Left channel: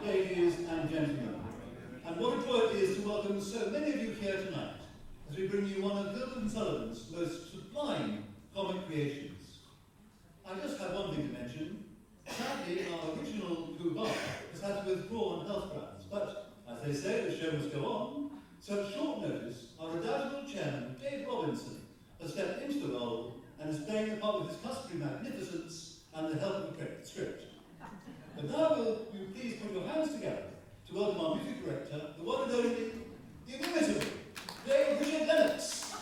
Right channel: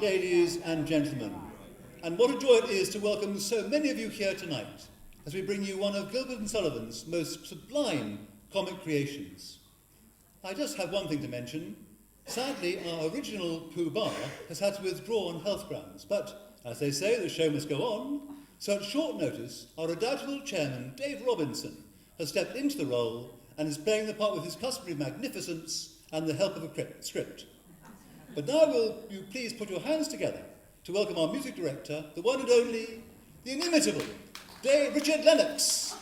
ladies and gentlemen, and what a joy it is to welcome so many of you here tonight as we bring you one of Gilbert Sullivan's most sublime comic creations. I just have one thing to mention. Sadly, our original Pooh Bah has had to withdraw on health grounds, but as they say, the show must go on. So at short notice, our redoubtable chairman, Dave Robinson, has stepped into the role and is playing the part with his customary magnificence and the help of a script. But now will you please put your hands together to welcome our music director, the one and only, the inimitable, Richard Lennox.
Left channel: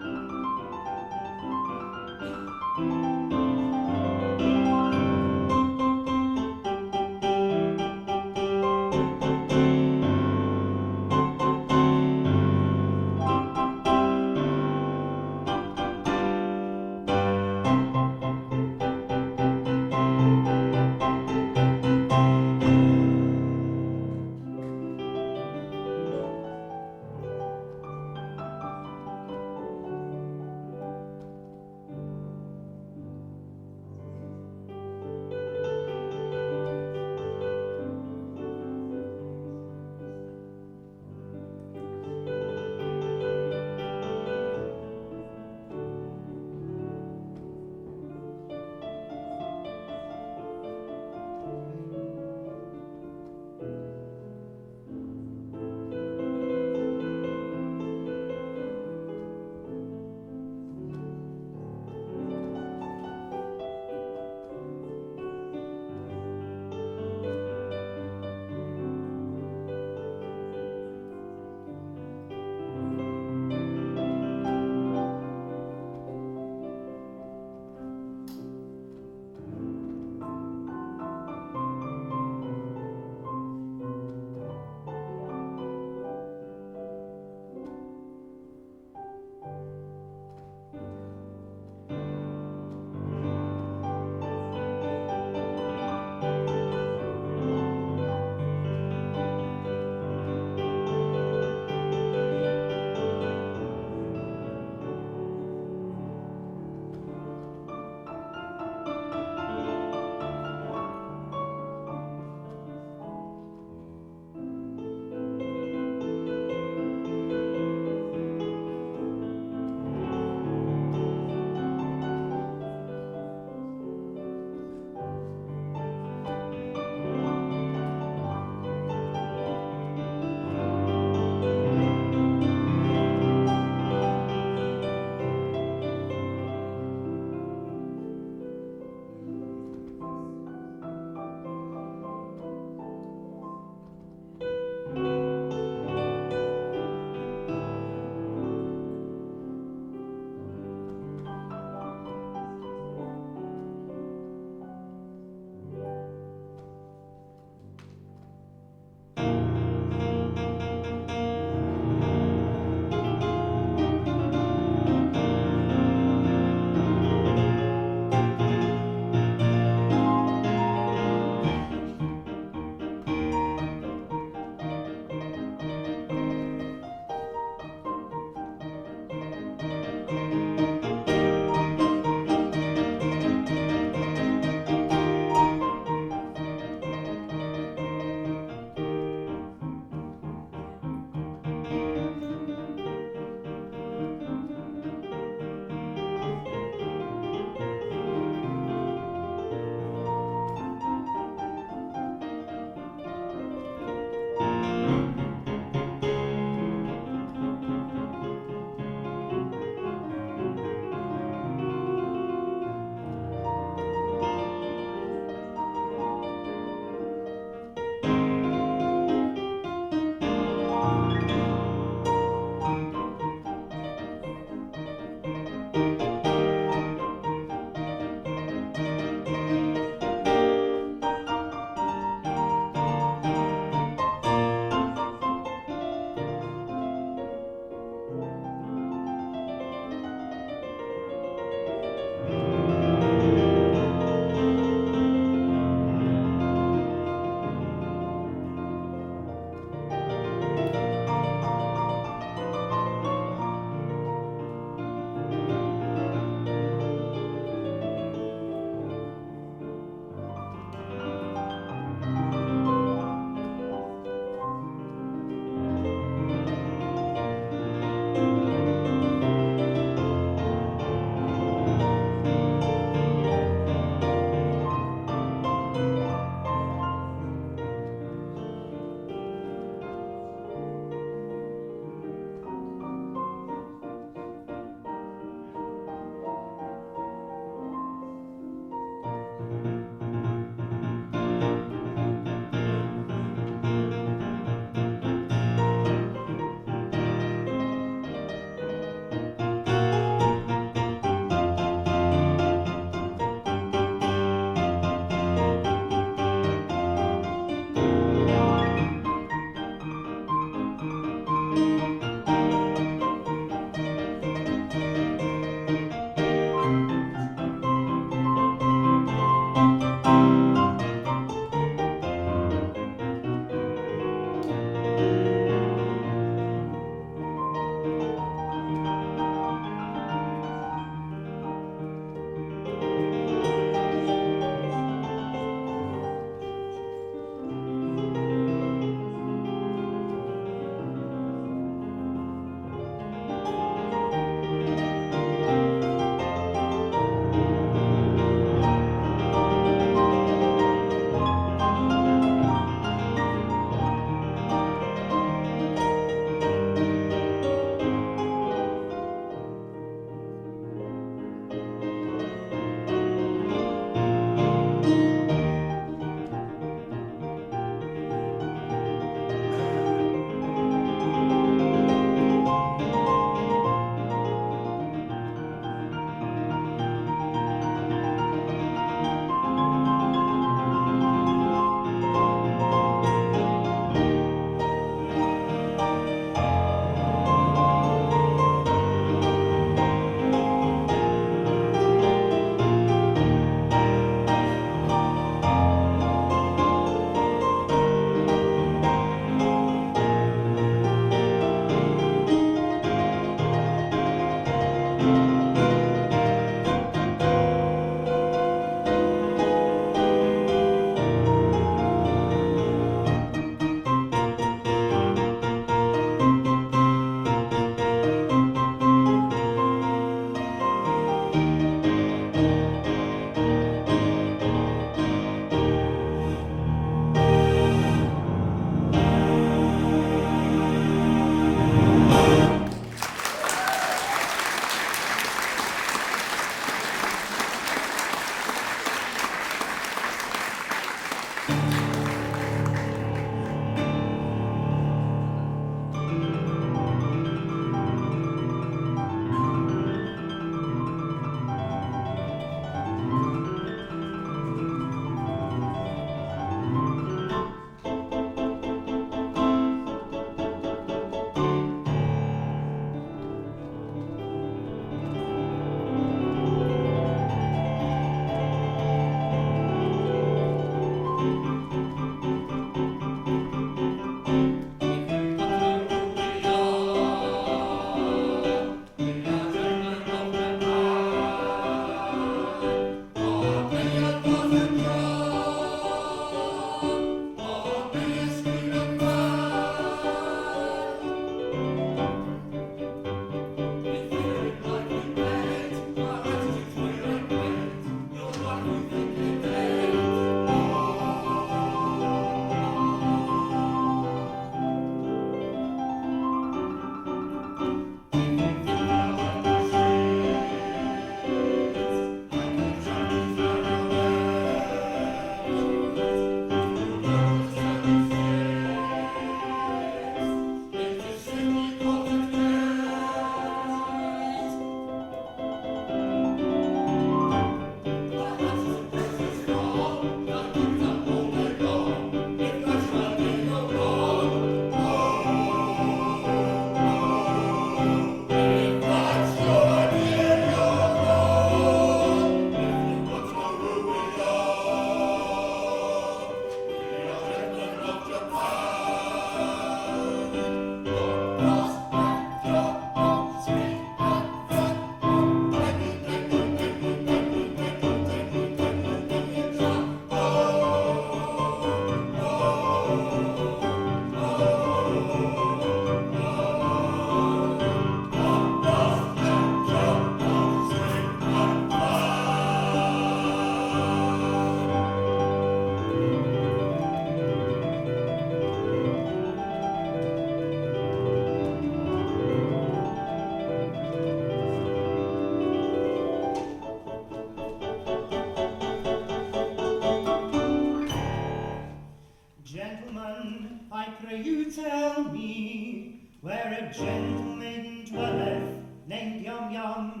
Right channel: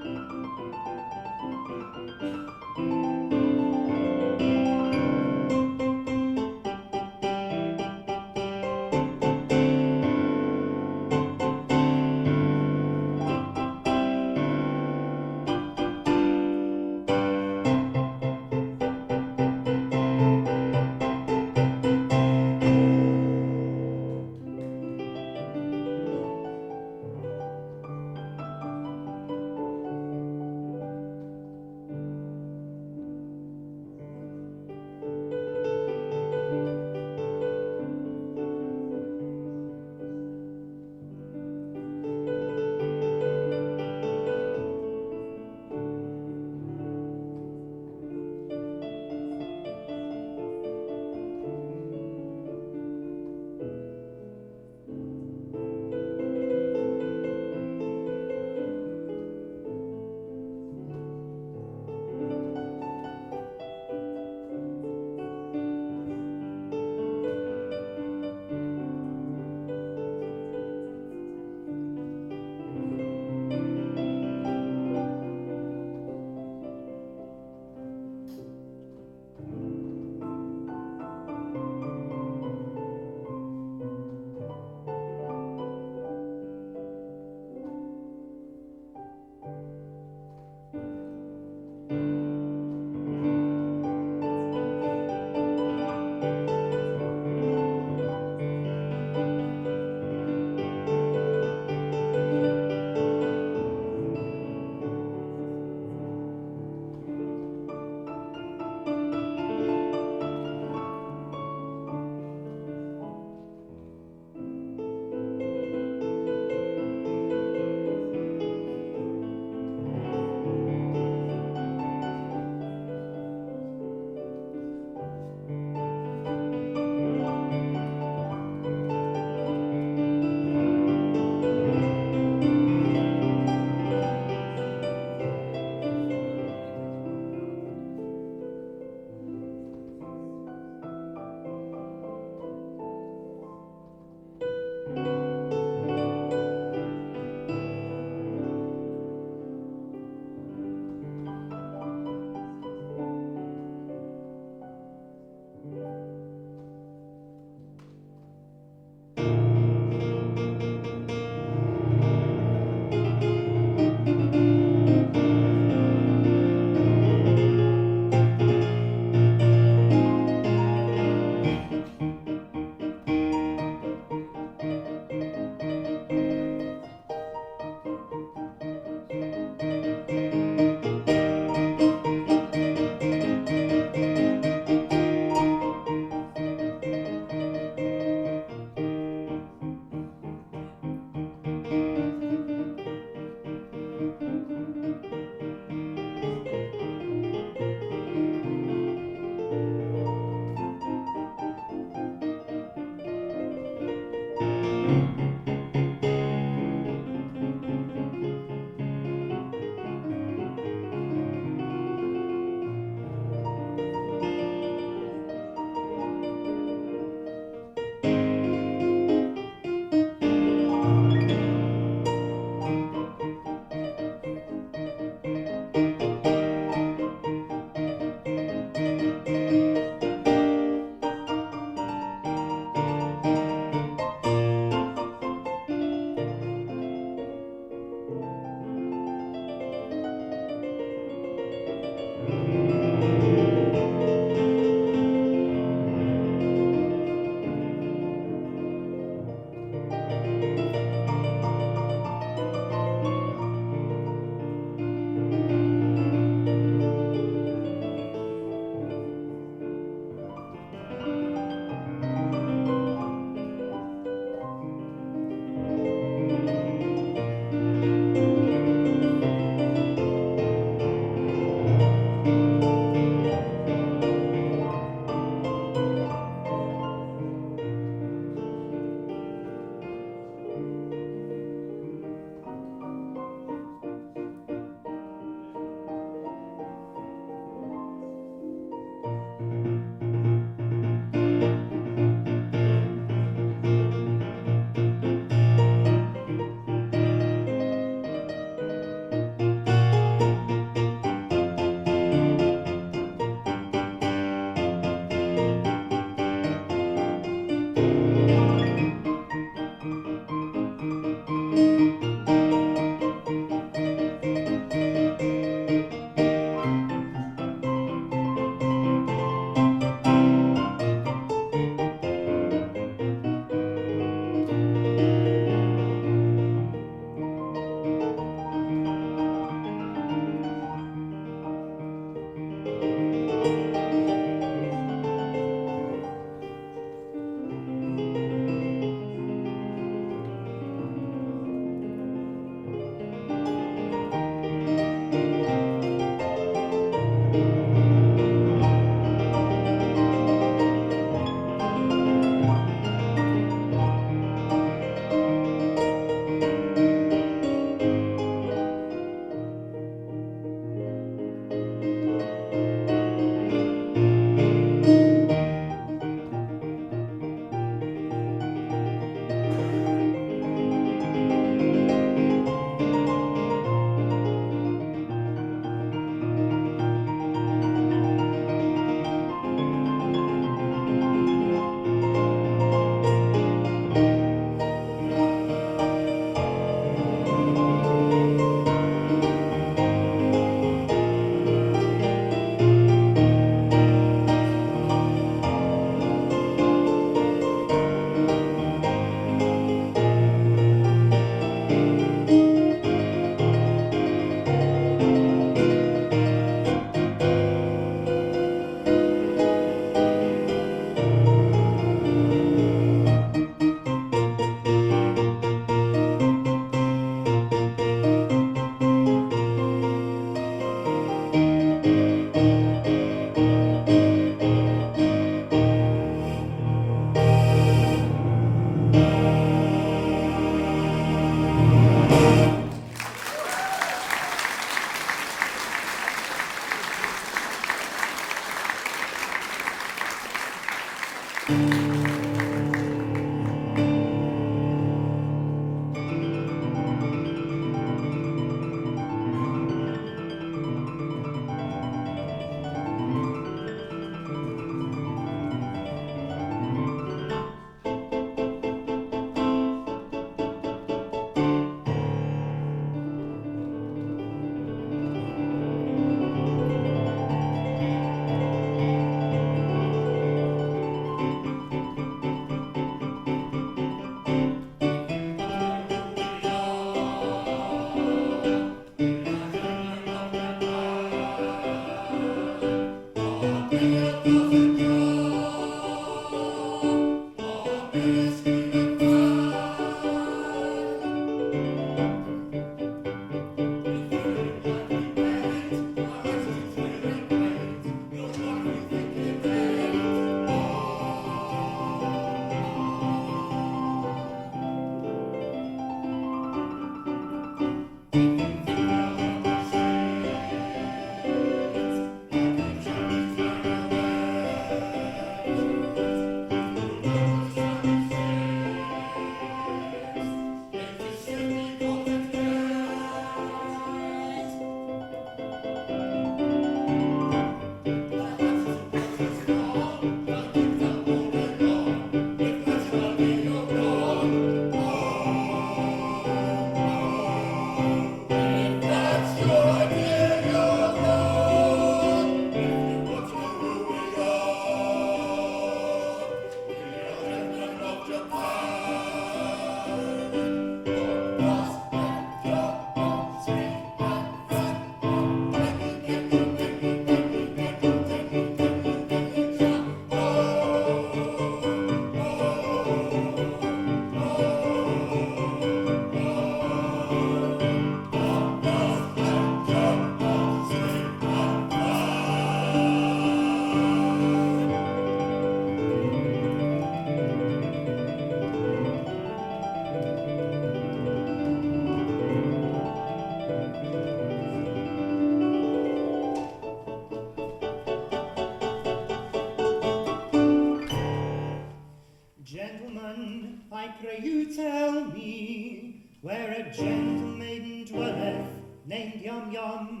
where a gentle maiden dwelleth, named Yum Yum,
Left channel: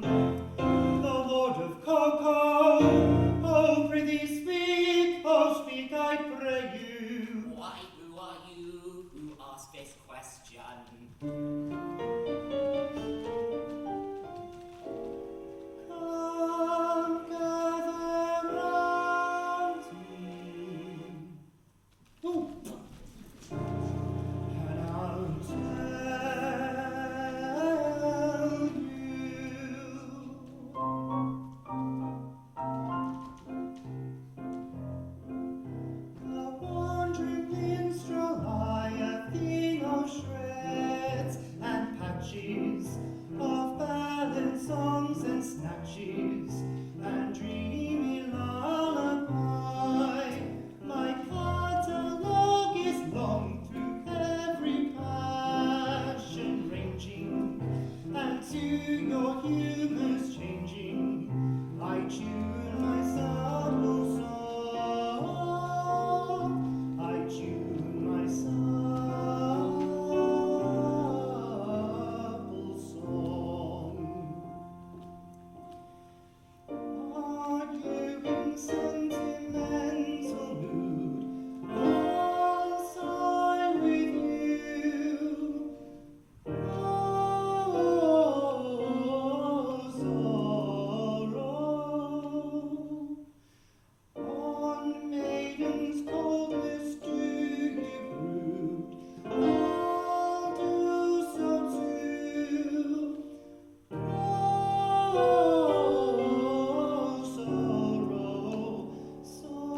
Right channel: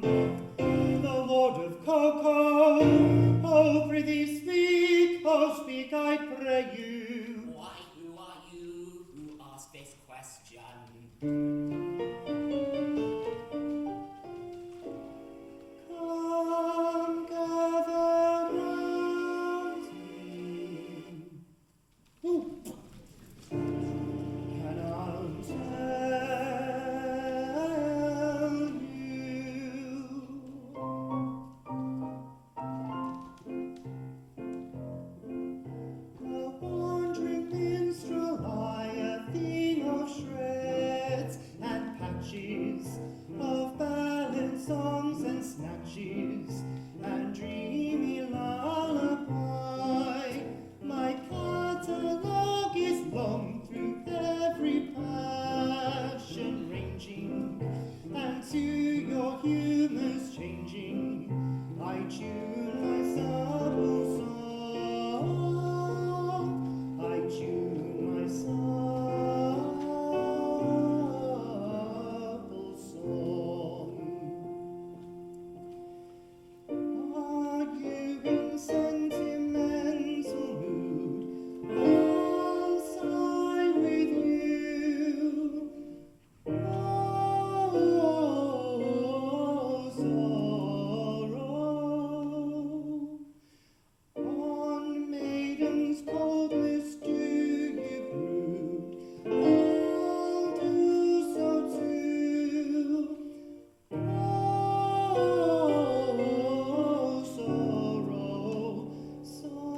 the ward of Cocoa. Oh, prithee speak, oh speak, I pray you. Why, who are you who ask this question? Come, gather round me. Ooh. And I'll tell you. A wandering minstrel, I, a thing of shreds and patches, of ballad songs and snatches, and dreamy lullaby. My catalogue is long through every passion ranging, and to your humours changing, I tune my supple song. I tune my supple song. Are you in sentimental mood? I'll sigh with you. Oh, sorrow. On maiden's coldness do you brood? I'll do so too. Oh, sorrow, sorrow.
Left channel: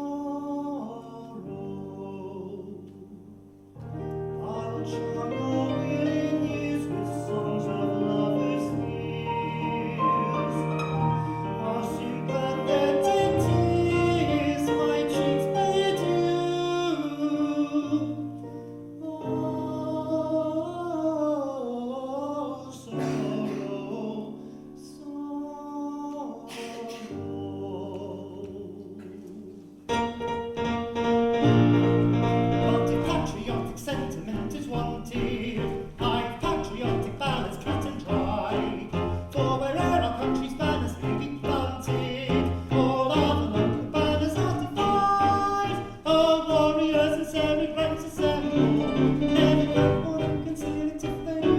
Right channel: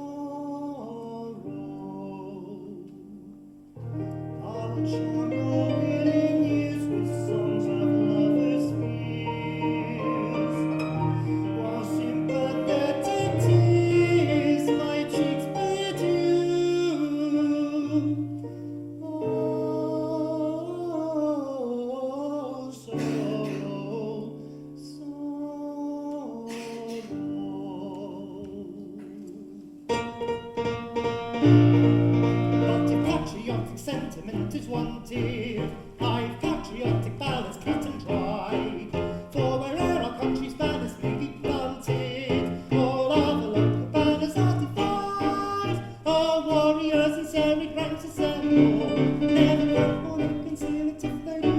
I'll charm your willing ears with songs of lovers' fears, while sympathetic tears my cheeks bedew. Oh, sorrow, sorrow. Patriotic sentiment is wanted. I've patriotic ballads cut and dried, for where'er our country's banners may be planted, all other local banners are defied. Our warriors and serried ranks assemble, never can one conceal it if they do,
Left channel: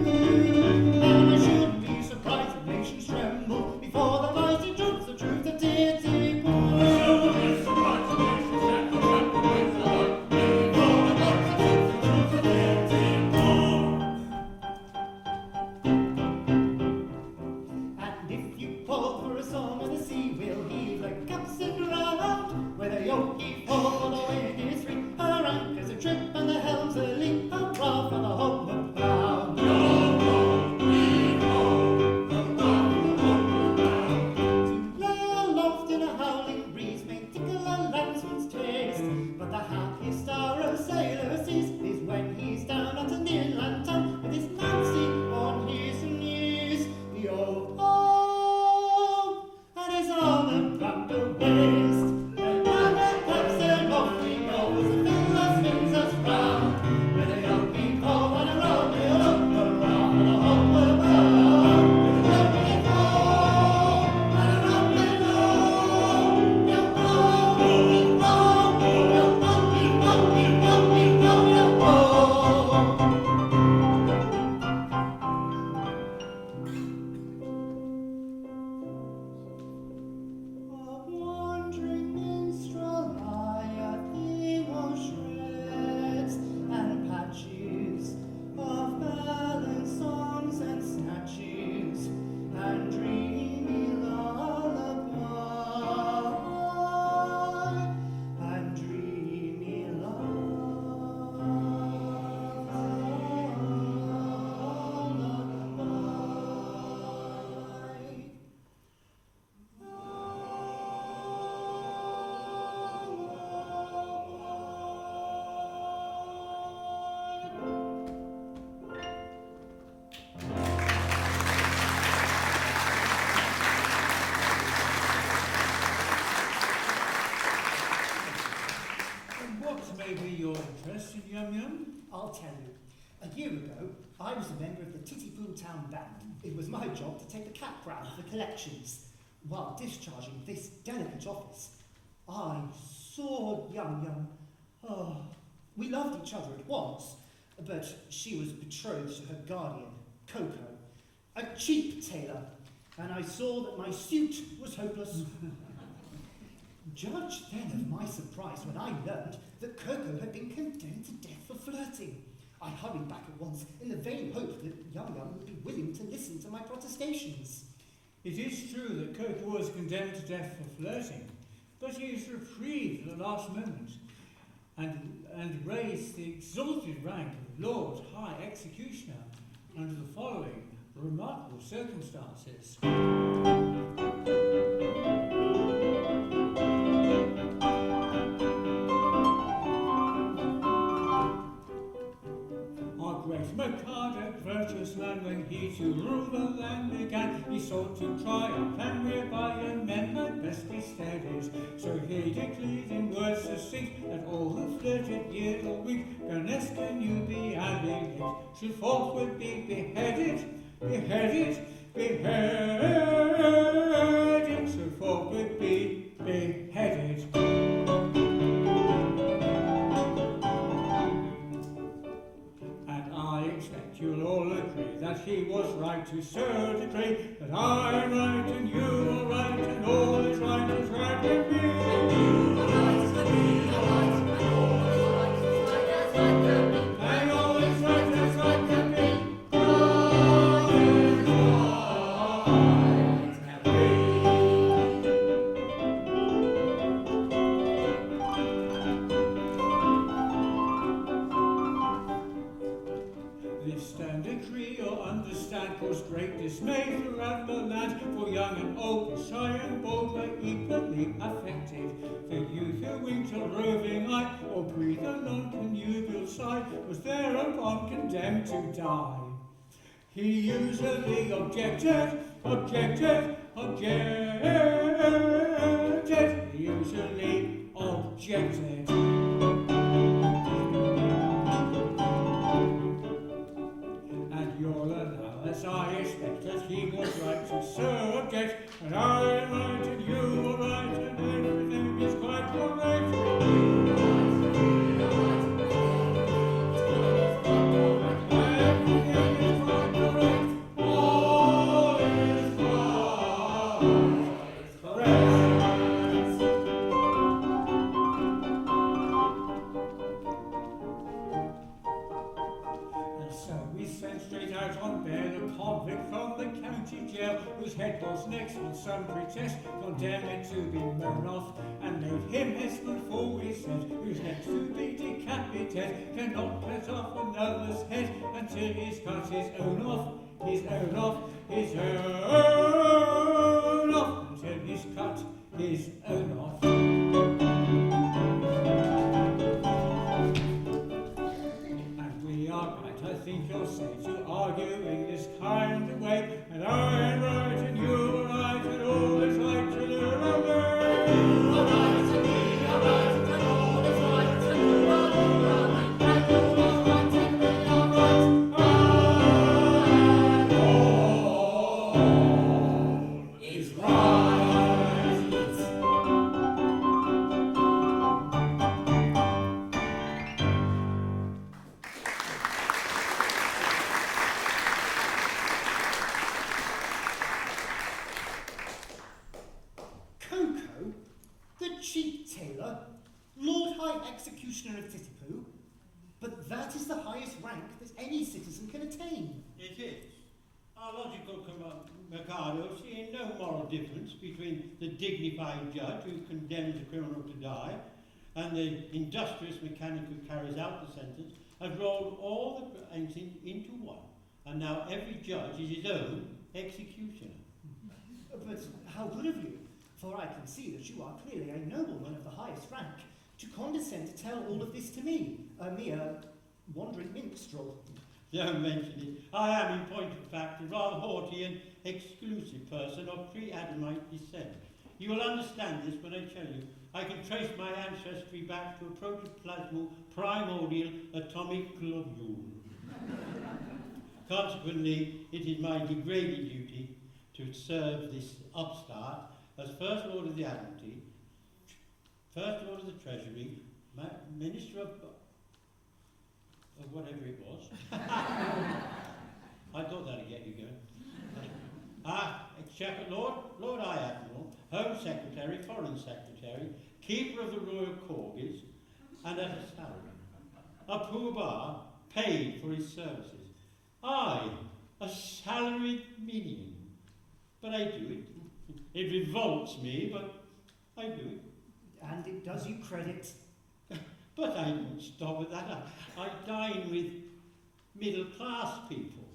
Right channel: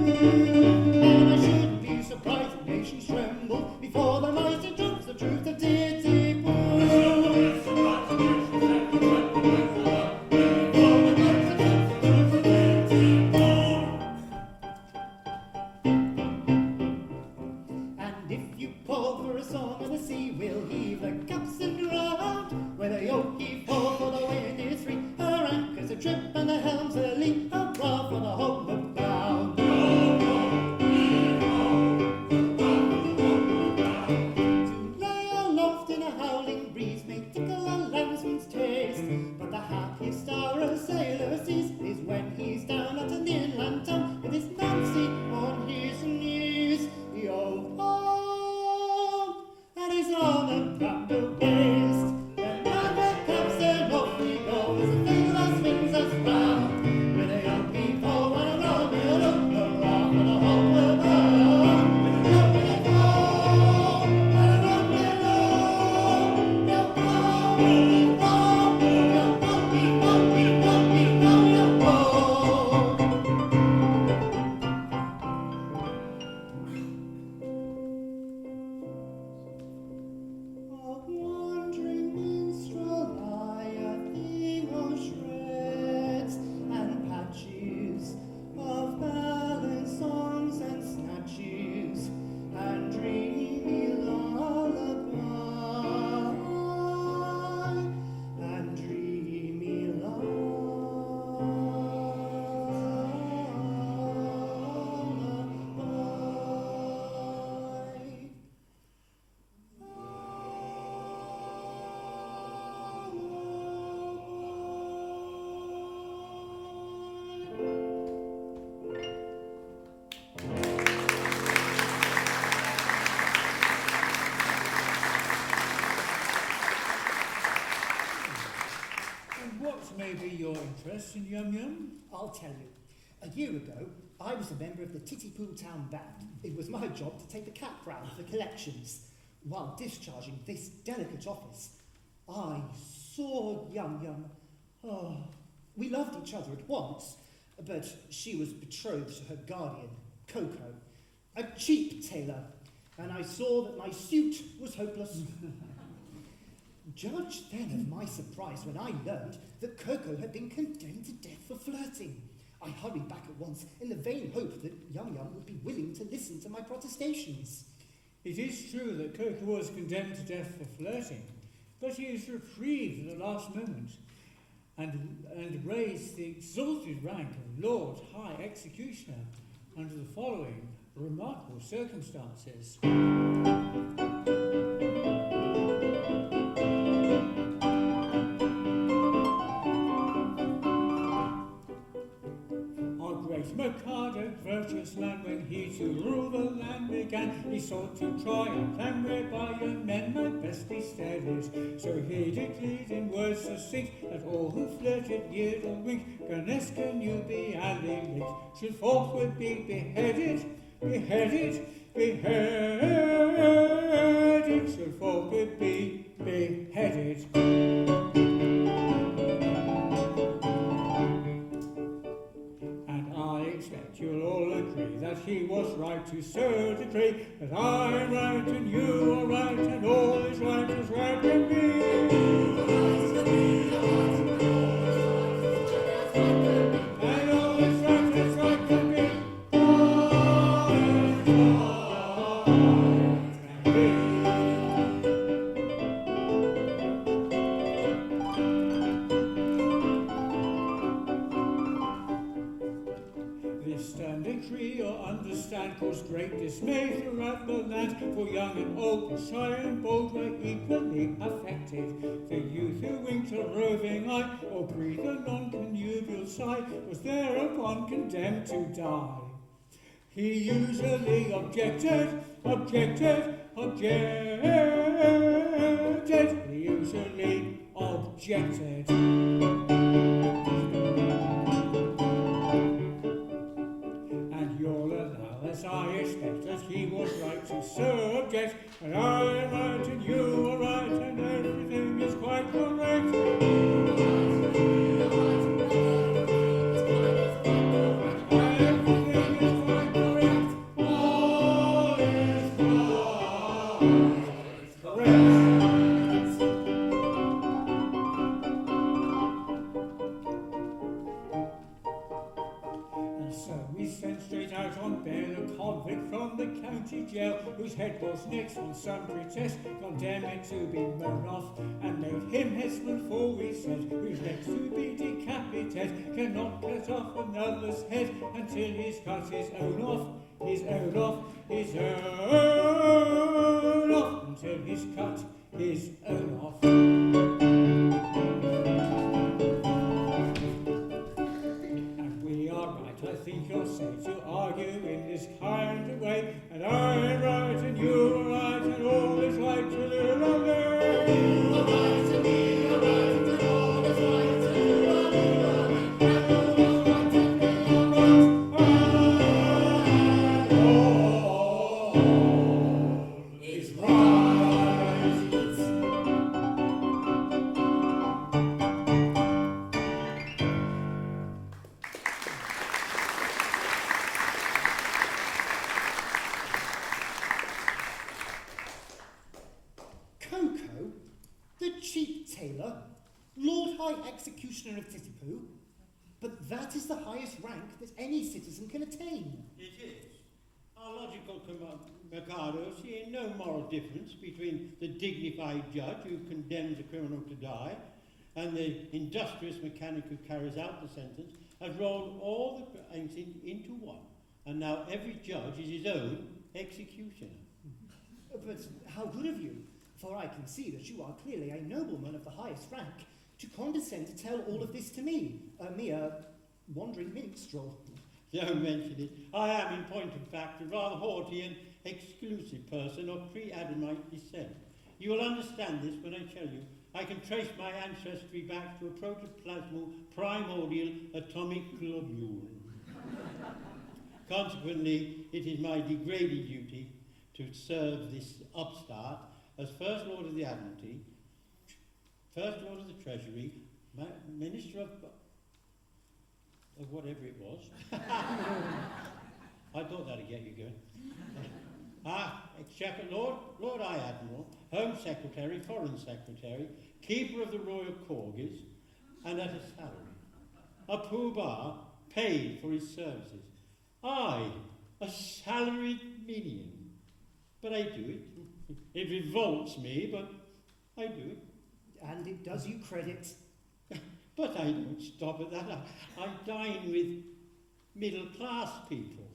and I shouldn't be surprised if nations tremble before the mighty troops of truth of deity prove. And if you call for a song of the sea, we'll heave the caps and round. Where the yoke heave for the wind is free, our anchors are trip and the helms are lee, a prow for the homeward bound. To lay aloft in a howling breeze may tickle a landsman's taste, but the happiest hour a sailor sees is when he's down at an inland town with his Nancy on his knees. The old home and his arm around the waist. The banner caps and off he goes, the fiddler swings us round. With a young people and a Romeo look around and a homeward bound. With a young people and a Romeo, young A wandering minstrel, I, a theme of shreds and patches, of ballad songs and snatches, and dreamy lullaby, and dreamy lullaby. And what may be your interest in Yum Yum? I'll tell you. A year ago, I was a member of the Titipu Town Band. It was my job to take the cap round for collections. While discharging this delicate office, I saw Yum. Oh, we loved each other at once, but she was betrothed to her guardian, Coco, a cheap tailor, and I saw that my suit was hopeless. Judge then of my surprise when I learned that Coco had been condemned to death for flirting. I hurried back at once in the vain hope that Yum would be willing to listen to my protestations. It is true that Coco was condemned to death for flirting, but he was reprieved at the last moment and raised the exalted rank of Lord High Executioner under the following remarkable circumstances. Mikado, virtuous man, when he to rule the land began, he sought to try a plan whereby young men might best be steadied. So he declared in words succinct that all who flirted year or week, Ganesca knew be and elect, should forthward be beheaded, should forthward be beheaded. You'll all agree that he was right to so decree that I'm right and you are right and all is right is right with me. And all is right is right with me. All is right can be. Decree or understand caused great dismay throughout the land, for young and old, shy and bold were equally affected. The youth who winked a roving eye or breathed a non-connubial sigh was thereupon condemned to die. He usually objected, he usually objected. As I expect that he was right to so object, and I'm right and you are right and everything is quite correct. Everything is quite correct. All is quite correct. And so we sent straight out on bail a convict from the county jail, whose head was next on some pretest condemned to be blown off, and made him hessman, for we said, who's next to be decapitated, cannot cut off another's head until he's cut his own off, until he's cut his own off. And we are right, I think you'll say, to argue in this kind of way, and I'm right and you are right and all is right to you and me. You are right and we are right and all is right and you are right and all is right and we are right and all is right. Coco, the cheap tailor, Lord High Executioner of Titipu, but that is the highest rank that any citizen can attain. It is. Our logical Mikado seeing no moral difference between the dignified judge who condemns a criminal to die and the industrious mechanic who carries out the sentence, has rolled all the ranks into one, and now every judge is his own executioner. But how good of you, for I can see that you are clearly a nobleman of the highest rank, to condescend to tell all of this to me, a mere wandering minstrel. Don't mention it. I am, in point of fact, a rather haughty and exclusive person of pre-Adamite descent. You will understand this when I tell you I can trace my ancestry back to a protoplasmal primordial atomic globule. Consequently, it is my degraded duty to serve this upstart as First Lord of the Admiralty, First Lord of the Treasury, Minister of whatever it was. I thought that'd get you going. Exchequer Lord, Lord High Admiral, Home Secretary, Foreign Secretary, Keeper of the Royal Corgis, and at a salary. A poobah paid for his services. I, a salaried minion. But I do it. It revolts me, but I do it. And it does you credit. But I don't stop at that. I dine with middle-class people.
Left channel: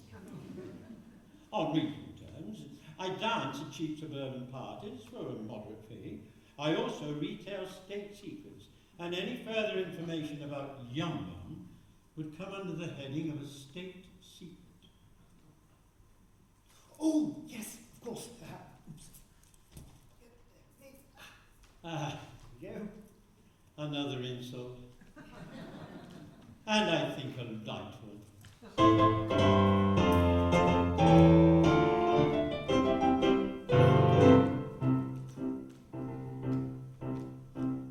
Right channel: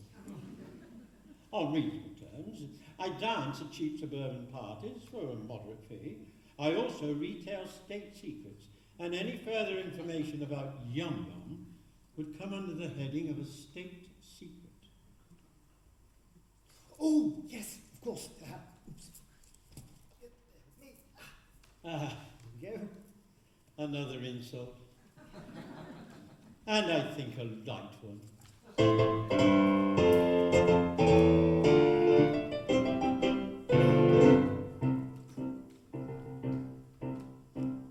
On reasonable terms. I dance at cheap suburban parties for a moderate fee. I also retail state secrets. And any further information about Yum Yum would come under the heading of a state secret. Oh, yes, of course. Ah, There you go. another insult. And I think a light one.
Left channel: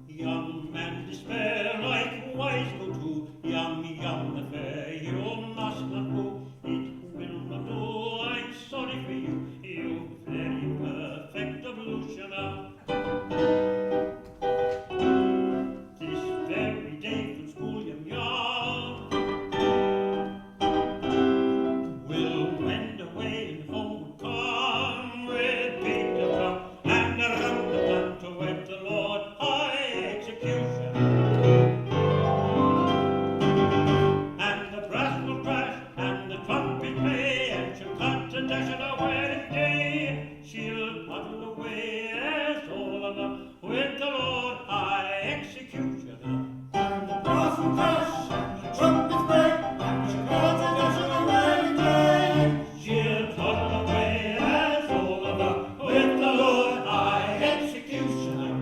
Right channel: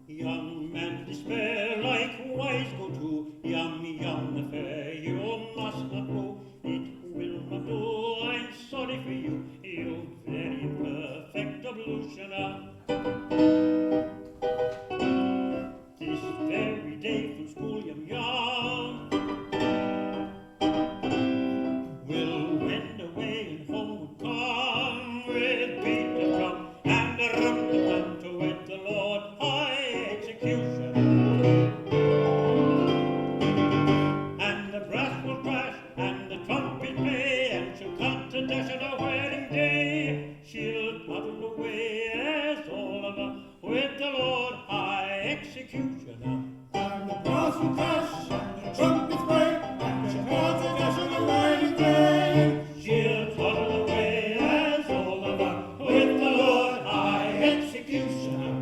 Young man despair, likewise go to Yum Yum the fair. You must not go, it will not do. I'm sorry for you, you very perfect ablutioner. This very day from school, Yum Yum will wend away and home come with beat the drum and a rum to wed the Lord High Executioner. And the brass will crash and the trumpet play, and she'll cut and dash on her wedding day. She'll toddle away as Oliver with the Lord High Executioner. And the brass will crash, and the trumpets break, and she'll cut and dash on her wedding day. She'll toddle away as Oliver with the Lord High Executioner.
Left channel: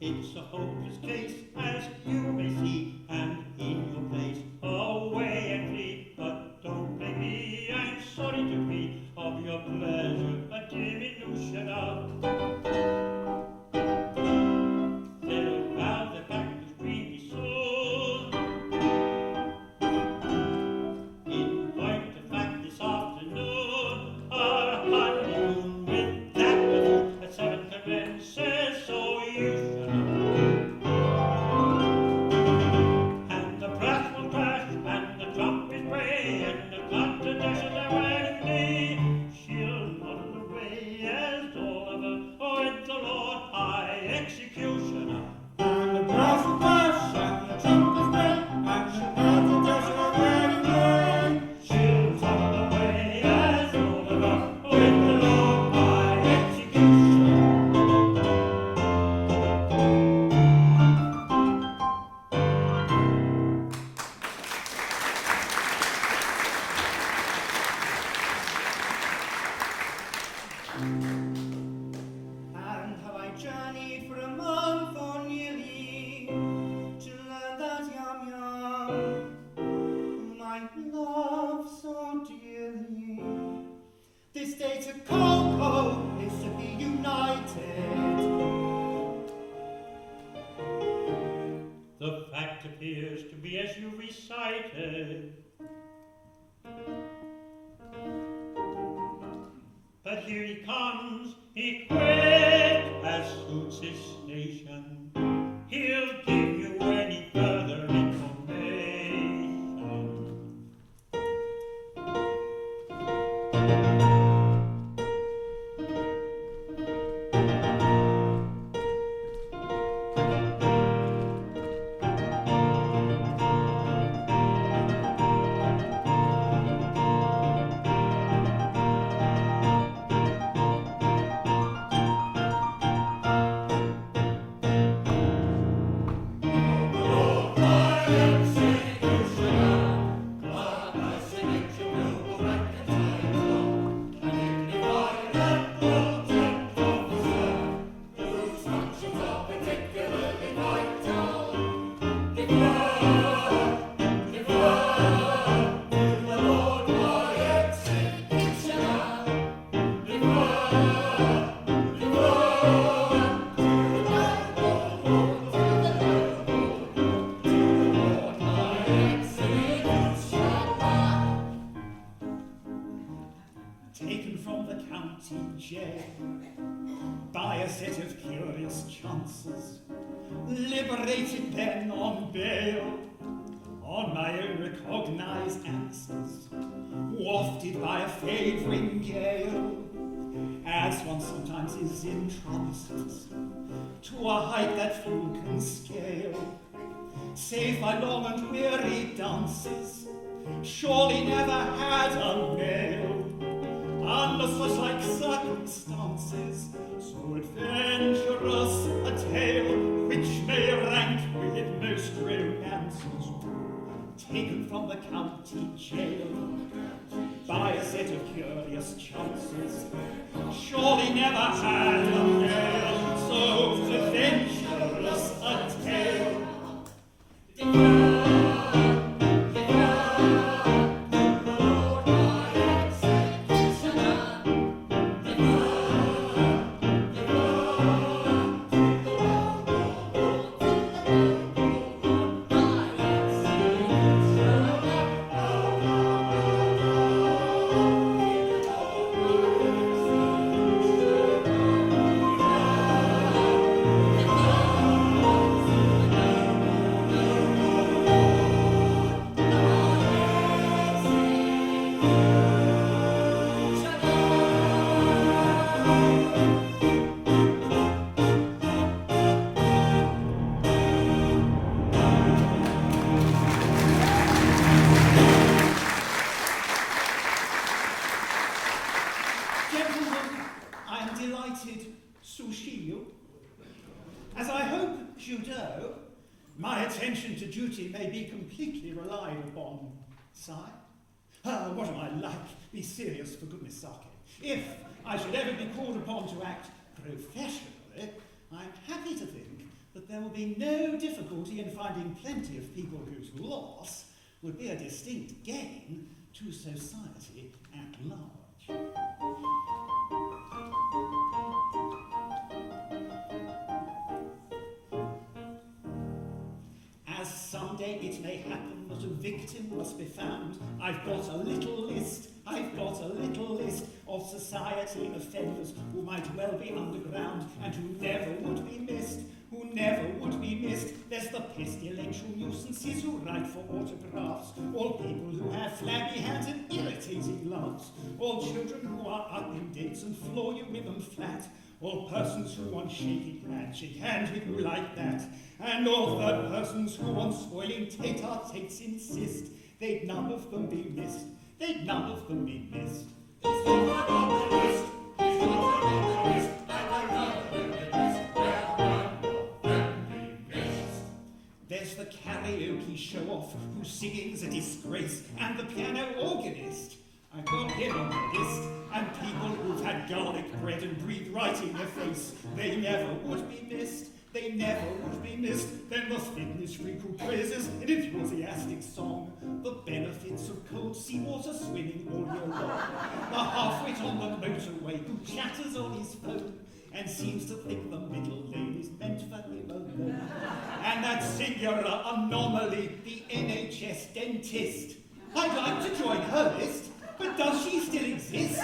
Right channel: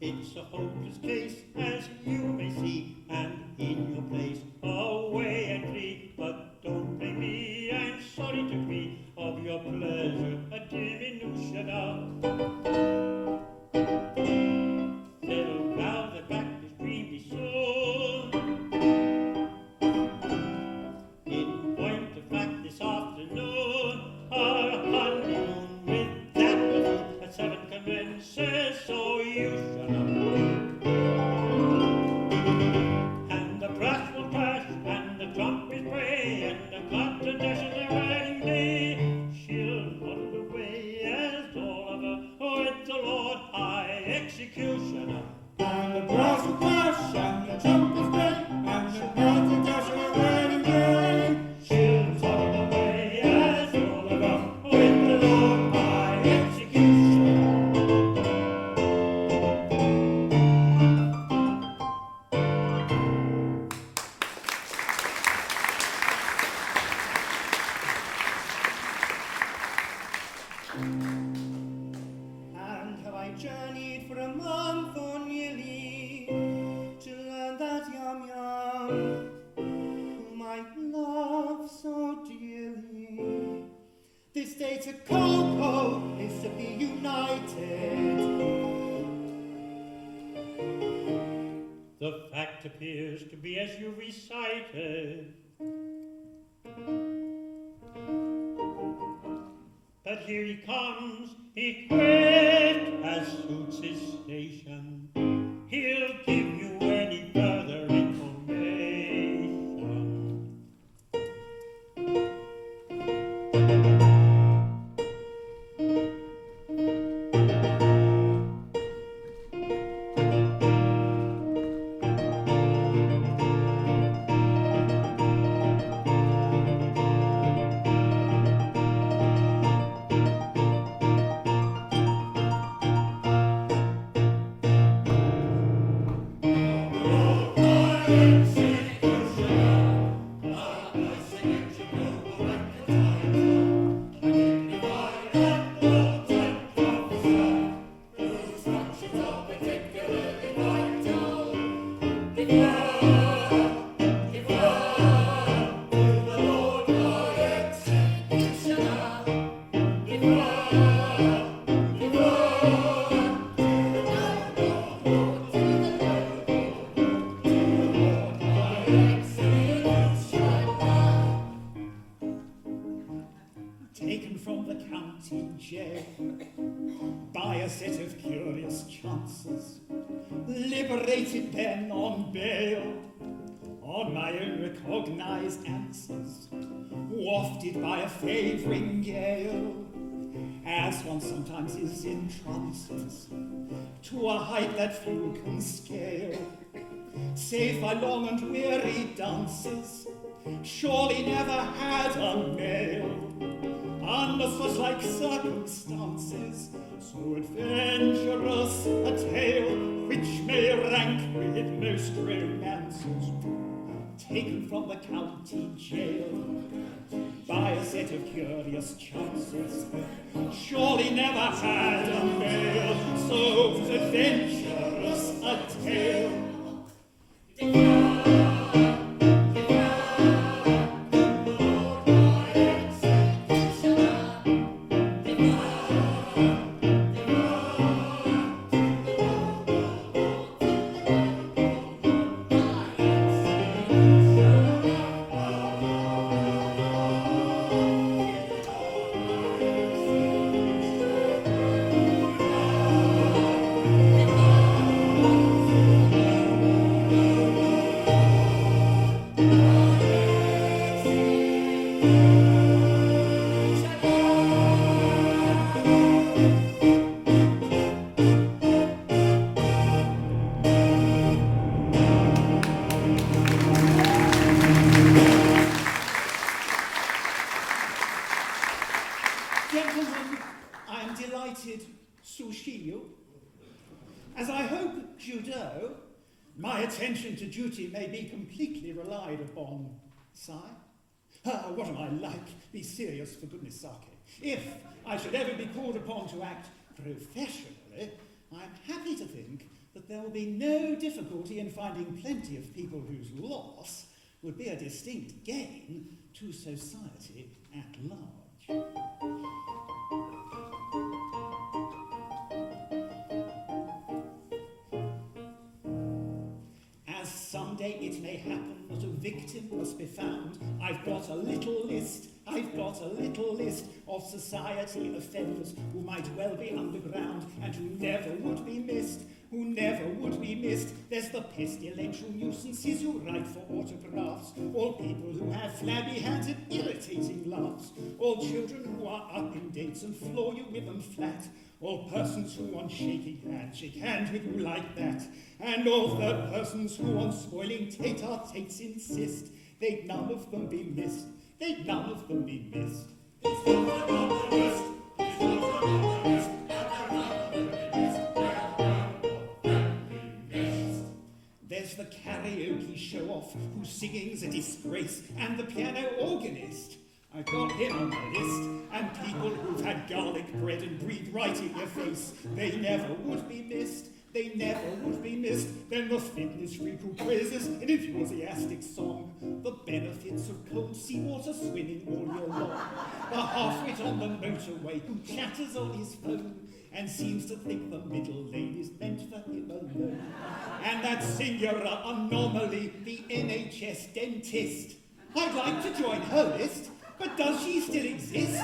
It's a hopeless case, as you may see, and in your place away and flee. But don't blame me, I'm sorry to be of your pleasure a diminution of. They'll vow their practice dreamy soon. In point of fact, this afternoon, our honeymoon with that buffoon at 7 commences, so you shall know. And the brass will crash, and the trumpet play, and the clock and dash at their wedding day. She'll muddle away as Oliver with the Lord High Executioner. And the brass will crash, and the trumpets break, and she'll cut and dash on her wedding day. She'll toddle away as Oliver with the Lord High Executioner. And have I journeyed for a month or nearly to learn that Yum Yum, whom I love so dearly, this day to Coco is to be united. The fact appears to be as you recited. But here he comes, equipped as suits his station. He'll give you any further information. Taken from the county jail by a set of curious chances, liberated then on bail, on my own recognized answers, wafted by a favouring gale, as one sometimes is in trances, to a height that few can scale, save by long and weary dances, surely never had a male, unless was like circumstances, so adventurous a tale, which may rank with most romances, taken from the county jail, by a set of curious chances, surely never had a male, so adventurous a tale. As I hope you know, my attention to duty may be completely relied upon, sire. What am I like? Be serious, for goodness sake. If I should ever be called upon to act professionally, I'm happy to think that there will be no difficulty in finding plenty of people whose loss would be a distinct gain to society at large. As someday it may happen that a victim must be found, I've got a little list of society offenders who might well be underground and who never would be missed. There's the pestilential nuisances who write for autographs, all people who have flabby hands and irritating laughs, all children who are up in dates and floor you with them flat, all persons who on shaking hands shake hands with you like that, and all third persons who on spoiling tete-a-tetes insist. They'd none of them be missed. There's the karaoke show-off whose singing's a disgrace, and the piano organist. I got him on the list, and people who've had garlic bread and breathe right in your face. They never would be missed. Then the fitness freak who praises an enthusiastic song the benefits of cold seawater swimming all year long. The half-wit on the motorway who chatters on his phone and seems to think the middle lane is meant for him alone. And that singular anomaly, the NHS dentist. I'd like to join her list, but does she still exist?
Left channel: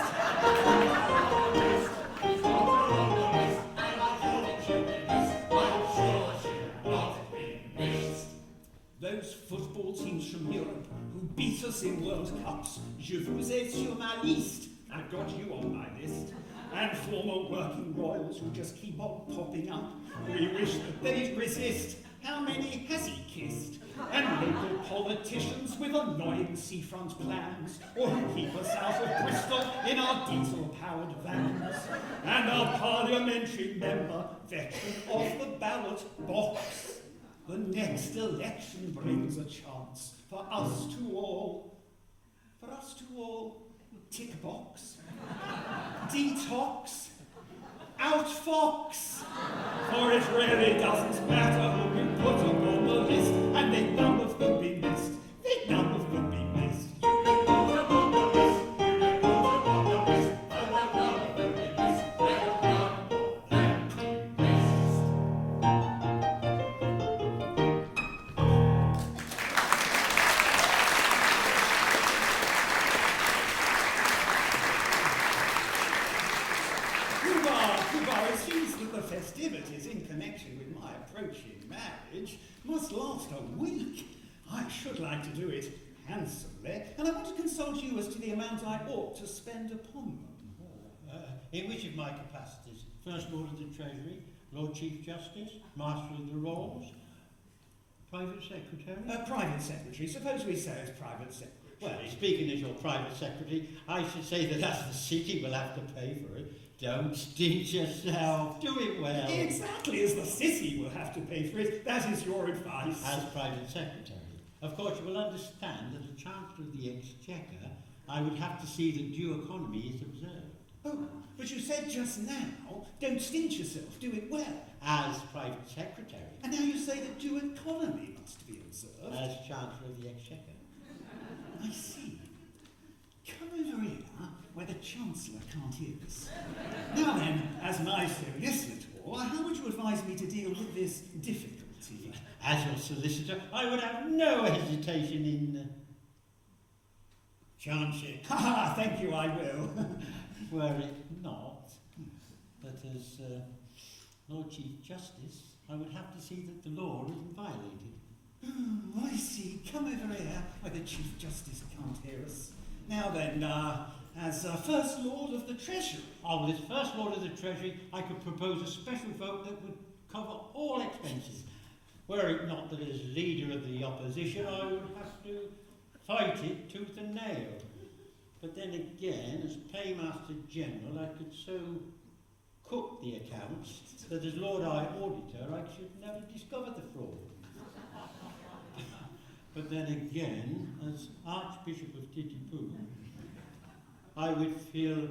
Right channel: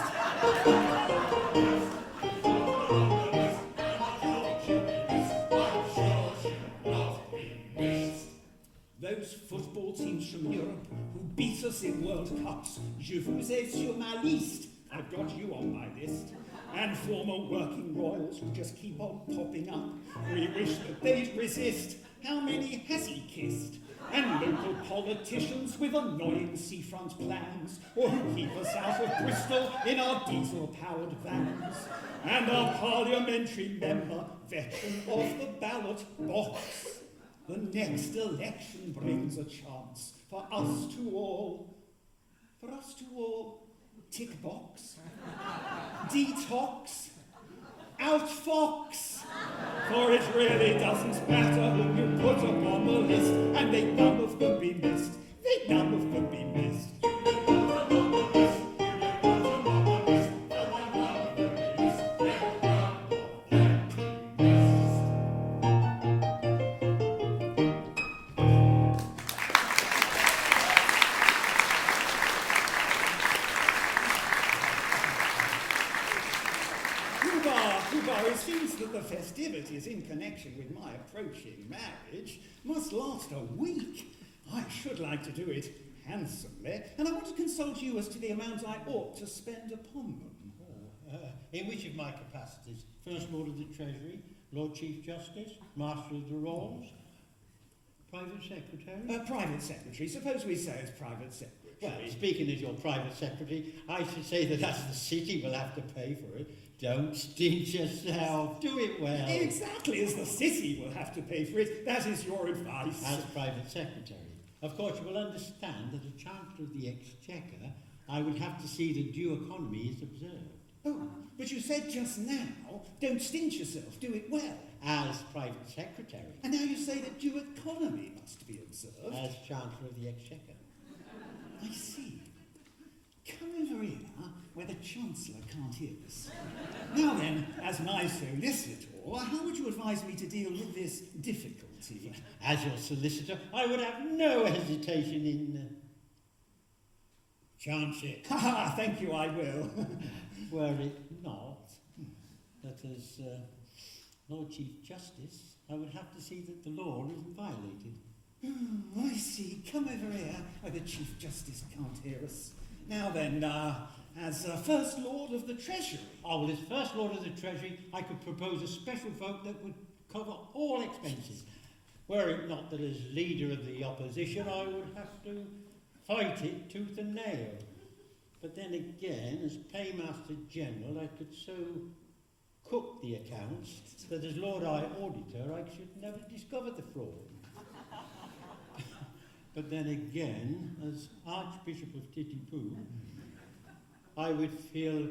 Those football teams from Europe who beat us in World Cups, je vous ai sur ma liste. I've got you on my list. And former working royals who just keep on popping up. We wish that they'd resist. How many has he kissed? And local politicians with annoying seafront plans, or who keep us out of Bristol in our diesel-powered vans. And our parliamentary member, veteran of the ballot box. The next election brings a chance for us to all, tick box, detox, outfox. For it really doesn't matter who you put upon the list, and they none of them be missed. festivities in connection with my approaching marriage must last a week. I should like to do it handsomely, and I want to consult you as to the amount I ought to spend upon them. In which of my capacities? First Lord of the Treasury, Lord Chief Justice, Master of the Rolls, Private Secretary? Private Secretary. Suppose we say it's Private Secretary. Well, speaking as your Private Secretary, I should say that as the city will have to pay for it. Don't stint yourself. Do it well. Exactly as the city will have to pay for it. That is your advice. As Private Secretary. Of course, you will understand that as Chancellor of the Exchequer, I would have to see that due economy is observed. Oh, but you said just now, don't stint yourself, do it well. As Private Secretary. And now you say that due economy must be observed. As Chancellor of the Exchequer. I see. Come over here where the Chancellor can't hear us. Now then, as my solicitor, how would you advise me to deal with this difficulty? As your solicitor, I would have no hesitation in chancing. Ha! Thank you, I will. Were it not that as Lord Chief Justice, I would have to see that the law isn't violated. Oh, I see. Come over here where the Chief Justice can't hear us. Now then, as First Lord of the Treasury. Oh, well, as First Lord of the Treasury, I could propose a special vote that would cover all expenses. Were it not that as Leader of the Opposition, I would have to fight it tooth and nail. But then again, as Paymaster General, I could so cook the accounts that as Lord High Auditor, I should never discover the fraud. But then again, as Archbishop of Titipu, I would feel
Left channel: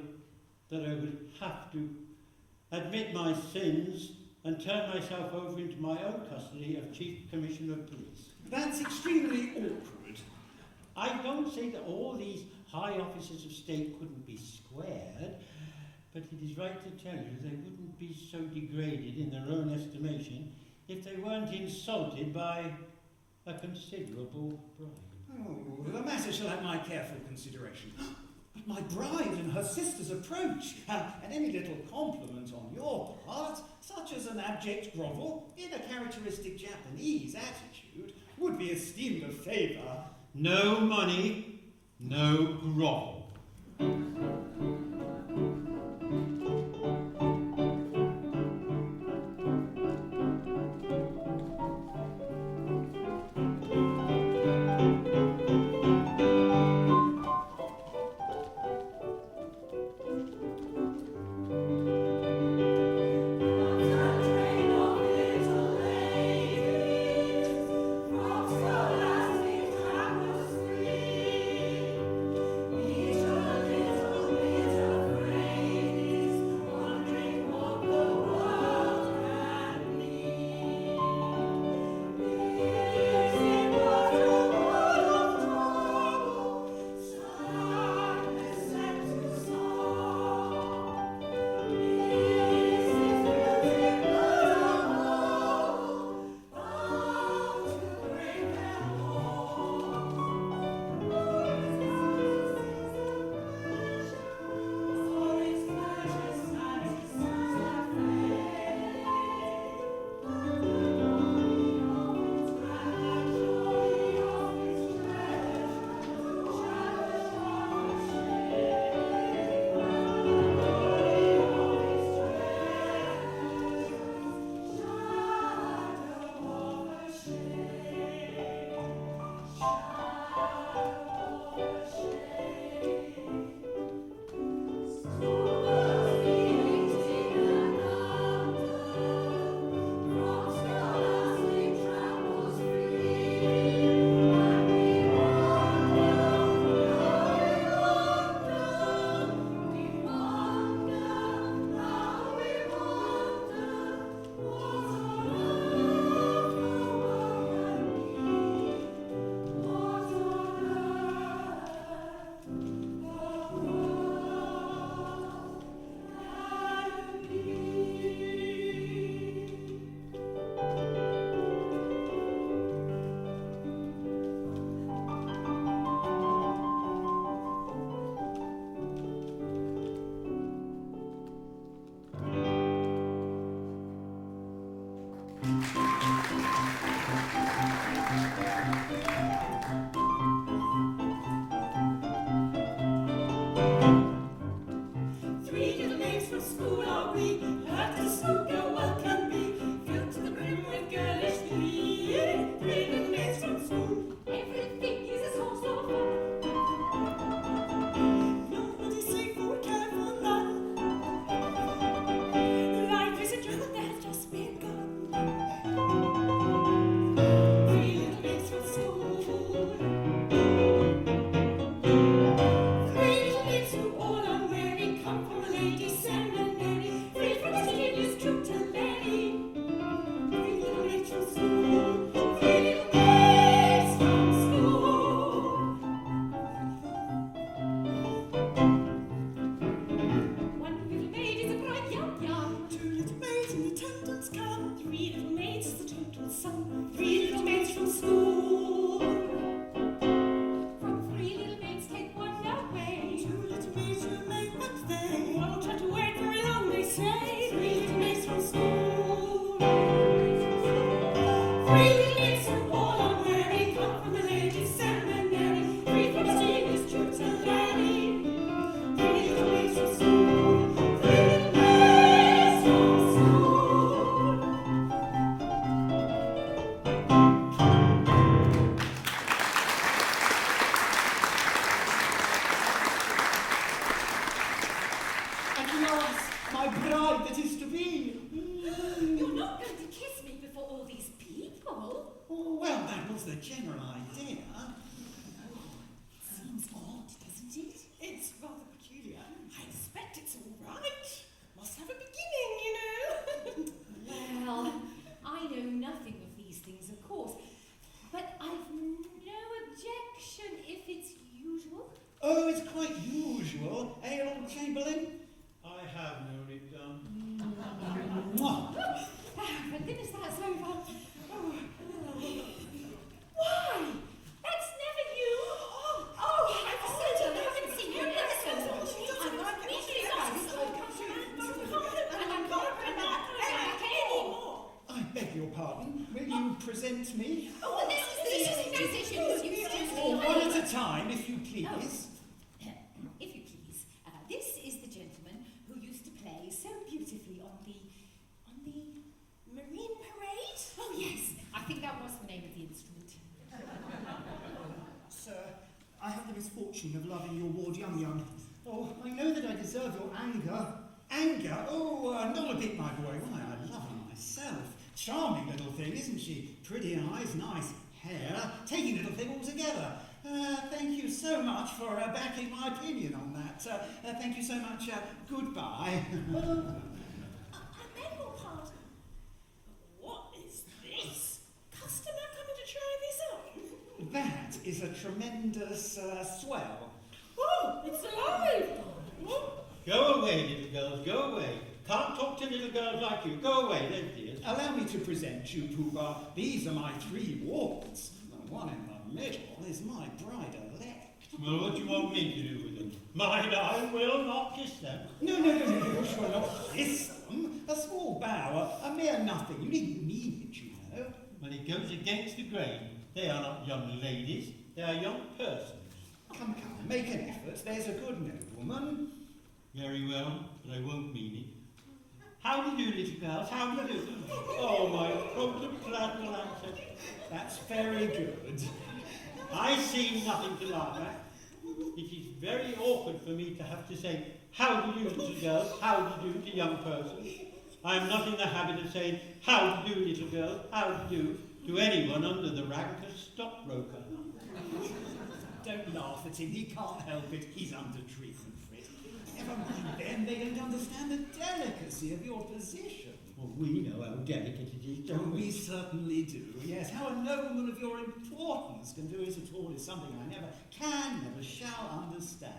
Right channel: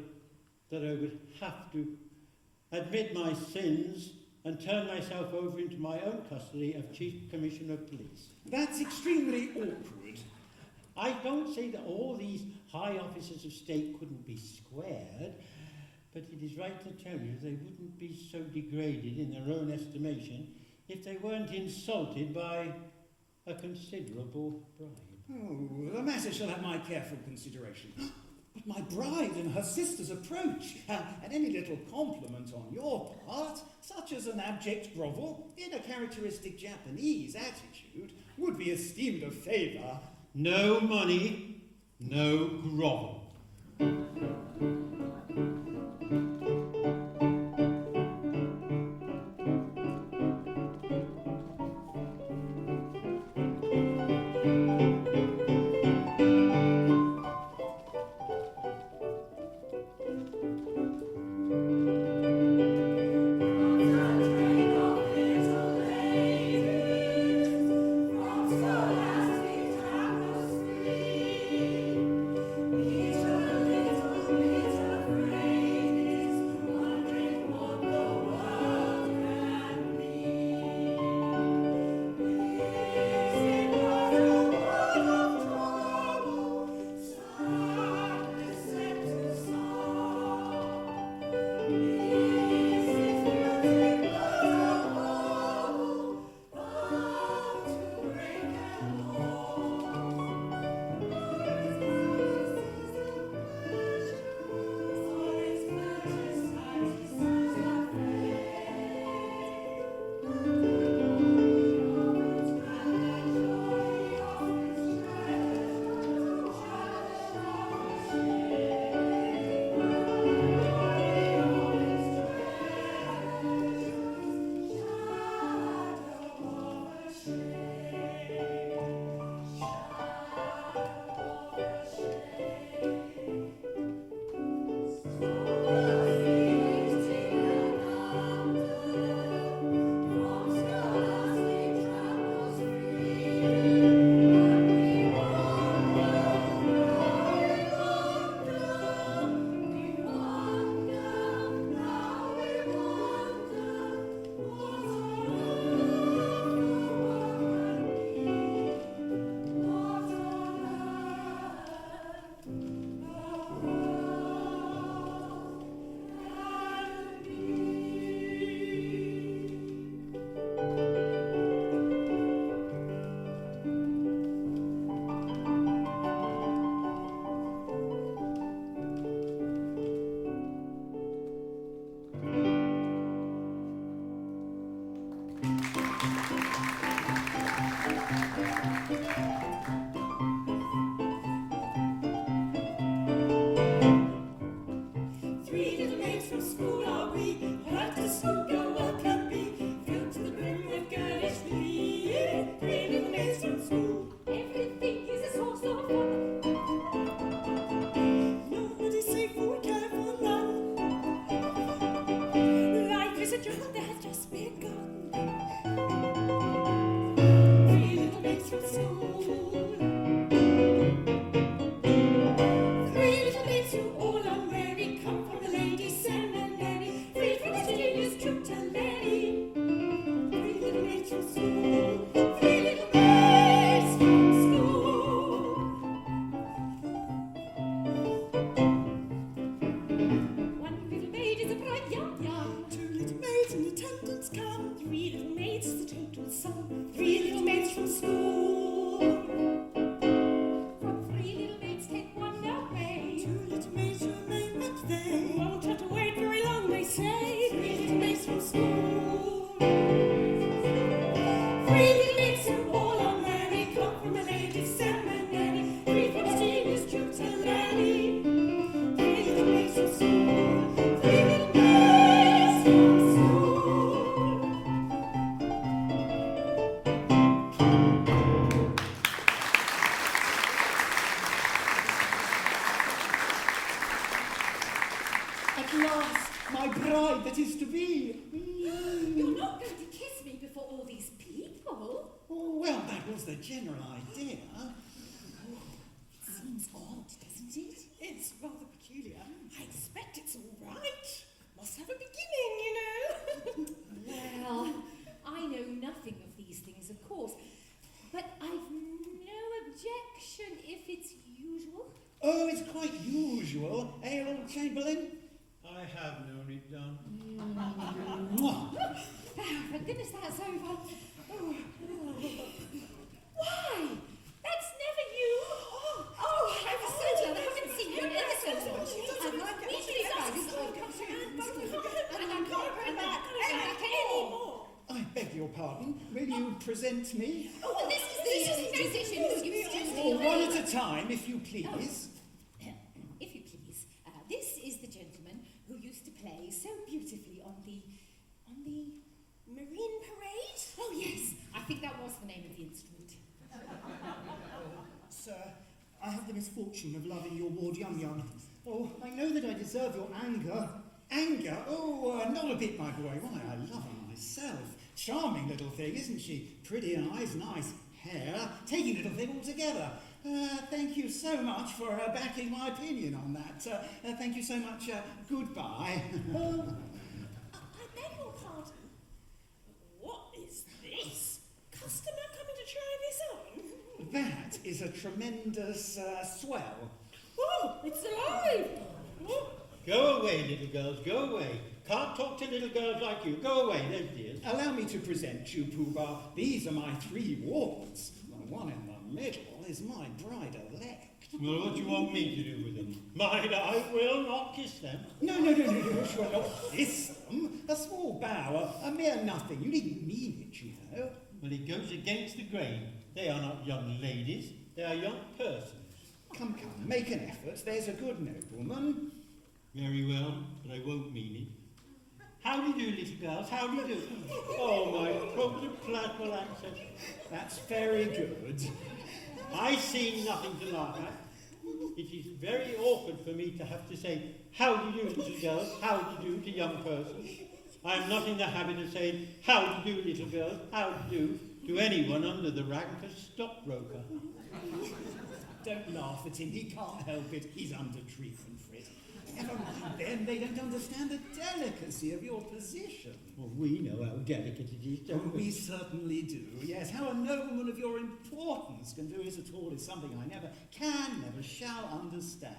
that I would have to admit my sins and turn myself over into my own custody of Chief Commissioner of Police. That's extremely awkward. I don't say that all these high officers of state couldn't be squared, but it is right to tell you they wouldn't be so degraded in their own estimation if they weren't insulted by a considerable bribe. Oh, the matter shall have my careful consideration. But my bride and her sisters approach, and any little compliment on your part, such as an abject grovel in a characteristic Japanese attitude, would be esteemed a favour. No money, no grovel. Little, little, little, bride that is to be. You're not going to kiss me before all these people. Oh, well, that was the general idea. Seems odd, doesn't it? It's rather peculiar. I expect it's all right. Must have a beginning, you know. Well, I know nothing of these things, of course, but I've no objection if it's usual. Oh, it's quite usual, eh, Lord Chamberlain? I have known it done. Mwah. For goodness, that's over. Oh. Why? That's never you. Oh, I haven't seen you in ever so long. I'm not usually I beg your pardon. Will you present me? Oh, this is the musician. Oh, one at a time, if you please. If you please, this is the gentleman who used to play so beautifully on the Marine Parade? Oh yes, I think that was the name of the instrument. Sir, I have the misfortune of loving your ward Yum. Oh, I know that I deserve your anger. Anger? Oh, not a bit, my boy. Why, I love her myself. Charming little thing, isn't she? Pretty eyes, nice hair, taking little thing altogether. Thank you so much for backing my opinion on that. Thank you so much. Goodbye. I beg your pardon. What is this? Customer coming to try this on? That is a tremendous swell. Oh, it's alive! Oh. Go away, little girls, go away. Can't talk to little girls like you. Go away, then, dears. Allow me to present you, Pooh-Bah. These are my 3 wards. The one in the middle is my bride-elect. Well, what do you want me to do with them? Mind, I will not kiss them. No, you shall not kiss them. A small bow, a mere nothing. You needn't mean it, you know. Well, it goes against the grain. They are not young ladies, they are young persons. Come, make an effort. There's a good nobleman. Very well, but I won't mean it. How do you do, little girls? How do you do? Oh, my protoplasmal ancestors. That's very good. I see nothing to laugh at. It is very awkward for me to have to say, how do you do, little girls? How do you do to young persons? I am not in the habit of saying, how do you do, little girls? How do you do to anyone under the rank of stockbroker. Don't laugh at him. He can't help it. He's under treatment for it. Never mind them. They don't understand the delicacy of your position. Well, we know how delicate it is, don't We we? certainly do. Yes, how a nobleman of your importance can do it at all is something I never can, never shall understand.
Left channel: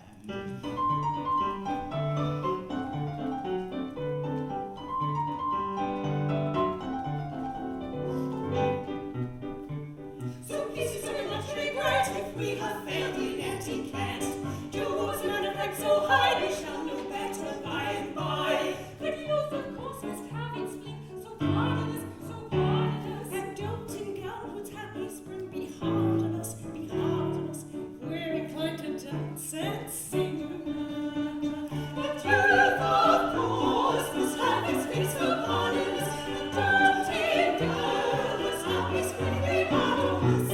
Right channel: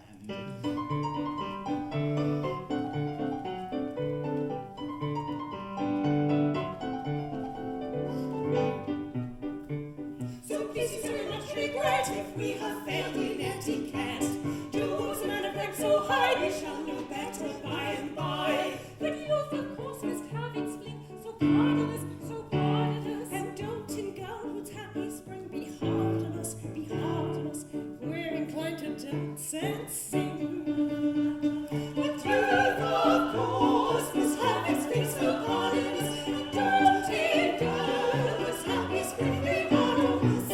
So this is very much regret if we have failed in etiquette. Towards a man of rank so high, we shall know better by and by. Good youth, of course, must have its fleet, so pardon us, so pardon us. And don't in Gownwood's happy spring be hard on us, be hard on us. We're inclined to dance and sing. But youth, of course, must have its fleet, so pardon us. And don't in Gownwood's happy spring be hard on us.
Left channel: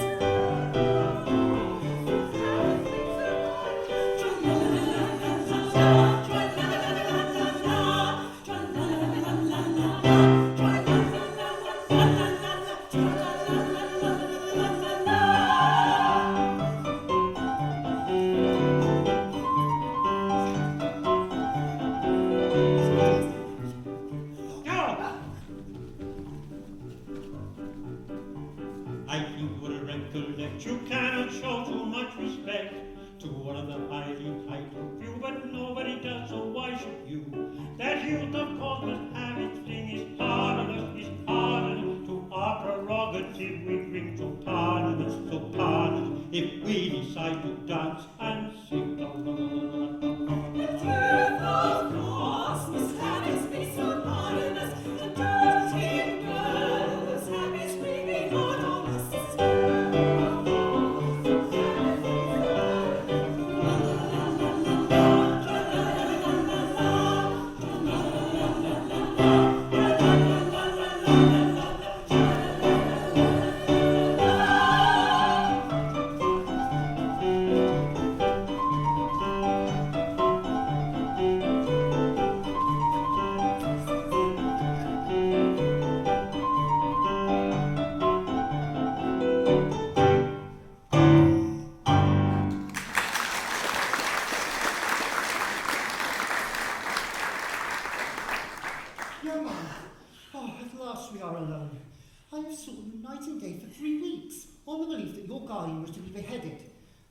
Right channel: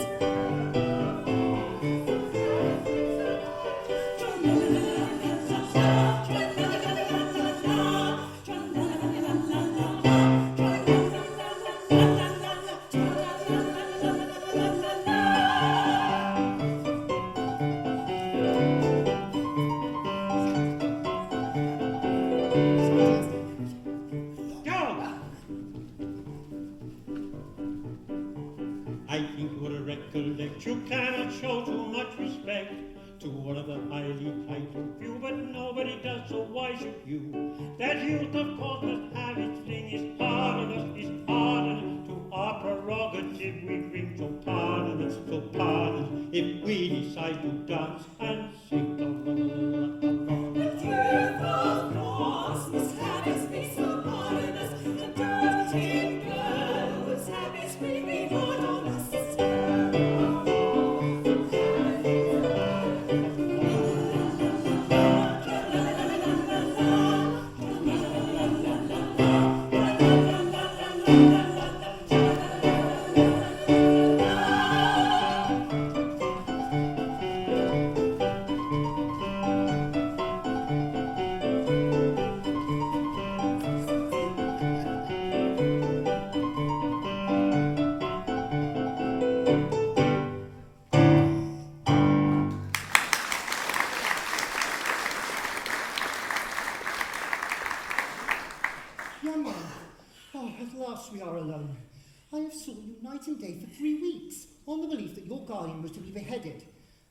I think you ought to recollect you cannot show too much respect to one of the highly titled few, but nobody does, so why should you? That youth, of course, must have its fling. It's hard on us, it's hard on us. To our prerogative we bring, so pardon us, so pardon us, if we decide to dance and sing. But youth, of course, must have its fleet, so pardon us. And dirty girls have its fleet, be hard on us. headed.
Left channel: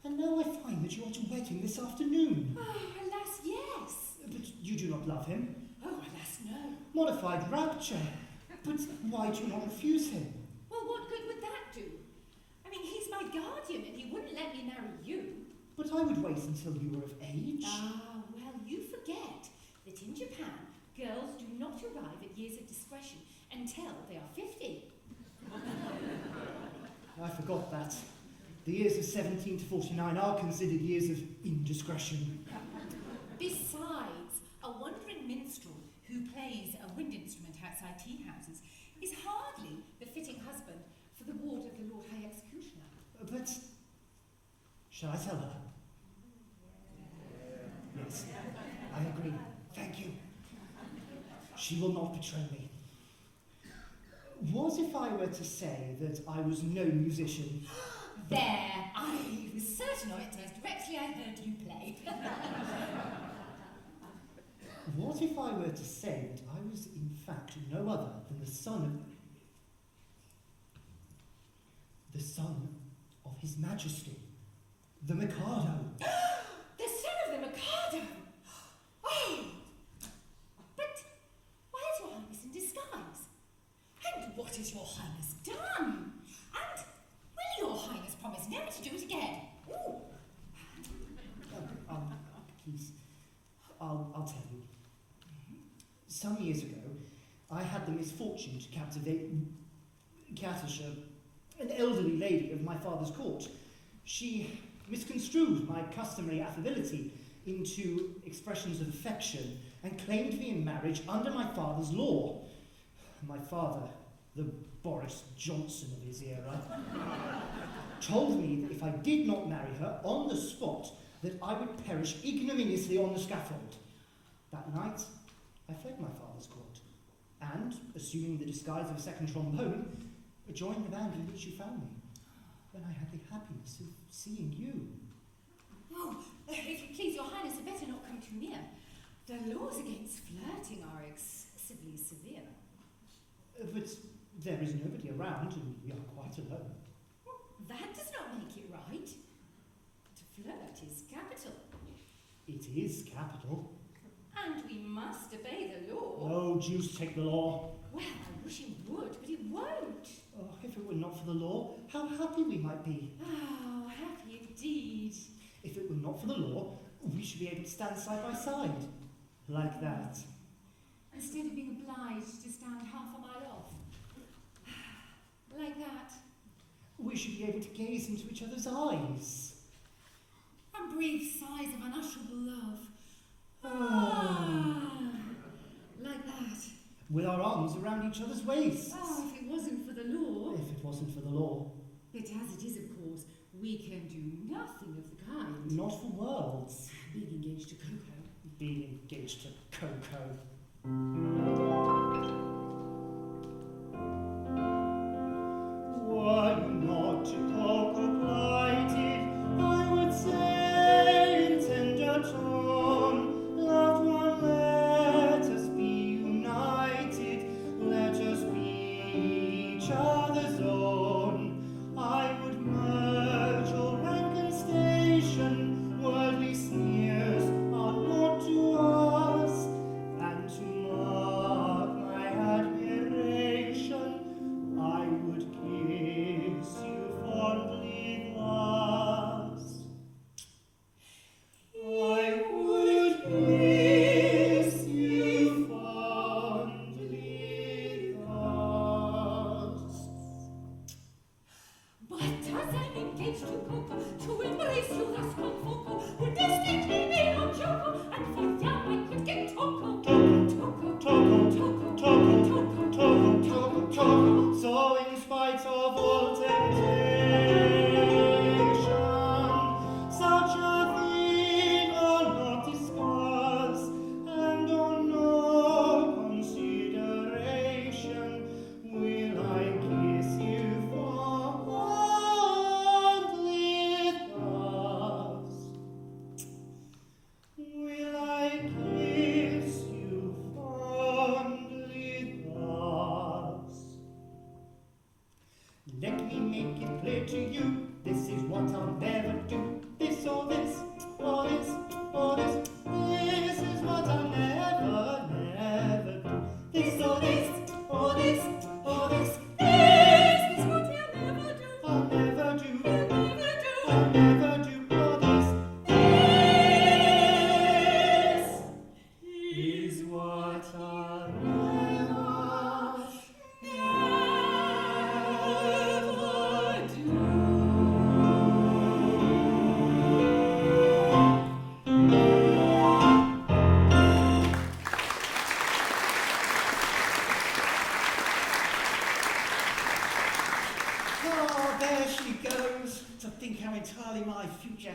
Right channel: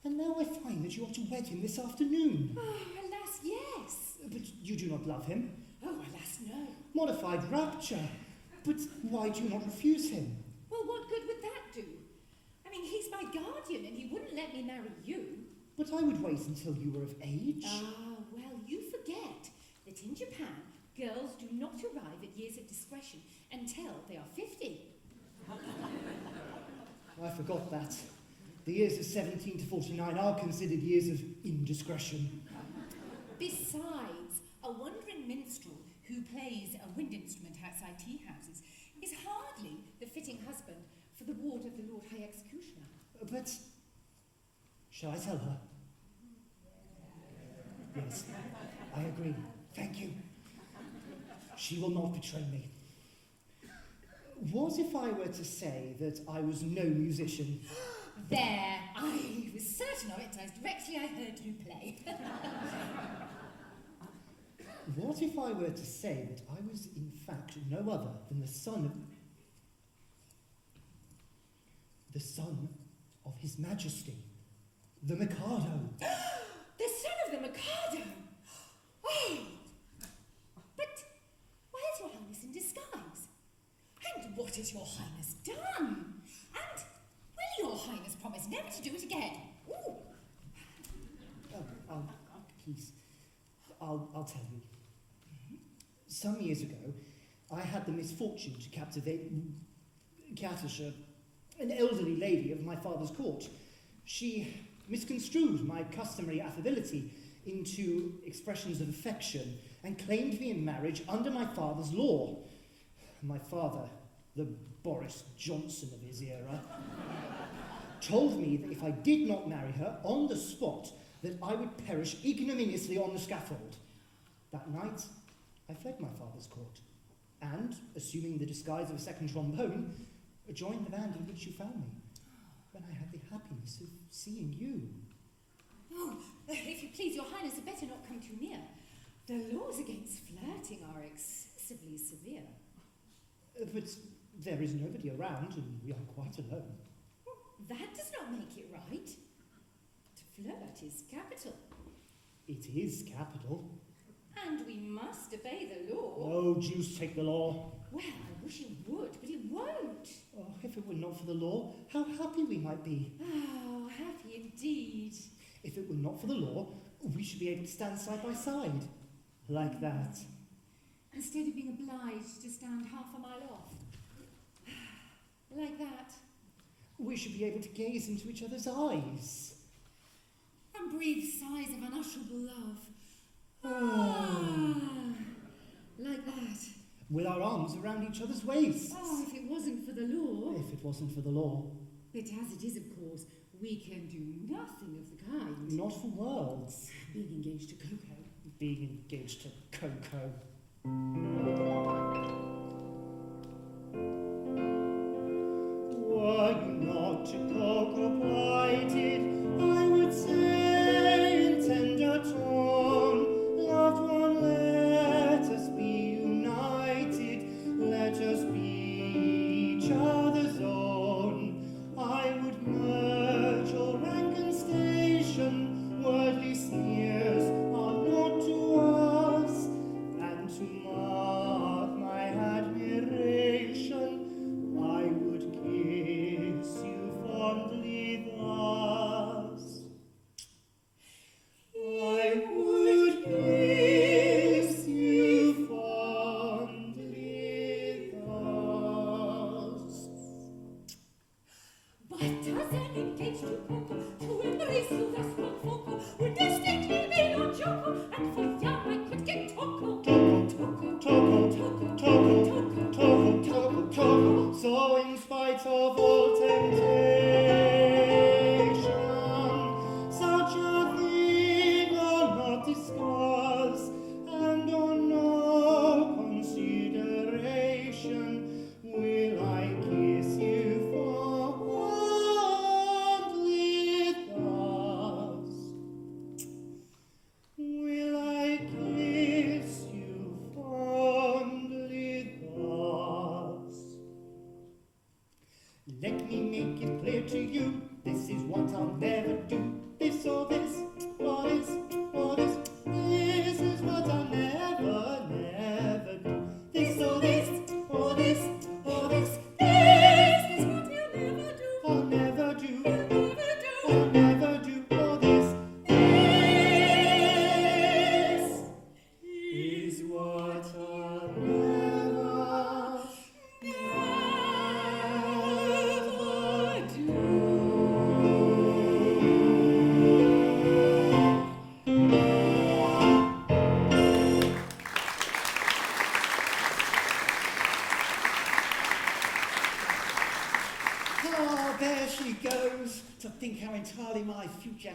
And now I find that you are to wed him this afternoon. Oh, alas, yes. But you do not love him. Oh, alas, no. Modified rapture. But why do you not refuse him? Well, what good would that do? I mean, he's my guardian and he wouldn't let me marry you. But I would wait until you were of age. Ah, well, you forget that in Japan, girls do not arrive at years of discretion until they are 50. I forgot that. The years of 17 to 49 are considered years of indiscretion. Besides, a wandering minstrel who plays a wind instrument outside tea houses is hardly the fitting husband for the ward of the Lord High Executioner. But shall I tell her? Yes, I agree. Thank you. She will not betray me. What if I were to say that I was no musician? There! I was certain of it as directly I heard you play. What if I were to say that I was in fact no other than the son of His Majesty, the Mikado? The son of the Mikado! Oh! But why is your Highness in disguise? And what has your Highness done? And will your Highness promise never to do it again? Ooh. Please, I'll tell you. Some years ago, I had the misfortune to captivate Katusha, an elderly lady of my father's court. She misconstrued my customary affability into expressions of affection and claimed me in marriage under my father's law. My father, the Boris Johnson of his era, told me that if I did not marry her on the spot, that I would perish ignominiously on the scaffold. That night, I fled my father's court, and, assuming the disguise of a second trombone, joined the band in which you found me, when I had the happiness of seeing you. Oh, if you please, your Highness had better not come too near. The laws against flirting are excessively severe. But there is nobody around, and we are quite alone. That does not make it right. To flirt is capital. It is capital. And we must obey the law. Oh, Jews take the law. Well, I wish it would, but it won't. Oh, if it were not for the law, how happy we might be. Oh, happy indeed. If it were not for the law, we should be able to stand side by side. Like that. Instead of being obliged to stand half a mile off. Like that. We should be able to gaze into each other's eyes. And breathe sighs of unutterable love. Like that. With our arms around each other's waists. Oh, if it wasn't for the law. If it wasn't for the law. But as it is, of course, we can do nothing of the kind. Not for worlds. Being engaged to Coco. Being engaged to Coco. Were you not to Coco plighted, I would say in tender tone, loved one, let us be united, let us be each other's own. I would merge your rank and station, worldly sneers are not to us, and to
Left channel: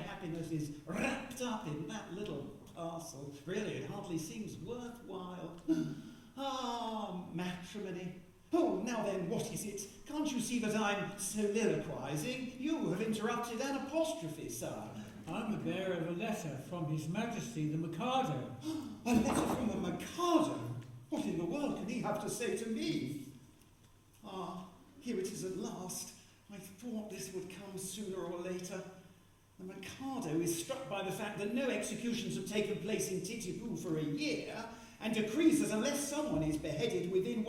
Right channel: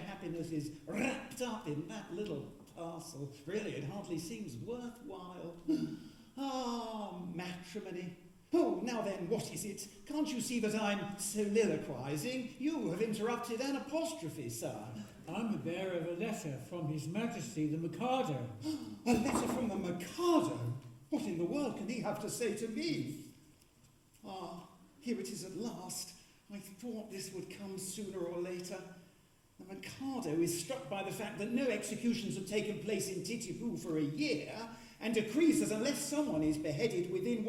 happiness is wrapped up in that little parcel. Really, it hardly seems worthwhile. Ah, matrimony. Oh, now then, what is it? Can't you see that I'm soliloquizing? You have interrupted an apostrophe, sir. I'm the bearer of a letter from His Majesty the Mikado. A letter from the Mikado? What in the world can he have to say to me? Ah, here it is at last. I thought this would come sooner or later. The Mikado is struck by the fact that no executions have taken place in Titipu for a year, and decrees that unless someone is beheaded within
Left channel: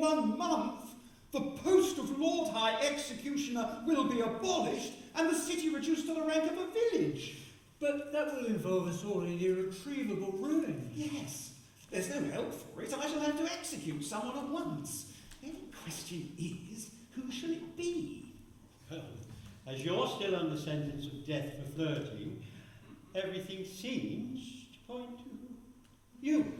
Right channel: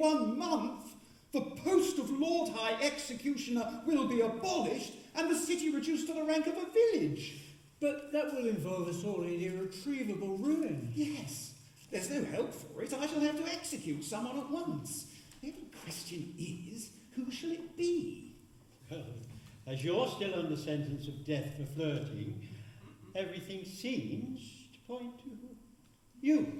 1 month, the post of Lord High Executioner will be abolished and the city reduced to the rank of a village. But that will involve us all in irretrievable ruin. Yes, there's no help for it. I shall have to execute someone at once. The question is, who shall it be? Well, as you're still under sentence of death for flirting, everything seems to point to you.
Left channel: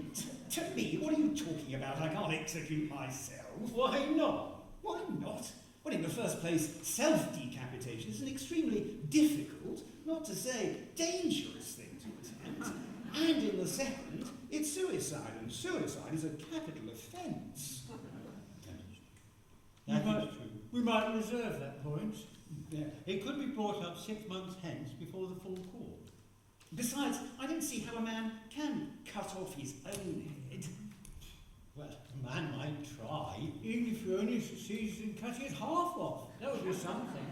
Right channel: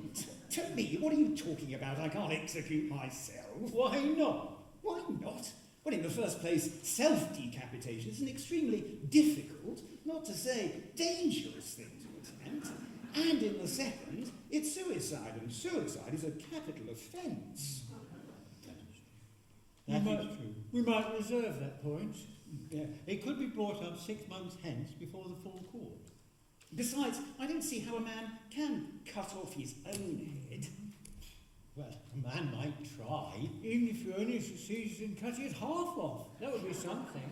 To me? What are you talking about? I can't execute myself. Why not? Why not? Well, in the first place, self-decapitation is an extremely difficult, not to say dangerous thing to attempt. And in the second, it's suicide, and suicide is a capital offence. That is true. We might reserve that point. Yeah. It could be brought up 6 months hence before the full court. Besides, I don't see how a man can cut off his own head. Well, a man might try. Even if you only succeeded in cutting it half off, that would be something.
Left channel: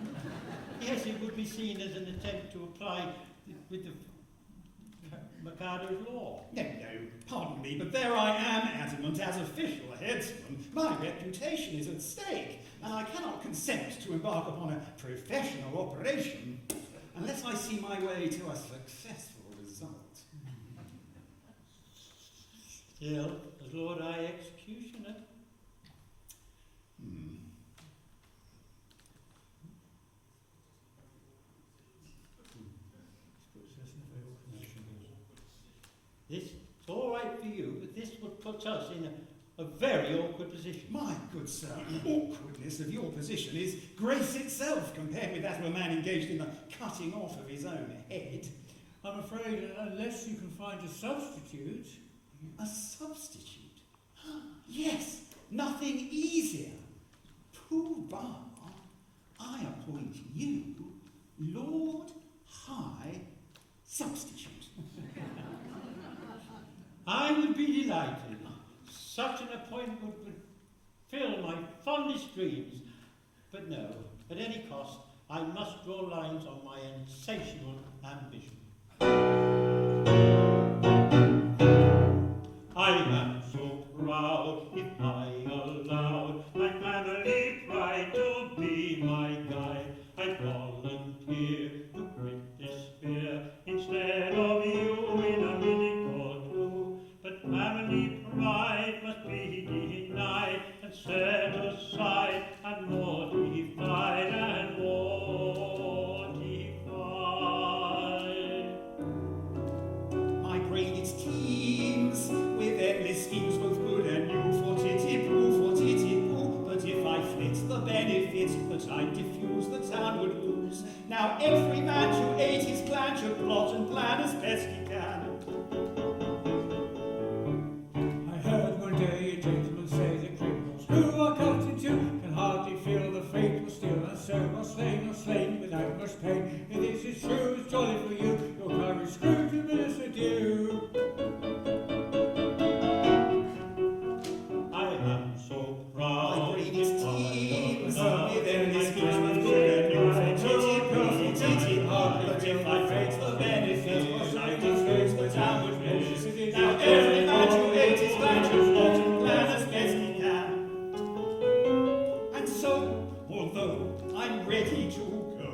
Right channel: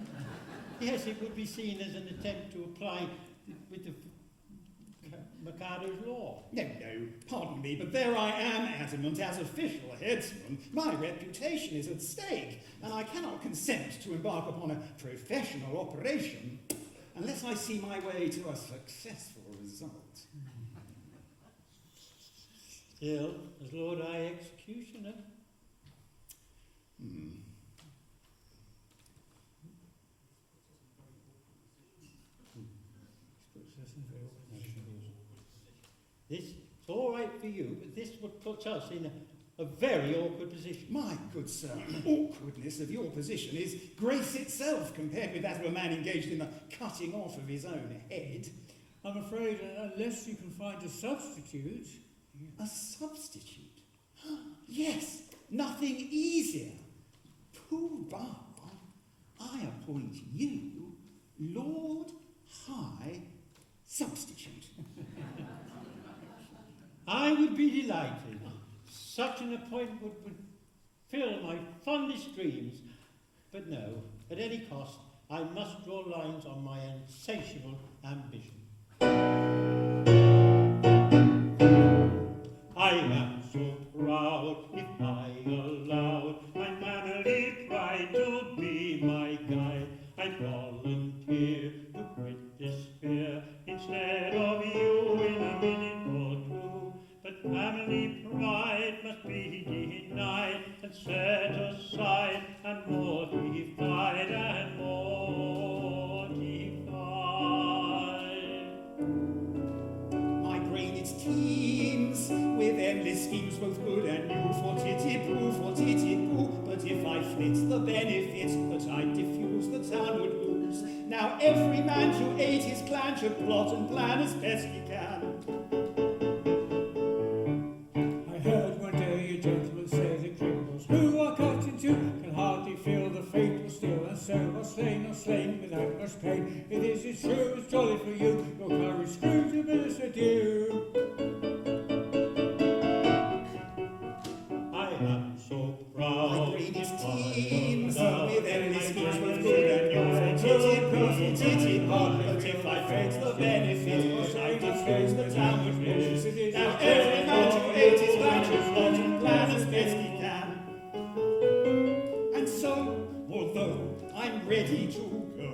Yes, it would be seen as an attempt to apply with the Mikado's law. No, pardon me, but there I am, adamant as official headsman. My reputation is at stake, and I cannot consent to embark upon a professional operation unless I see my way to a successful result. Still, as Lord High Executioner. It's all right for you, but this would put us in a very awkward position. My good sir, awkwardness of your position is grace itself compared with that of a man engaged in the cutting off of his own head. I'm afraid unless you can find a substitute. A substitute? Yes, nothing easier. Pooh-bah, I appoint you Lord High Substitute. I would be delighted. Such an appointment would fulfill my fondest dreams. But no, at any cost, I must draw lines on my insatiable ambition. I am so proud, if I allowed my manly pride to be my guide, I'd volunteer to quit despair instead of you in a minute or two. But family pride must be denied and set aside and mortified and mortified. My brain is teems with endless schemes, both good and new, for titty-poo, but if I flit the benefit that I diffuse, the town would lose. Now every man to aid his clan should plot and plan as best he can. I heard one day a gentleman say that criminals who are cut in two can hardly feel the fatal steel, and so are slain without much pain. It is as true as jolly for you, your courage screw to minister due. I am so proud. My brain is teems with endless schemes, both good and new, for titty-poo, but if I flit the benefit that I diffuse, the town would lose. Now every man to aid his clan should plot and plan as best he can. And so, although I'm ready to go,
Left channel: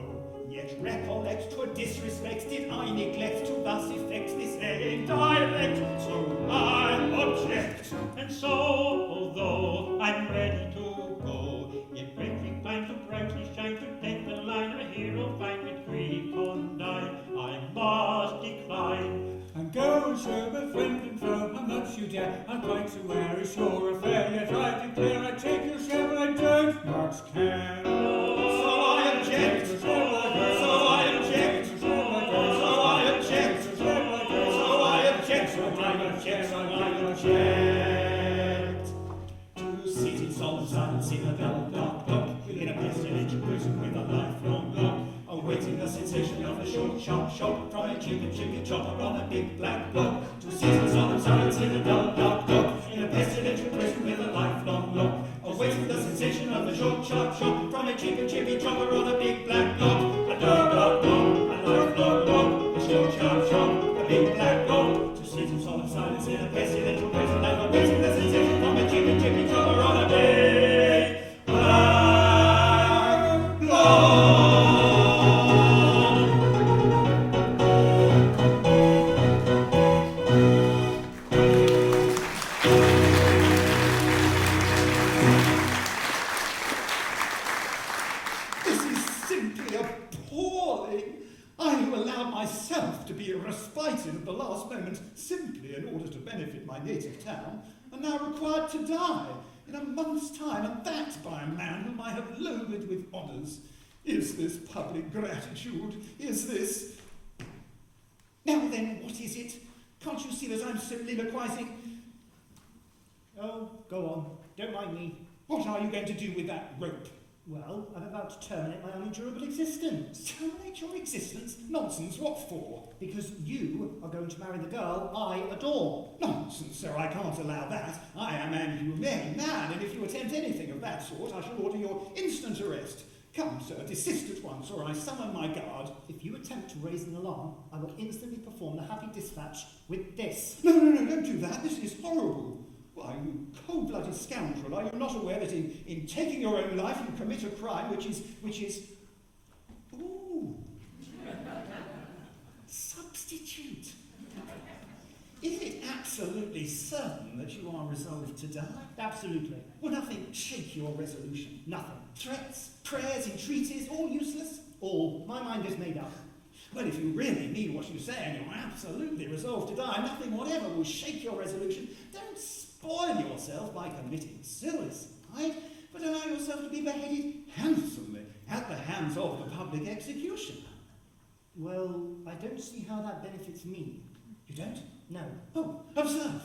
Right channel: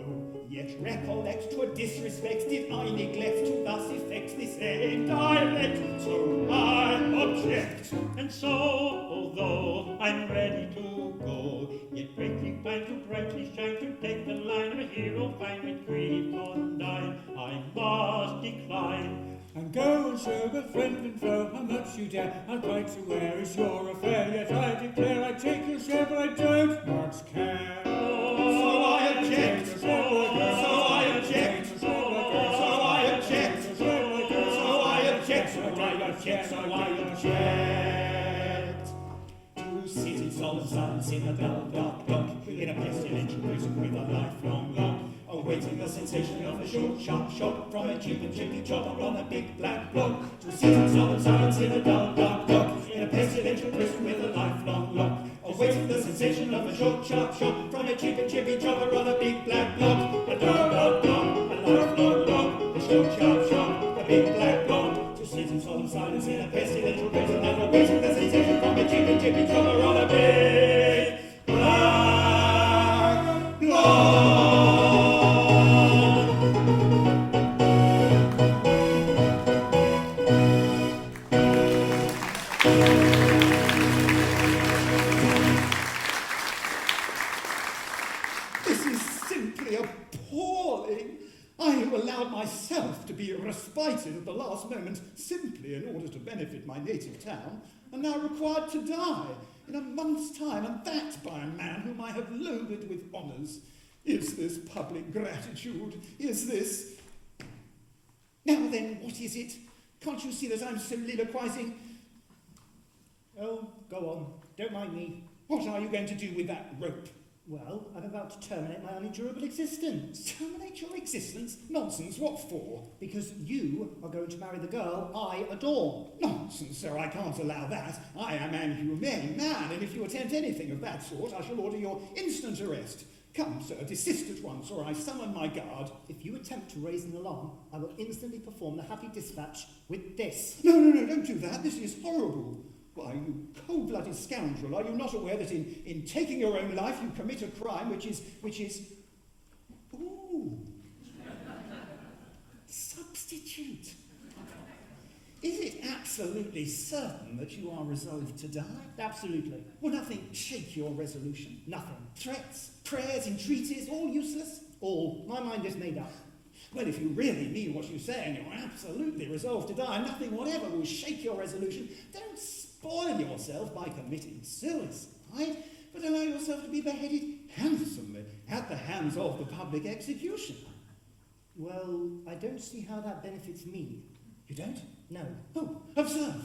yet recollect 'twere disrespect did I neglect to thus effect this end direct. So I object. And so, although I'm ready to go, yet brightly find to brightly shine to deck the line of a hero fine with grief on die, I must decline. And go and show the friend and foe how much you dare. I'm quite aware it's your affair, yet I declare I take your share, but I don't much care. So I object. So I object. chair, I lie your chair. To sit in solemn silence in a dull dark dock, in a pestilential prison with a lifelong lock, awaiting the sensation of a short, sharp shock from a cheap and chippy chopper on a big black block. To sit in solemn silence in a dull dark dock, in a pestilential prison with a lifelong lock, awaiting the sensation of a short, sharp shock from a cheap and chippy chopper on a big black block. A dark, dark block, a lifelong lock, a short, sharp shock, a big black block. To sit in solemn silence in a pestilential prison and awaiting the sensation from a cheap and chippy chopper on a big black block. Respited at the last moment simply in order to benefit my native town, and now required to die in a month's time, and that by a man whom I have loaded with honours. Is this public gratitude? Is this... Now then, what is it? Can't you see that I'm soliloquizing? Oh, go on. Don't mind me. What are you going to do with that rope? Well, I'm about to terminate my unendurable existence. Terminate your existence? Nonsense, what for? Because you are going to marry the girl I adore. Nonsense, sir, I can't allow that. I am an humane man, and if you attempt anything of that sort, I shall order your instant arrest. Come, sir, desist at once, or I summon my guard. If you attempt to raise an alarm, I will instantly perform the happy dispatch with this. No, don't do that. This is horrible. Why, you cold-blooded scoundrel, are you not aware that in taking your own life you commit a crime which is... Ooh. Substitute. Is it absolutely certain that you are resolved to die? Absolutely. Will nothing shake your resolution? Nothing. Threats, prayers, entreaties, all useless? All. My mind is made up. Well, if you really mean what you say and you're absolutely resolved to die, nothing whatever will shake your resolution. Don't spoil yourself by committing suicide, but allow yourself to be beheaded handsomely at the hands of the public executioner. Well, I don't see how that benefits me. You don't? No. Oh, observe.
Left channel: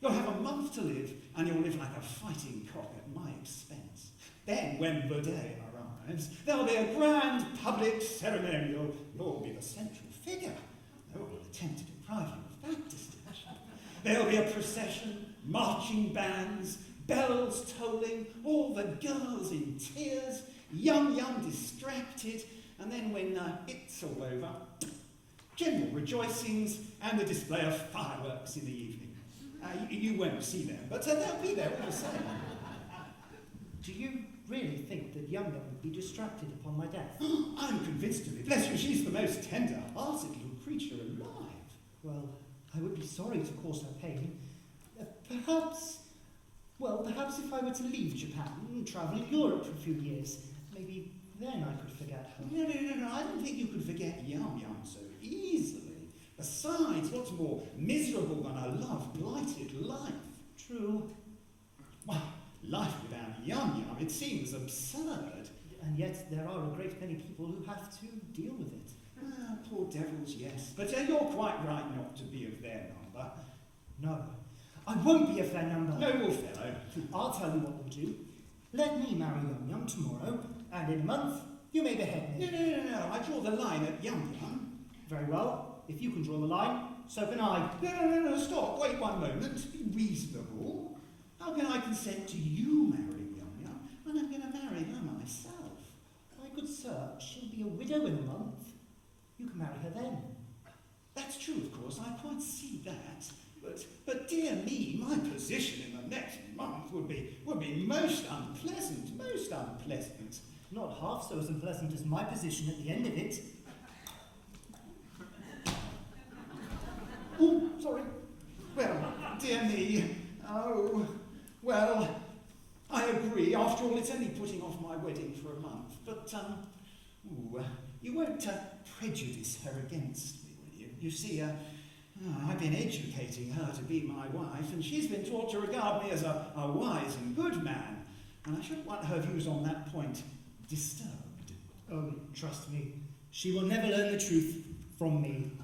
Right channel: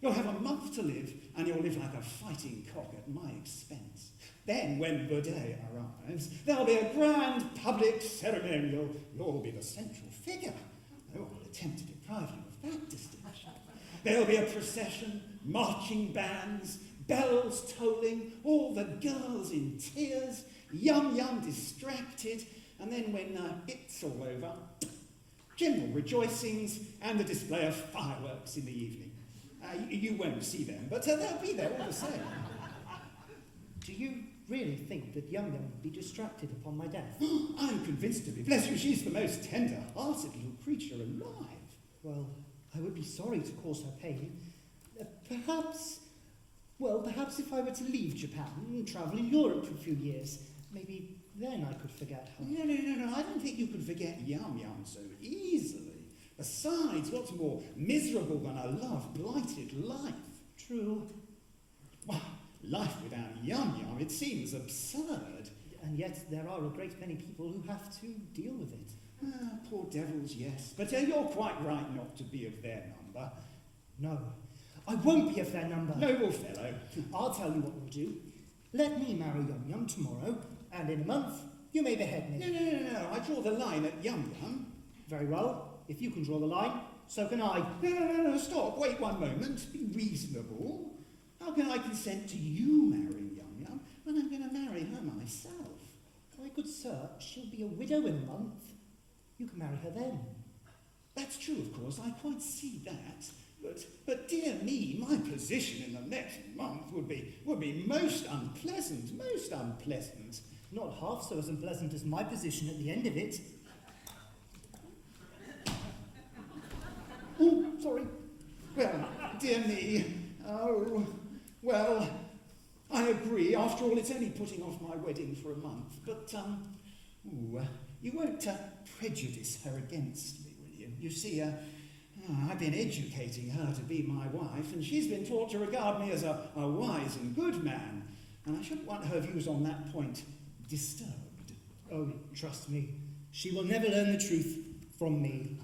You'll have a month to live, and you'll live like a fighting cock at my expense. Then, when the day arrives, there'll be a grand public ceremonial. You'll be the central figure. No one will attempt to deprive you of that distinction. There'll be a procession, marching bands, bells tolling, all the girls in tears, young distracted, and then when it's all over, general rejoicings and the display of fireworks in the evening. You won't see them, but they'll be there all the same. Do you really think that Yum would be distracted upon my death? I'm convinced of it. Bless you, she's the most tender-hearted little creature alive. Well, I would be sorry to cause her pain. Perhaps if I were to leave Japan and travel in Europe for a few years, maybe then I could forget her. No, I don't think you could forget Yum so easily. Besides, what's more miserable than a love-blighted life? True. Well, life without Yum, it seems absurd. And yet there are a great many people who have to deal with it. Poor devils, yes. But you're quite right not to be of their number. No, I won't be of their number. Noble fellow. I'll tell you what we'll do. Let me marry Yum tomorrow, and in a month you may behead me. No, I draw the line at Yum. Very well. If you can draw the line, so can I. No, stop. Wait one moment. Be reasonable. How can I consent to you marrying Yum when I'm going to marry her myself? My good sir, she'll be a widow in a month. You can marry her then. That's true, of course. I quite see that. But dear me, my position in the next month would be most unpleasant. Not half so as unpleasant as my position at the end of it. Oh, sorry. Well, dear me. Oh, well, I agree. After all, it's only putting off my wedding for a month. But, you won't prejudice her against me, will you? You see, I've been educating her to be my wife, and she's been taught to regard me as a wise and good man. And I shouldn't want her views on that point disturbed. Oh, trust me, she will never learn the truth from me.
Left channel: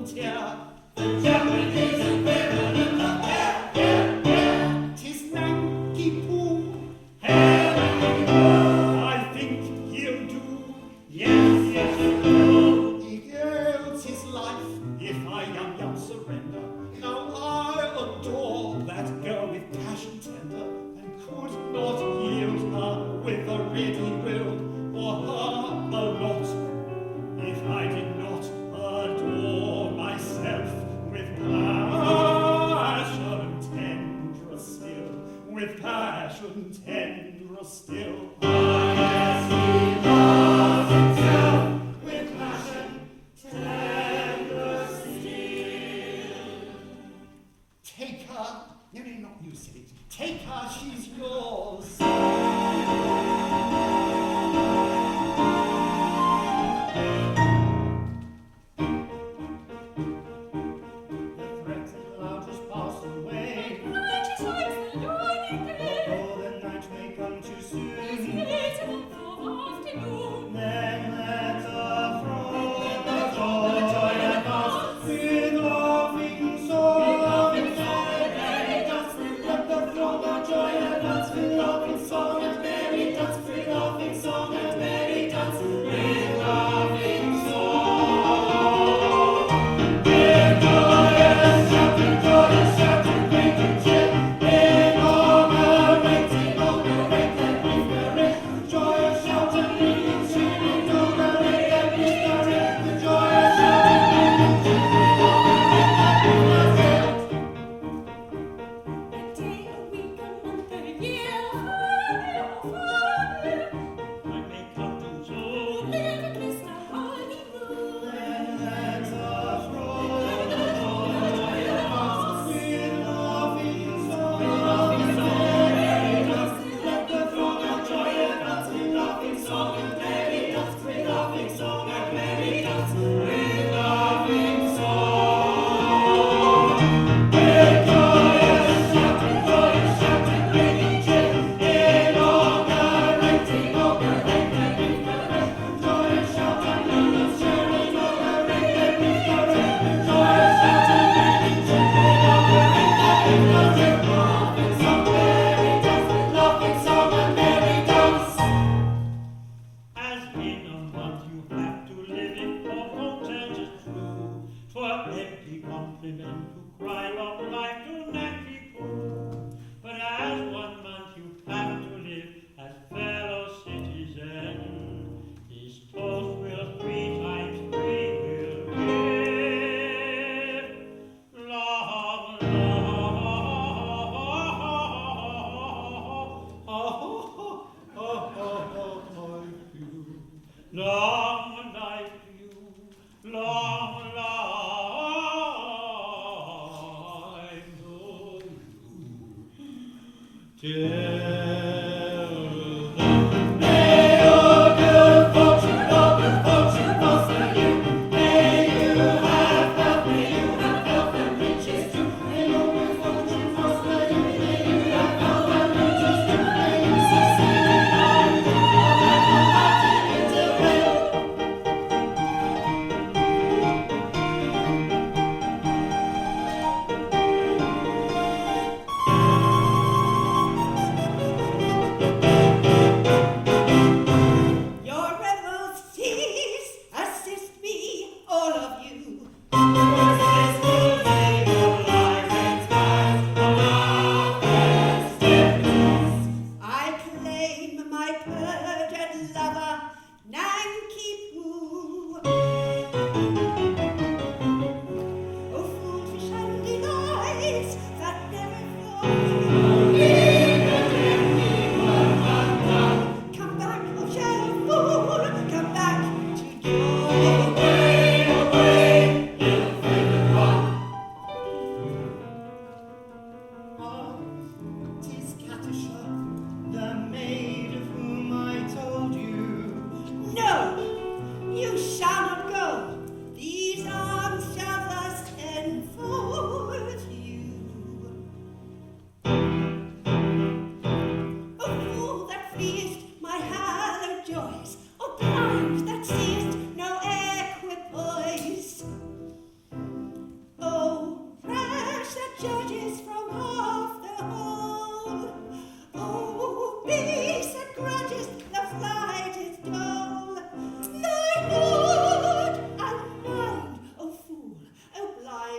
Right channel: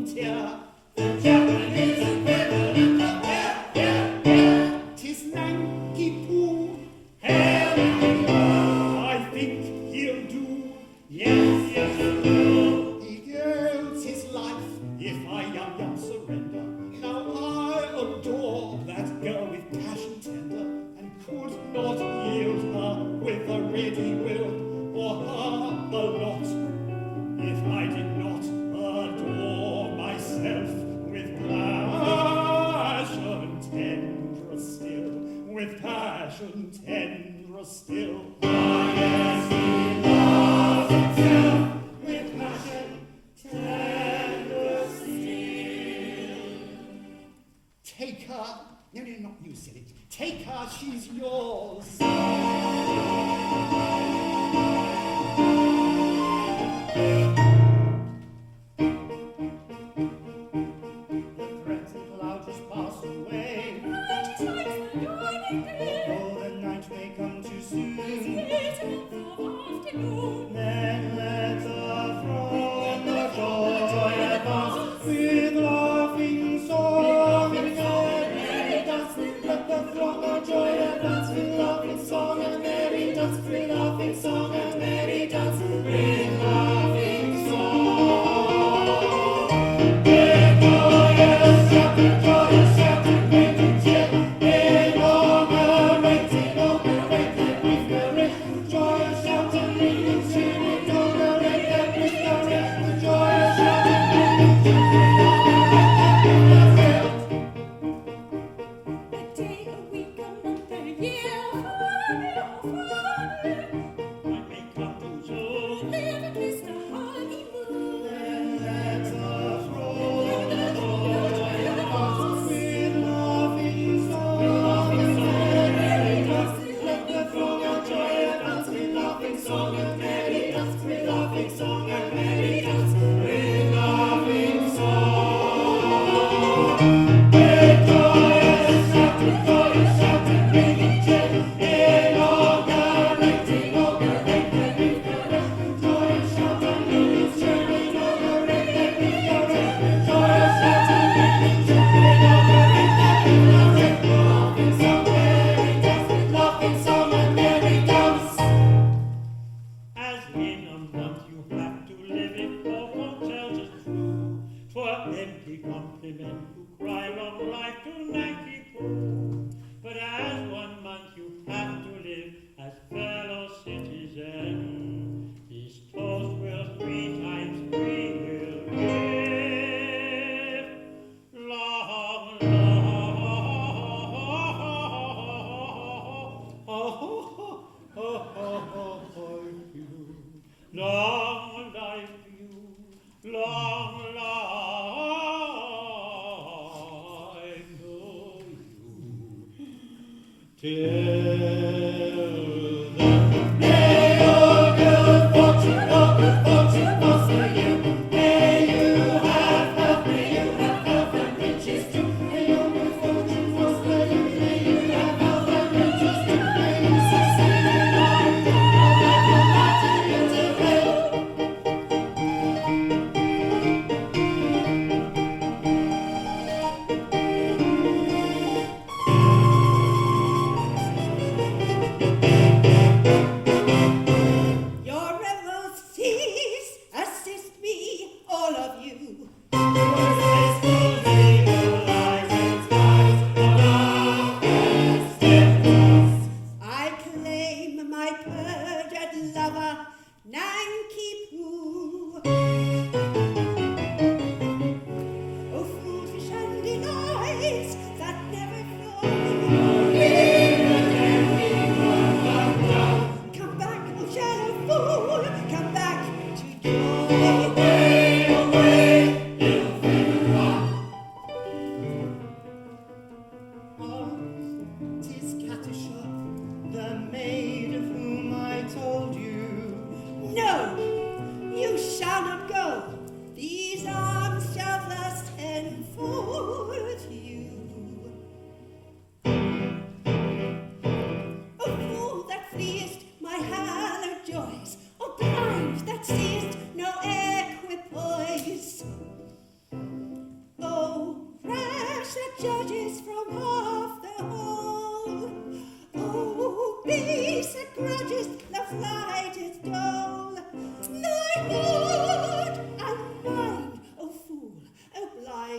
frontier. The Japanese equivalent of tis Nanki-Poo. I think he'll do. Yes, yes, he'll. He gives his life if I yum surrender. Now I adore that girl with passion tender, and could not yield her with a ready will, or her a lot, if I did not adore myself with passion tender still, with passion tender still. Ah, yes, he loves himself with passion tender still. Take her, no, not you, silly. Take her, she's yours.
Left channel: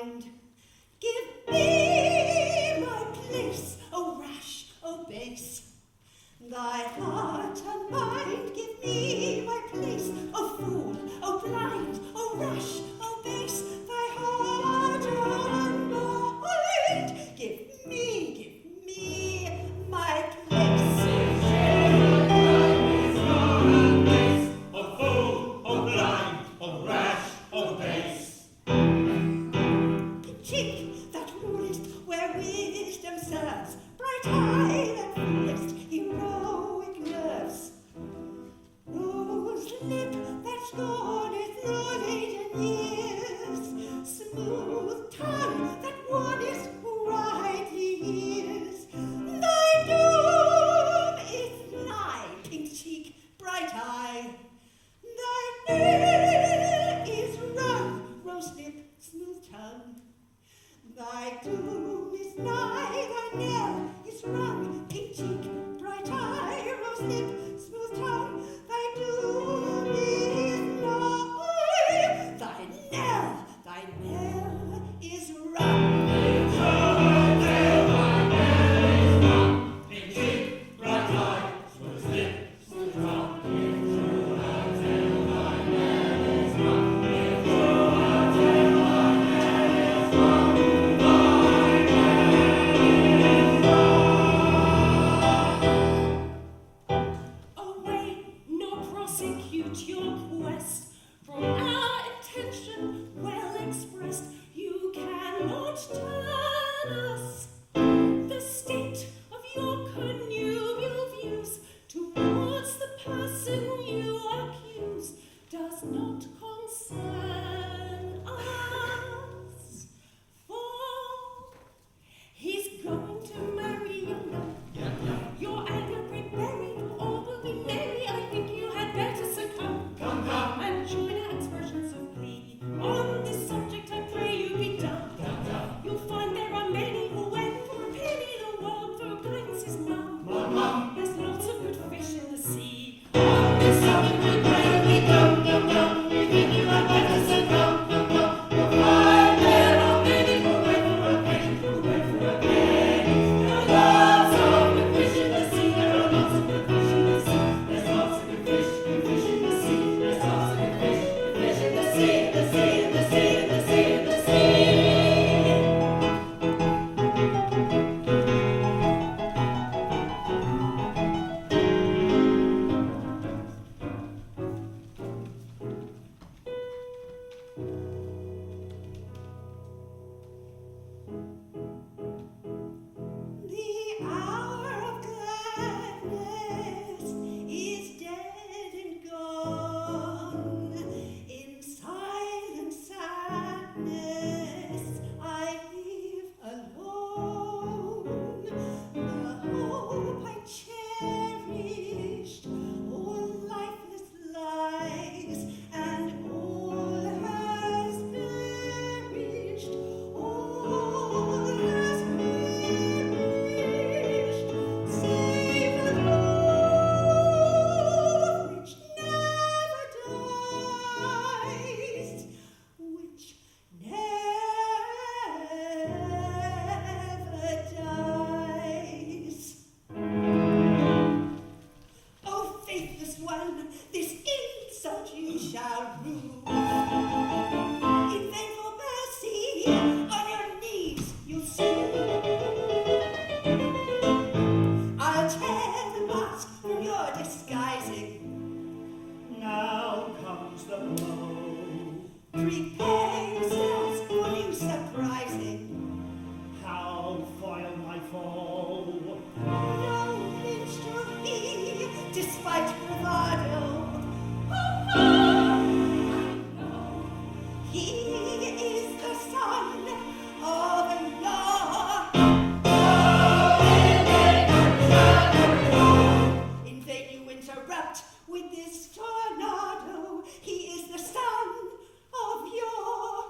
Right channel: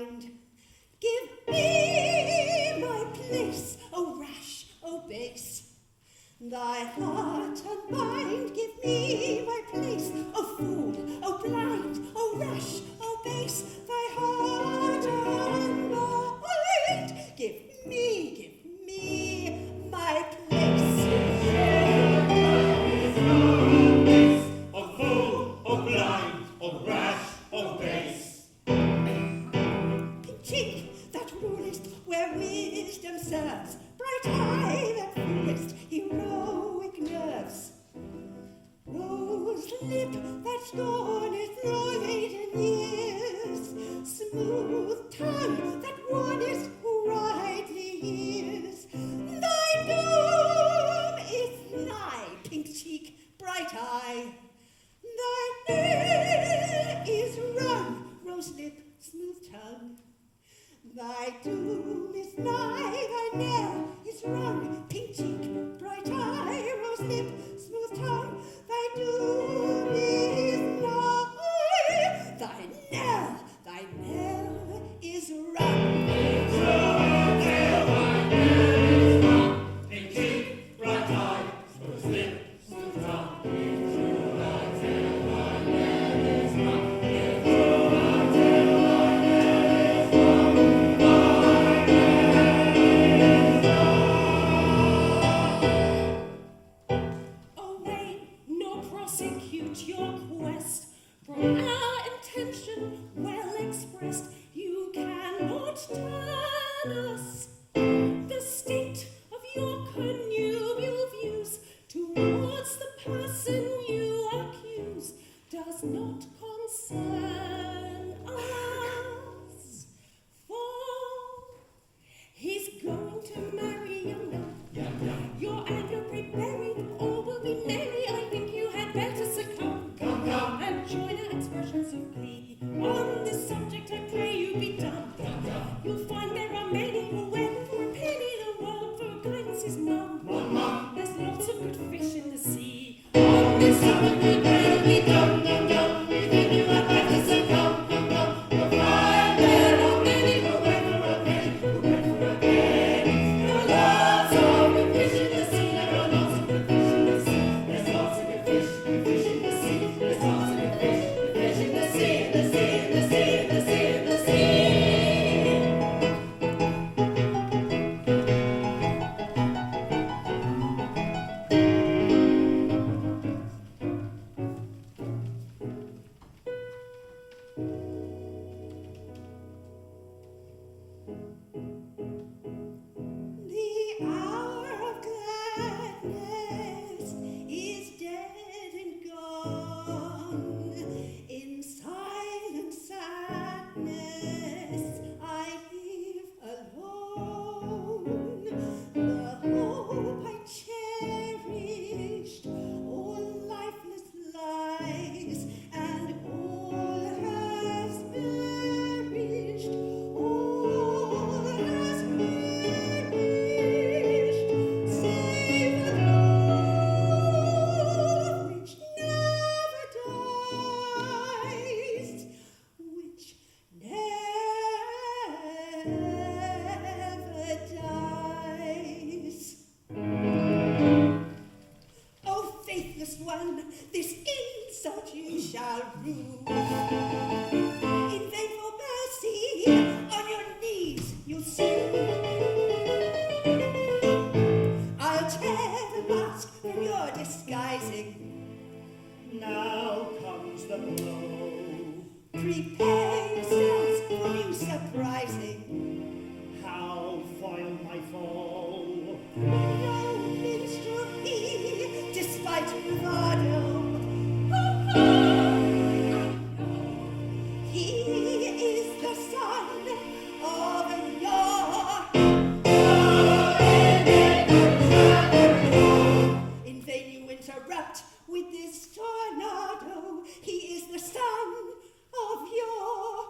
mind. Give me my place, O rash, O base. Thy heart and mind, give me my place, O fool, O blind, O rash, O base. Thy heart and mind, give me my place. O fool, O blind, O rash, O base. Cheek that rulest where wisdom serves, bright eye that foolest heroic nerves, rose lip that scorneth your laden years, smooth tongue that warnest who rightly hears. Thy doom is nigh, pink cheek, bright eye. Thy knell is rung, rose lip, smooth tongue. Thy doom is nigh, thy knell is rung, pink cheek, bright eye, rose lip, smooth tongue. Thy doom is nigh, thy knell is rung. Pink cheek, bright eye, rose lip, smooth tongue. Away, nor prosecute your quest, for our intention well expressed, you cannot turn us. The state of your connubial views towards the person you accuse does not concern us, for he's going to marry you now. Your anger be buried, all will be merry. I think you had better succumb. Come, and join our expressions of glee. On this subject, I pray you be dumb. You'll find there are many who went for a penny the world, for guidance is none. There's lots of good fish in the sea. On this subject, I pray you be dumb. You think you had better succumb. You'll find there are many who went for a penny, There are lots of good fish in the sea. There are lots of good fish in the sea. There's lots of good fish in the sea. There's lots of good fish in the sea, the sea, the sea, the sea, the sea. The hour of gladness is dead and gone. In silent sadness I live alone. The hope I cherished all lifeless lies, and all has perished. All has perished, save the love which never dies, which never dies. O faithless one, this insult you shall rue. In vain for mercy, on your knees you'll sue. I'll tear the mask from your disguising. Now comes the blow. Prepare yourselves for new surprising. How foil my foe? No minstrel he, despite bravado. I know he is the son of your. In vain you interrupt with this tornado. He is the son of your.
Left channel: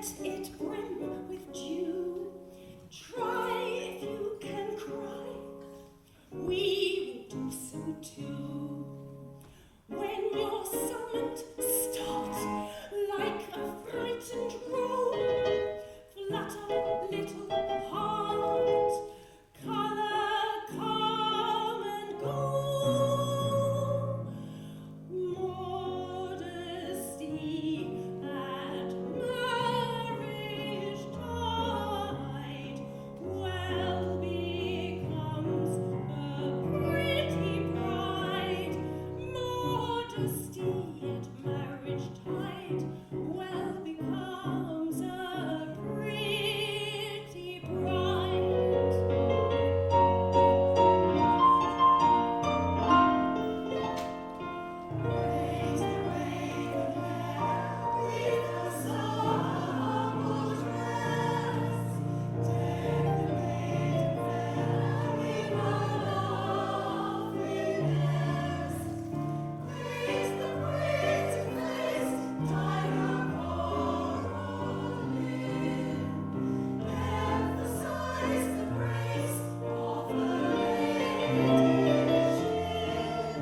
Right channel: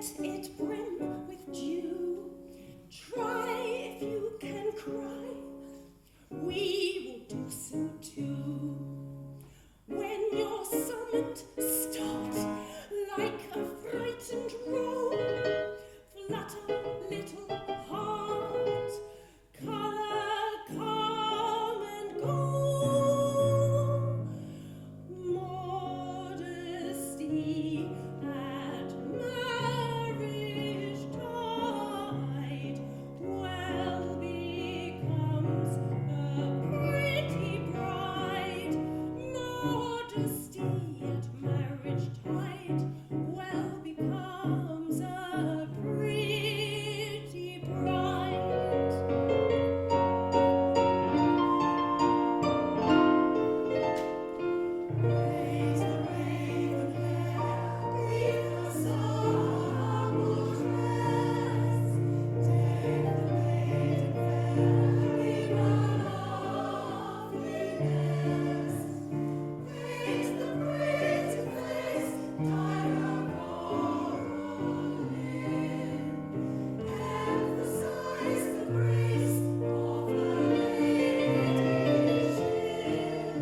let it brim with dew. Try if you can cry, we will do so too. When you're summoned, start like a frightened roe. Flutter, little heart, colour, come and go. Modesty at marriage tide well becomes a pretty bride. Modesty at marriage tide well becomes a pretty bride. Praise the raven hair, leave the summer dress. Deck the maiden fair with loveliness. Praise the pretty face, tie her coral in. Emphasize the grace of the lady's chin.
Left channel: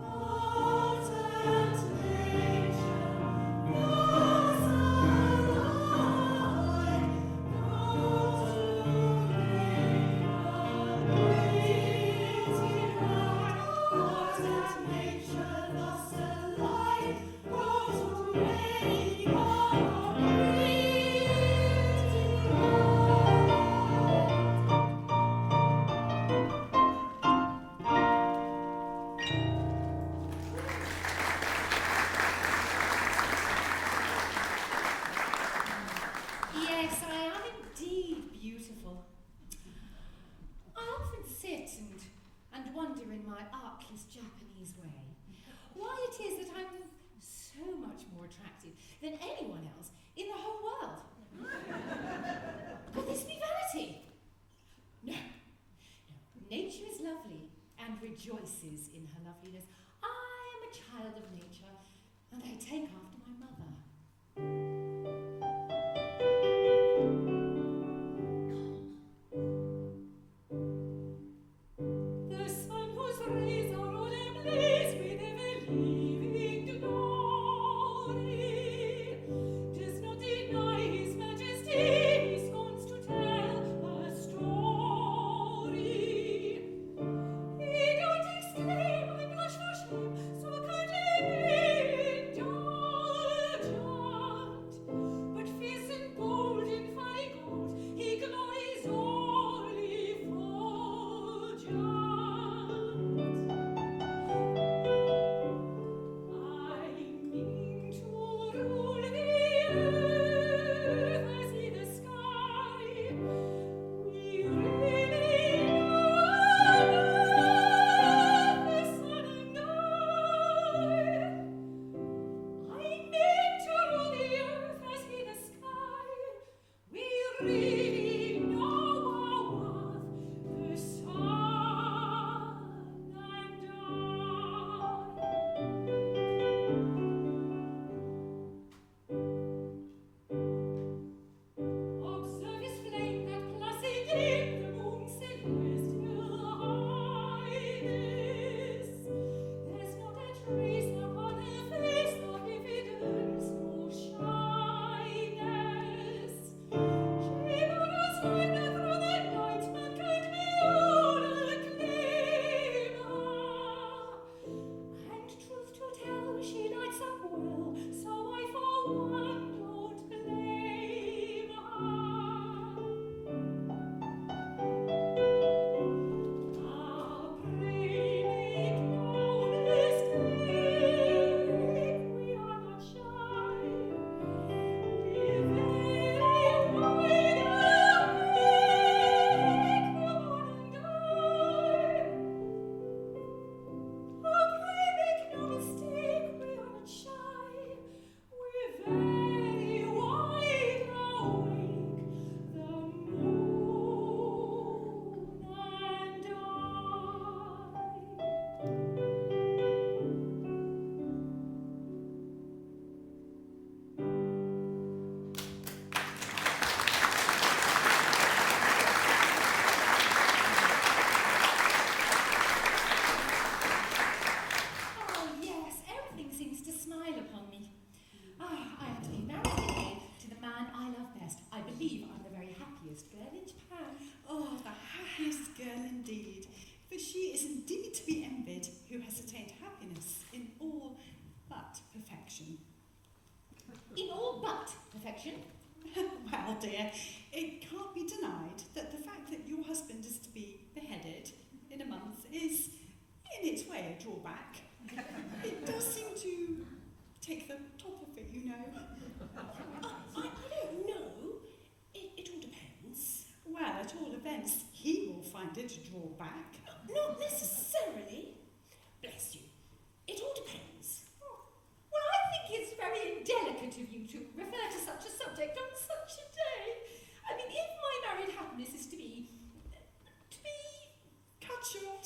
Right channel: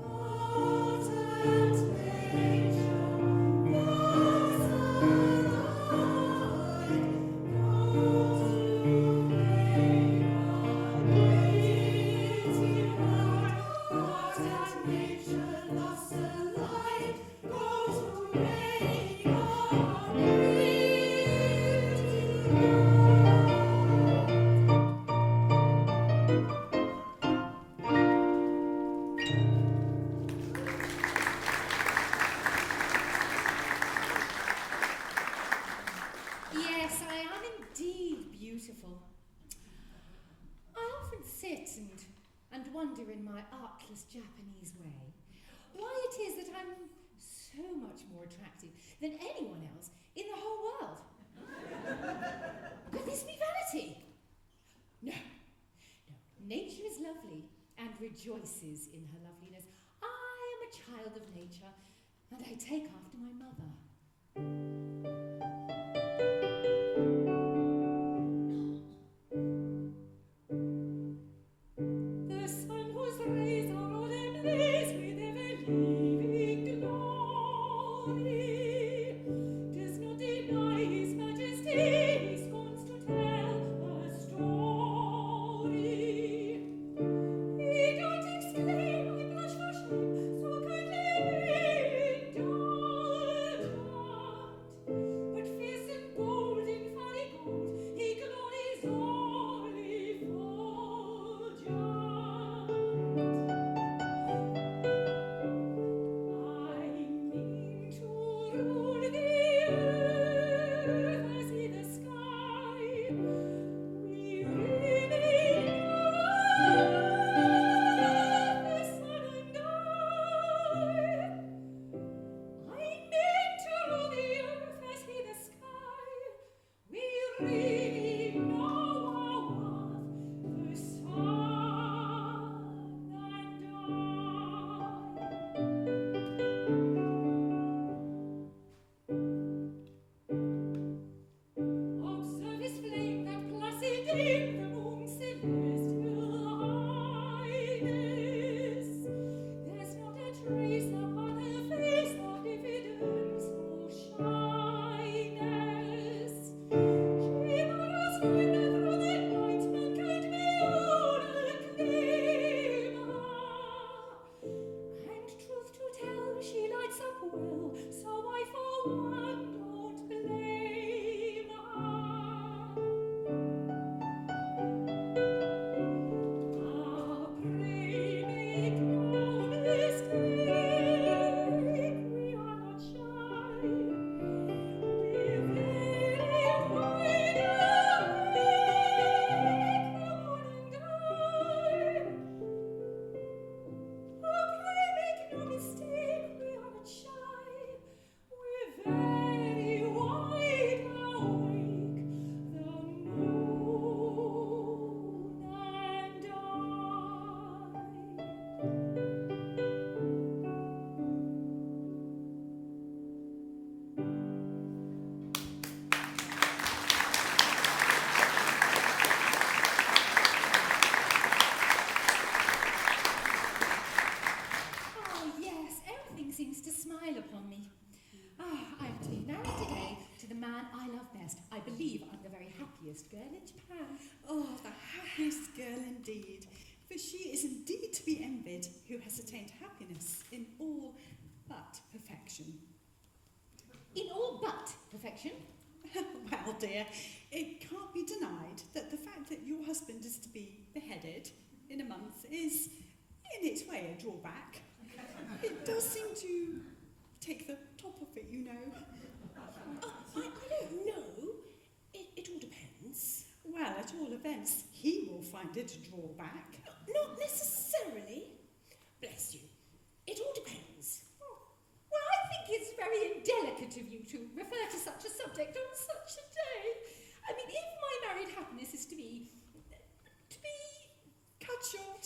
Art and nature was alike, go to make a pretty bride. Art and nature thus alike, go to make a pretty Yes, I am indeed beautiful. I often sit and wonder in my artless Japanese way why it is that I'm so much more attractive than anyone else in the whole world. Could this be vanity? No, no. Nature is lovely and rejoices in her loveliness. I am a child of nature, and I take after my mother. The sun whose rays are all ablaze with ever-living glory does not deny his majesty, he scorns to tell a story. He don't exclaim, I blush for shame, so kindly being done. happiest girl in Japan. Oh, the happiest girl indeed. For she is indeed to be envied who has attained happiness in all but perfection. In all but perfection. Well, dear, it can't be denied that the fact that your husband is to be beheaded in a month is, in its way, a drawback. It does seem to take the top of it, you know. I don't know. It all depends. Well, at all events, he will find it a drawback. Not necessarily. Bless you. It all depends. Well, I think it's very indelicate of you to refer to such a subject on such a day. I mean, if my married happiness is to be Cut short.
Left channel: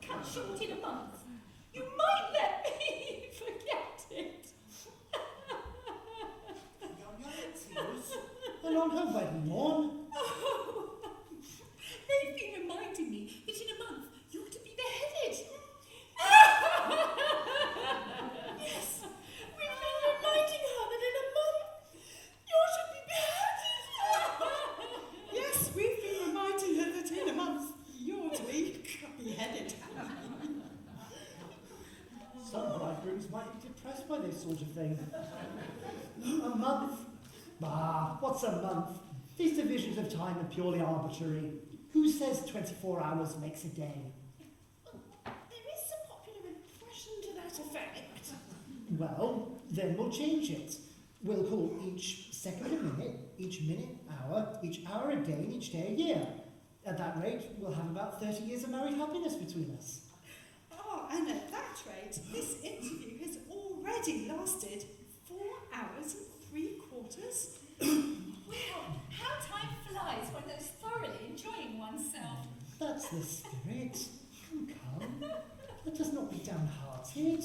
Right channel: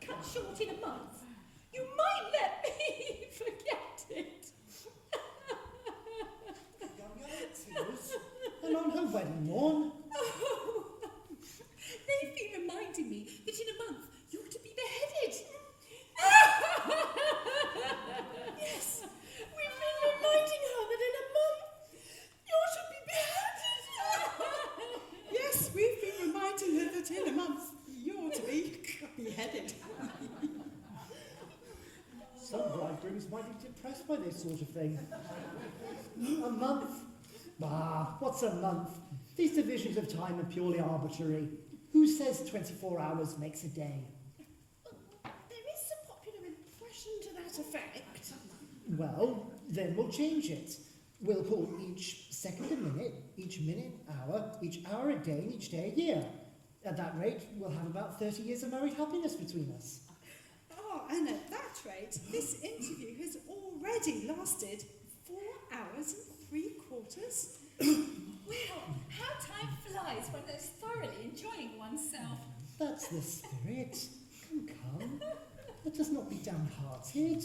cut short in a month, you might let me forget it. And on her wedding morn, Oh, they've been reminding me that in a month you're to be beheaded. Yes, we've been reminding her that in a month you're to be beheaded. Yes, we've been reminding her that in a month you're to be beheaded. some bridegrooms might be depressed by this sort of thing. A month? Ah, what's a month? These divisions of time are purely arbitrary. Who says 24 hours makes a day? There is a popular impression to that effect. Well, then we'll change it. We'll call each second a minute, each minute hour, each hour a day, and each day a year. At that rate, we'll have about 30 years of married happiness between us. Oh, and at that rate, this interview has already lasted 4 hours and 3/4. Well, how time flies when one's thoroughly enjoying oneself. That's the spirit. Come. Let us not be downhearted.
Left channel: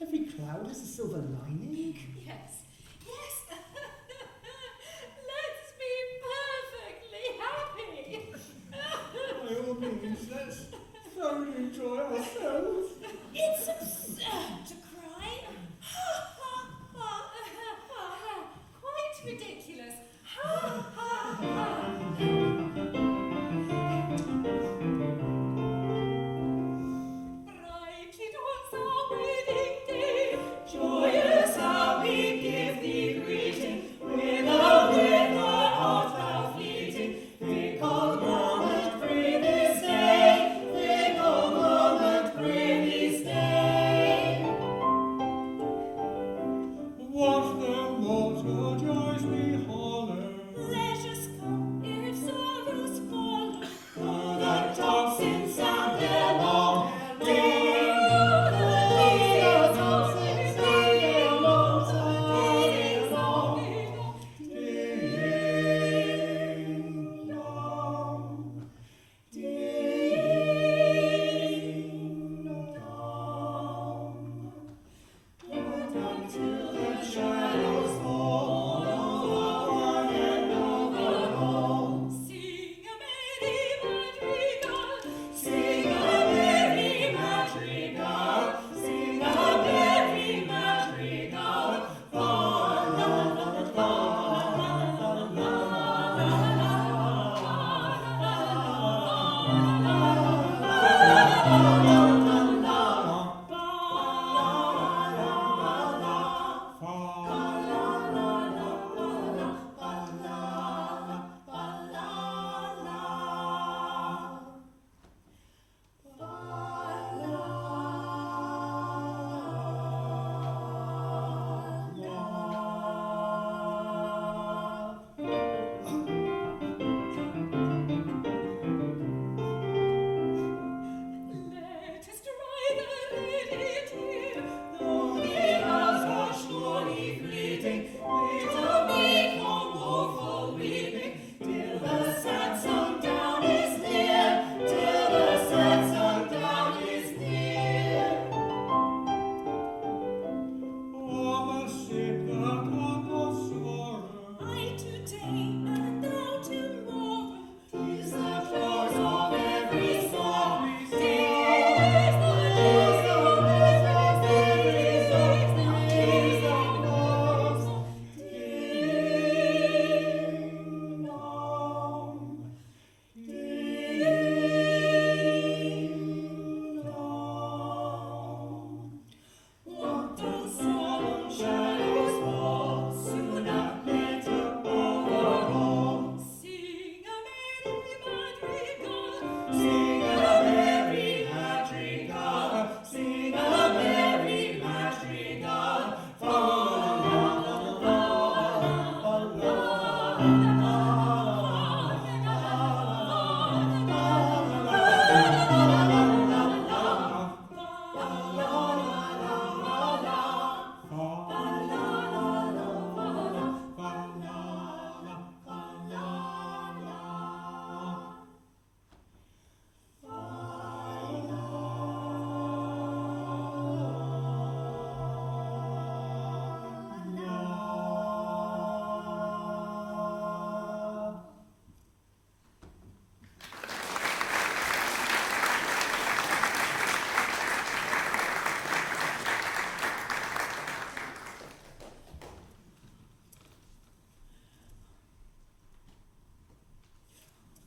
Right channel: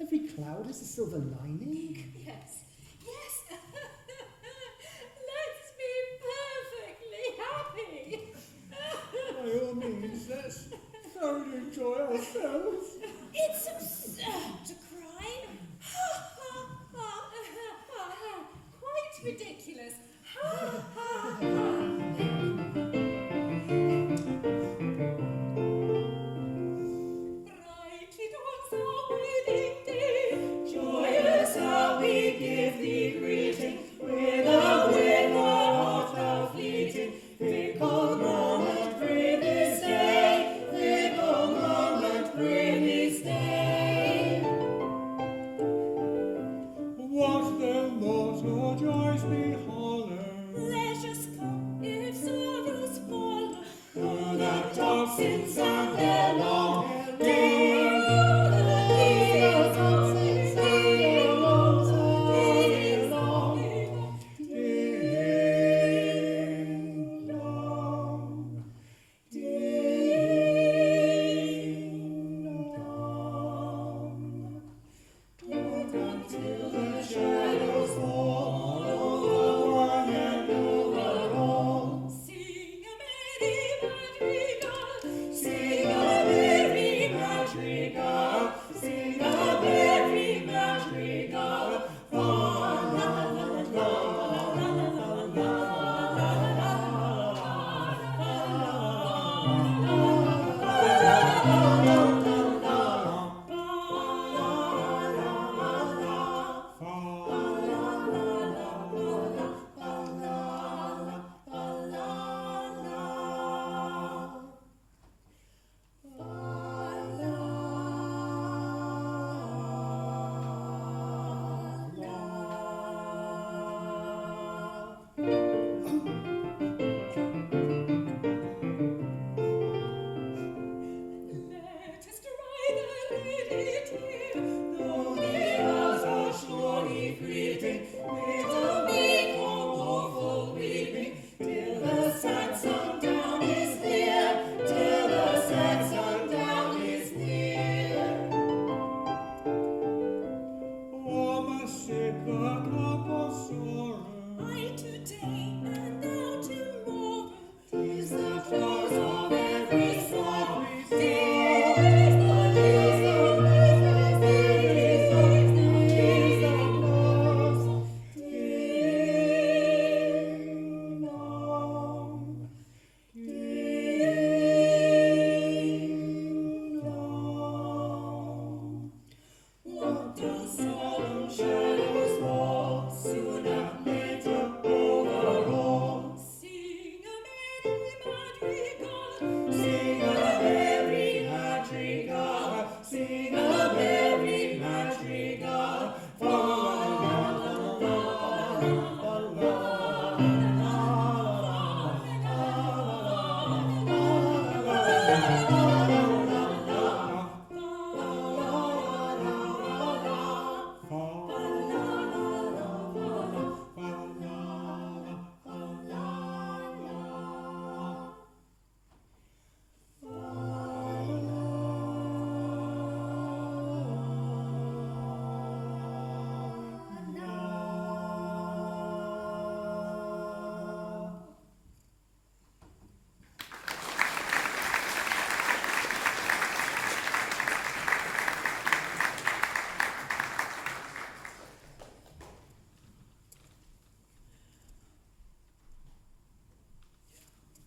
Every cloud has a silver lining. Yes, yes. Let's be perfectly happy. By all means, let's thoroughly enjoy ourselves. It's absurd to cry. Ha, ha, ha, ha, ha. Quite ridiculous. Ha, ha, ha. Bright it was our wedding day. Joyous how we give thee greeting. With a heart how fleeting. Fickle moment, pray this day. Fickle moment, pray this day. What then was your joys be hollow? Pleasures come if sorrows follow. Oh, the tocsin sound their long. Until the shadows fall.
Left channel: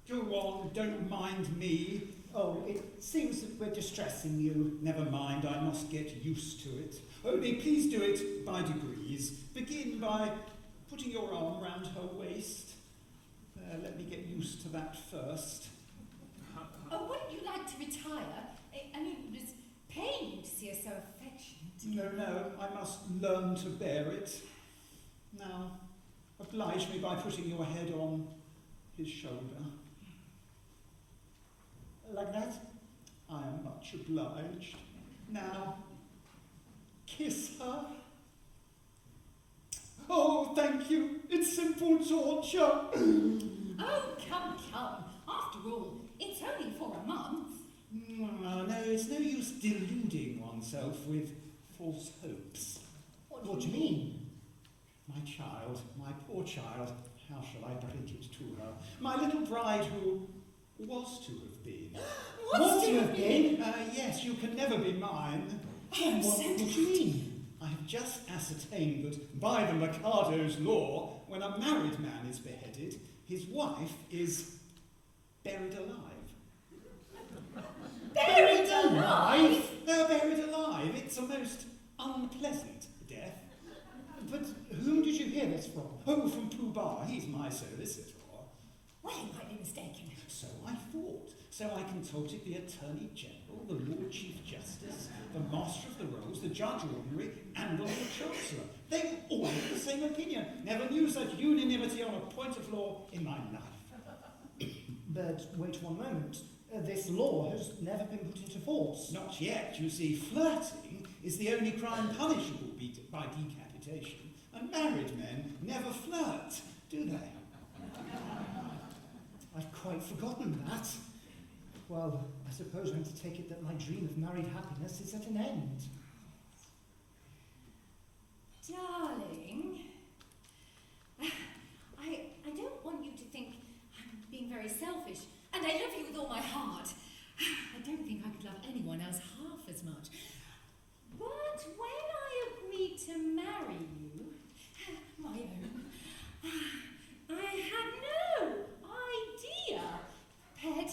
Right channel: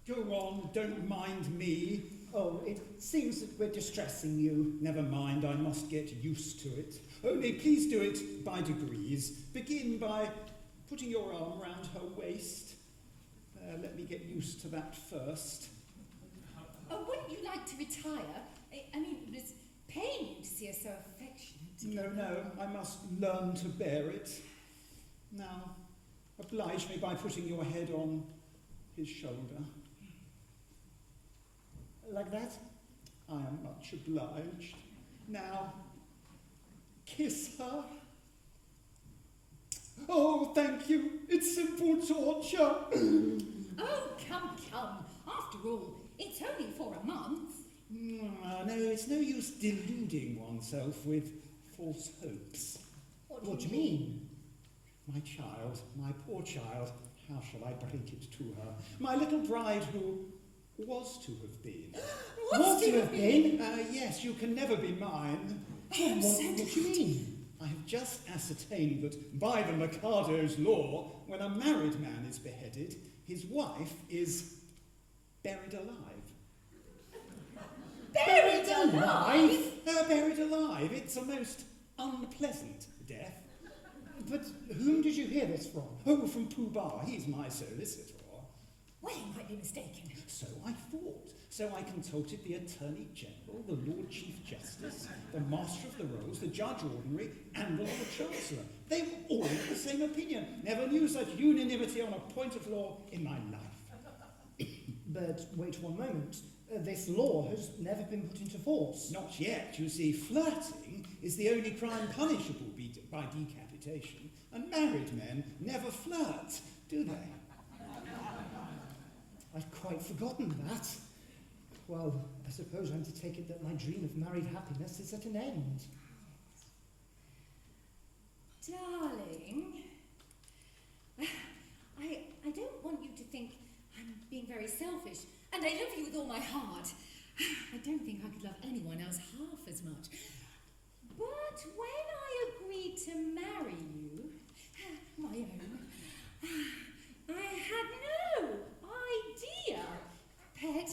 Go on, don't mind me. Oh, it seems that we're distressing you. Never mind, I must get used to it. Only please do it by degrees. Begin by putting your arm round her waist. There, let me get used to that first. Oh, wouldn't you like to retire? I mean, it was paining to see her so affectionate. No, I must learn to bear it. Now, oblige me by putting your head on his shoulder. Like that? I am much obliged. Now, kiss her. Oh, thank you. It's simple torture. Oh, come. After all, it's only for a month. No, it's no use deluding oneself with false hopes. What do you mean? My child, my poor child, how shall I break it to her? My little bride who was to have been. Was to have been? Yes, you can never be mine. What do you mean? I have just ascertained that by the Mikado's law, when a married man is beheaded, his wife is buried alive. Buried alive? Buried alive. It's a most unpleasant death. But whom did you hear this from? Oh, from Pooh Bah. He's my solicitor. Well, you might be mistaken. So I thought. So I consulted the Attorney General, the Lord Chief Justice, the Master of the Rolls, the Judge Ordinary, and the Lord Chancellor. They were all of the same opinion. Never knew such unanimity on a point of law in my life. But wait one moment. This law has never been put into force. Not yet. You see, flirting is the only crime punishable by decapitation, and married men never flirt, do they? I'd quite forgotten that. Well, I suppose I'm to take it that my dream of married happiness is at an end. Darling, I don't want you to think I'm being very selfish, and I love you with all my heart. I don't think I could love anyone else half as much. But when I agreed to marry you, my own, I had no idea, Pet,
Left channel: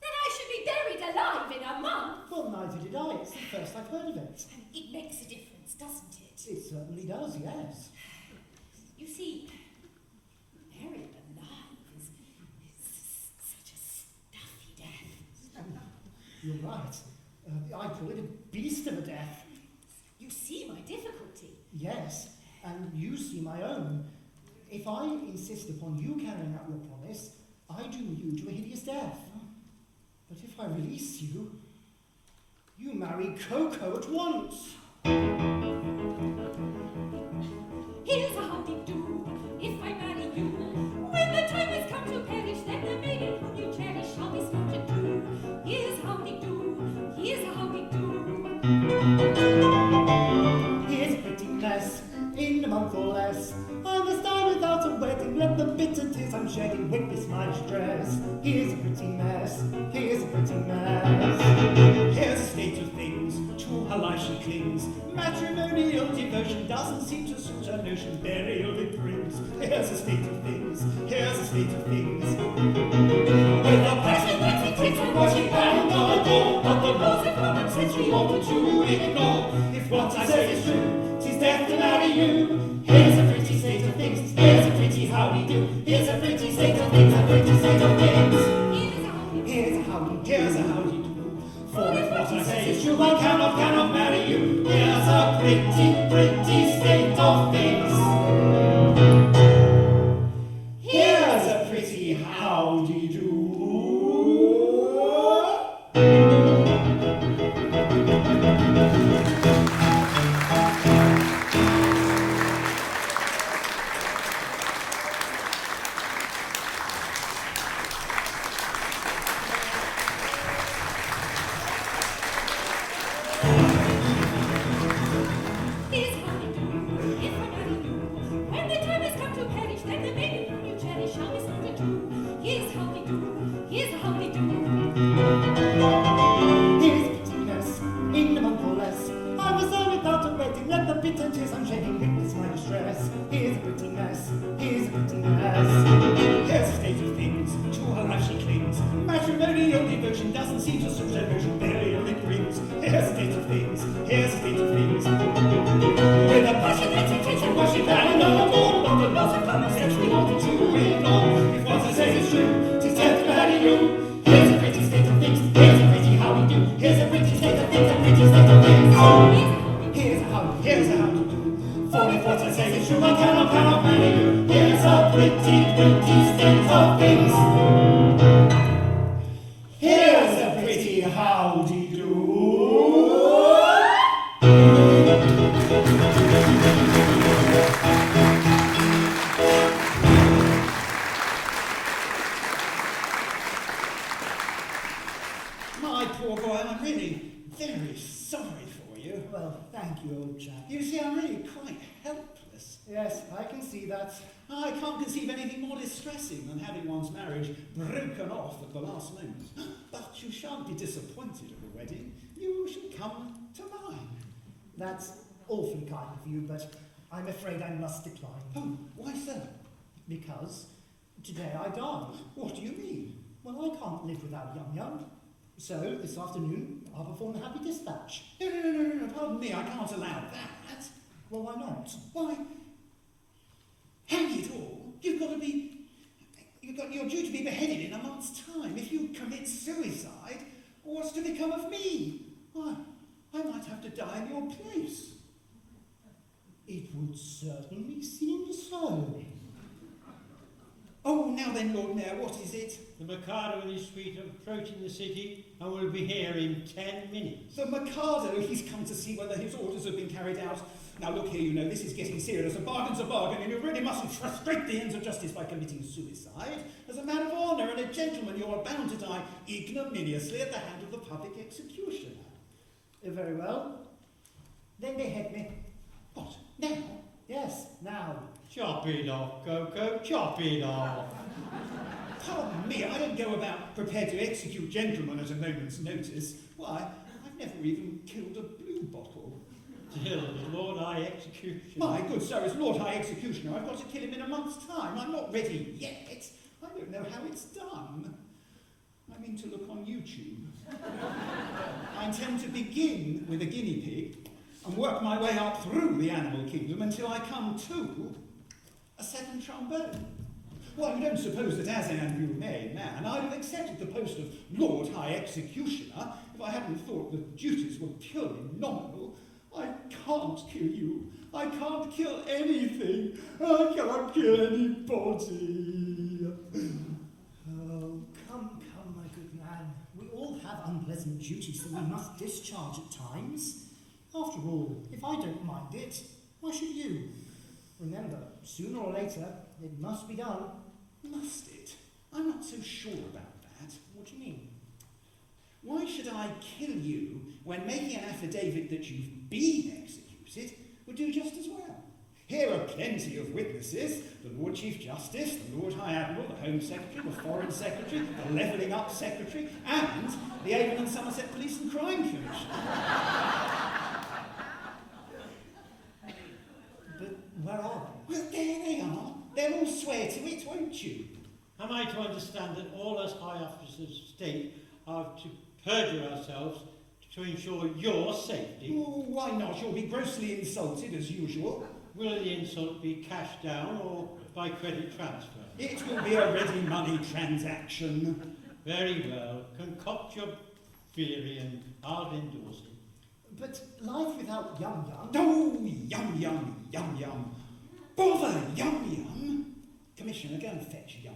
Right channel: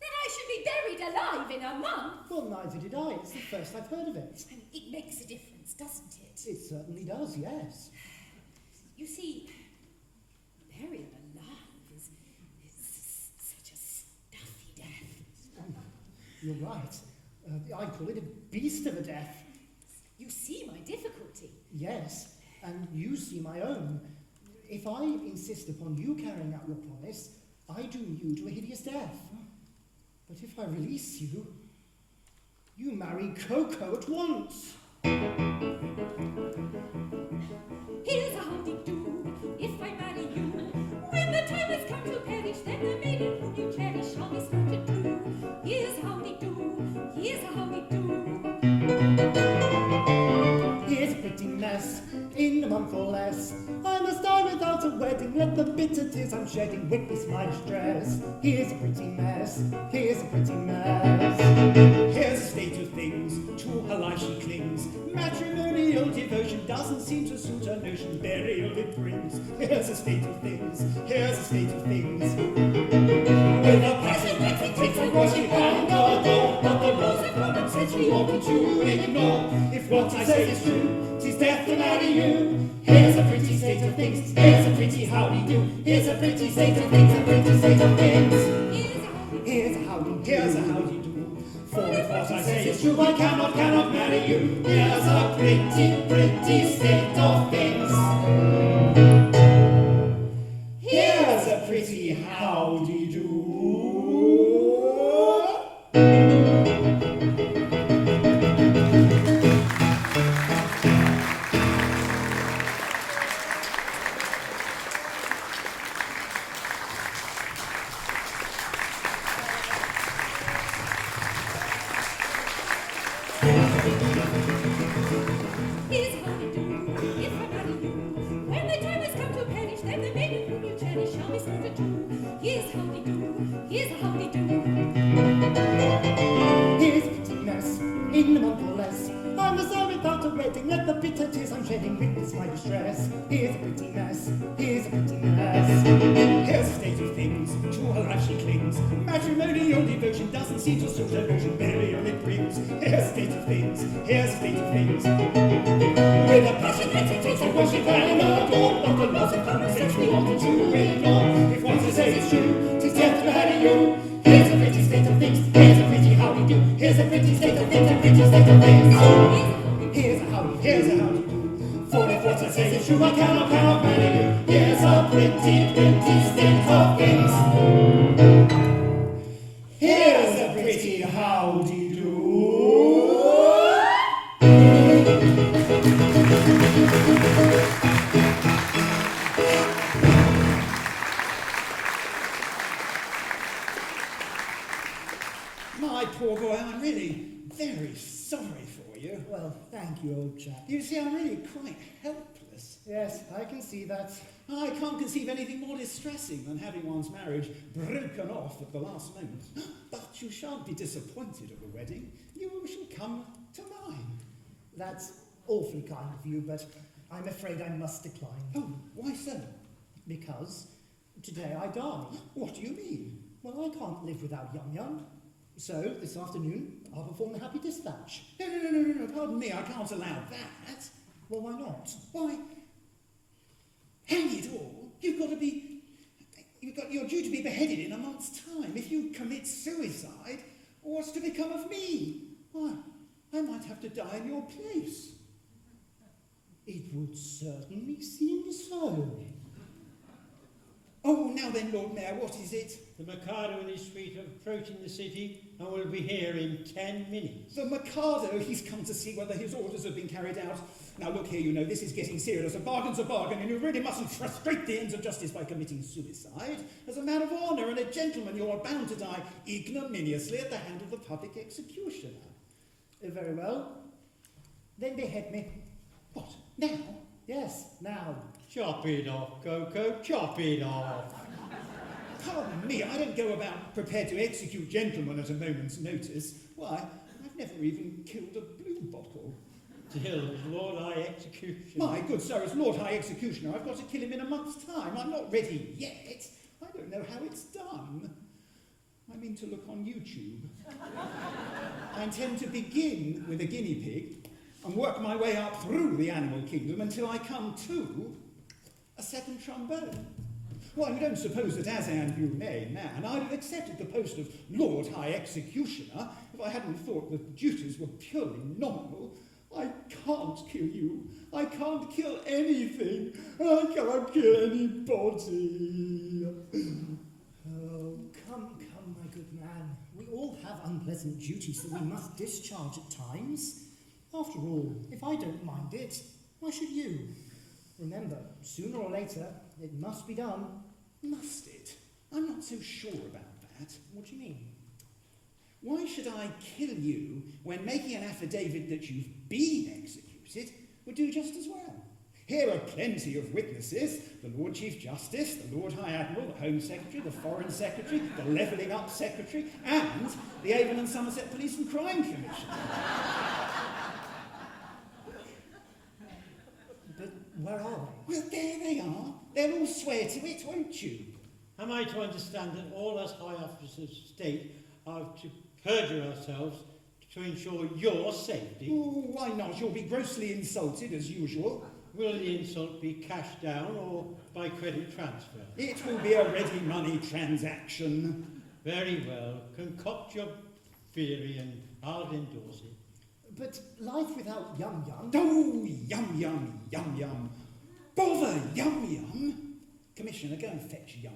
that I should be buried alive in a month. Well, neither did I. It's the first I've heard of it. And it makes a difference, doesn't it? It certainly does, yes. You see, buried alive is such a stuffy death. You're right. I call it a beast of a death. You see my difficulty. Yes, and you see my own. If I insist upon you carrying out your promise, I doom you to a hideous death. But if I release you, you marry Coco at once. Here's a howdy-do, if I marry you. When the time has come to perish, then the maiden whom you cherish shall be slaughtered too. Here's a howdy-do, here's a howdy-do. Here's a pretty mess, in a month or less. I must die without a wedding, let the bitter tears I'm shedding witness my distress. Here's a pretty mess, here's a pretty mess. Here's a state of things, to her life she clings. Matrimonial devotion doesn't seem to suit her notion, burial it brings. Here's a state of things, here's a state of things. With a passion that we take from what we can go adore, but the laws of common sense we ought to ignore. If what I say is true, 'tis death to marry you. Here's a pretty state of things, here's a pretty howdy-do. Here's a pretty state of things, a pretty state of things. Here's a howdy-do. For if what I say is true, I cannot marry you. Here's a pretty state of things. yes, here's a pretty mess. Here's the state of things, to her life she clings. Matrimonial devotion doesn't seem to suit her notion, burial it brings. Here's the state of things, here's the state of things. With a passion that it takes to worship and no more, but the loss of common sense we wanted to ignore. If what I say is true, 'tis death to marry you. Here's a pretty state of things, here's a pretty how we do. Here's a pretty state of things, a pretty state of things. Here's a how to do. For if what I say is true, I cannot marry you. Here's a pretty state of things. Here's a pretty howdy-do. My poor boy, I'm really very sorry for you. Well, thank you, old chap. You see, I'm really quite helpless. Yes, I can see that. I can't conceive anything more distressing than having one's marriage broken off at the last moment. But you shan't be disappointed at the wedding. You shall come to mine. That's awfully kind of you, but I'm afraid I must decline. Oh, why so? Because today I die. What do you mean? Well, I can't live without Yum Yum. So, this afternoon, I'll perform the Happy Dispatch. No, pardon me, I can't allow that. Well, why not? Why, hang it all, you're due to be beheaded in a month's time. If you commit suicide, what's to become of me? Why, I might have to die in your place. It would certainly seem so. Oh, now then, Lord Mayor, what is it? The Mikado and his suite are approaching the city and will be here in 10 minutes. The Mikado, he's come to see whether his orders have been carried out. Now look here, you know, this is getting serious. A bargain's a bargain, and you really mustn't frustrate the ends of justice by committing suicide. As a man of honour and a gentleman, you are bound to die ignominiously at the hand of the public executioner. Very well. Then behead me. What, now? Yes, now. Chop it off, Coco, chop it off. Pardon me, I don't go about prepared to execute gentlemen at a moment's notice. Why, I've never even killed a blue bottle. Still, as Lord High Executioner. My good sir, as Lord High Executioner, I've got to kill him in a month's time. I'm not ready yet. I don't know how it's done. I mean to look on YouTube. I intend to begin with a guinea pig and work my way up through the animal kingdom until I come to a second trombone. Well, you don't suppose that as an humane man, I'd have accepted the post of Lord High Executioner if I hadn't thought that duties were purely nominal. I can't kill you. I can't kill anything. I can't kill anybody. Oh, come, my good man. We all have unpleasant duties that we must discharge at times. After all, if I don't mind it, why should you? Remember, sooner or later, it must be done. Must it? I'm not so sure about that. What do you mean? Why should I kill you when making an affidavit that you've been executed would do just as well? Here are plenty of witnesses: the Lord Chief Justice, the Lord High Admiral, the Home Secretary, the Foreign Secretary, the Levelling Up Secretary, and the Avon and Somerset Police and Crime Commission. But where are they? Well, there they are. They'll all swear to it, won't you? Am I to understand that all us high officers of state are to perjure ourselves to ensure your safety? Oh, why not? You'll be grossly insulted, as usual. Will the insult be cash down or by credit transfer? It will be a ready money transaction. Very well. Concoct your theory and I'll endorse it. But life without Yum Yum... Oh, yum. Bother yum. Commissioner, go and fetch yum.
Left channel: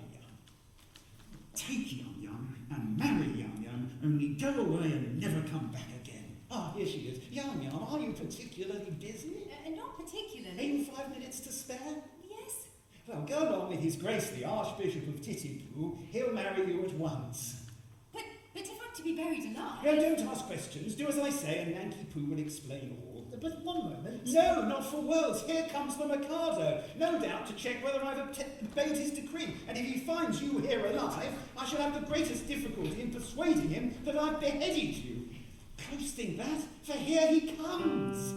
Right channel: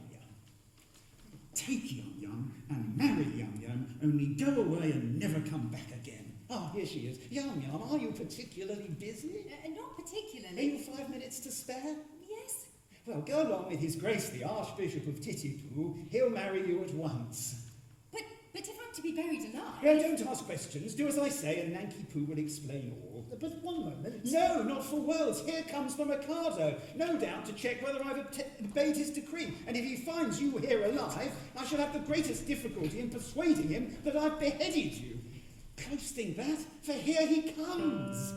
Take yum and marry yum, only go away and never come back again. Ah, here she is. Yum, are you particularly busy? Not particularly. Have you 5 minutes to spare? Yes. Well, go along with His Grace the Archbishop of Titipu. He'll marry you at once. But if I'm to be buried alive... No, don't ask questions. Do as I say and Nanki Poo will explain all. But one moment... No, not for worlds. Here comes the Mikado. No doubt to check whether I've obeyed his decree. And if he finds you here alive, I shall have the greatest difficulty in persuading him that I've beheaded you. Close thing that, for here he comes.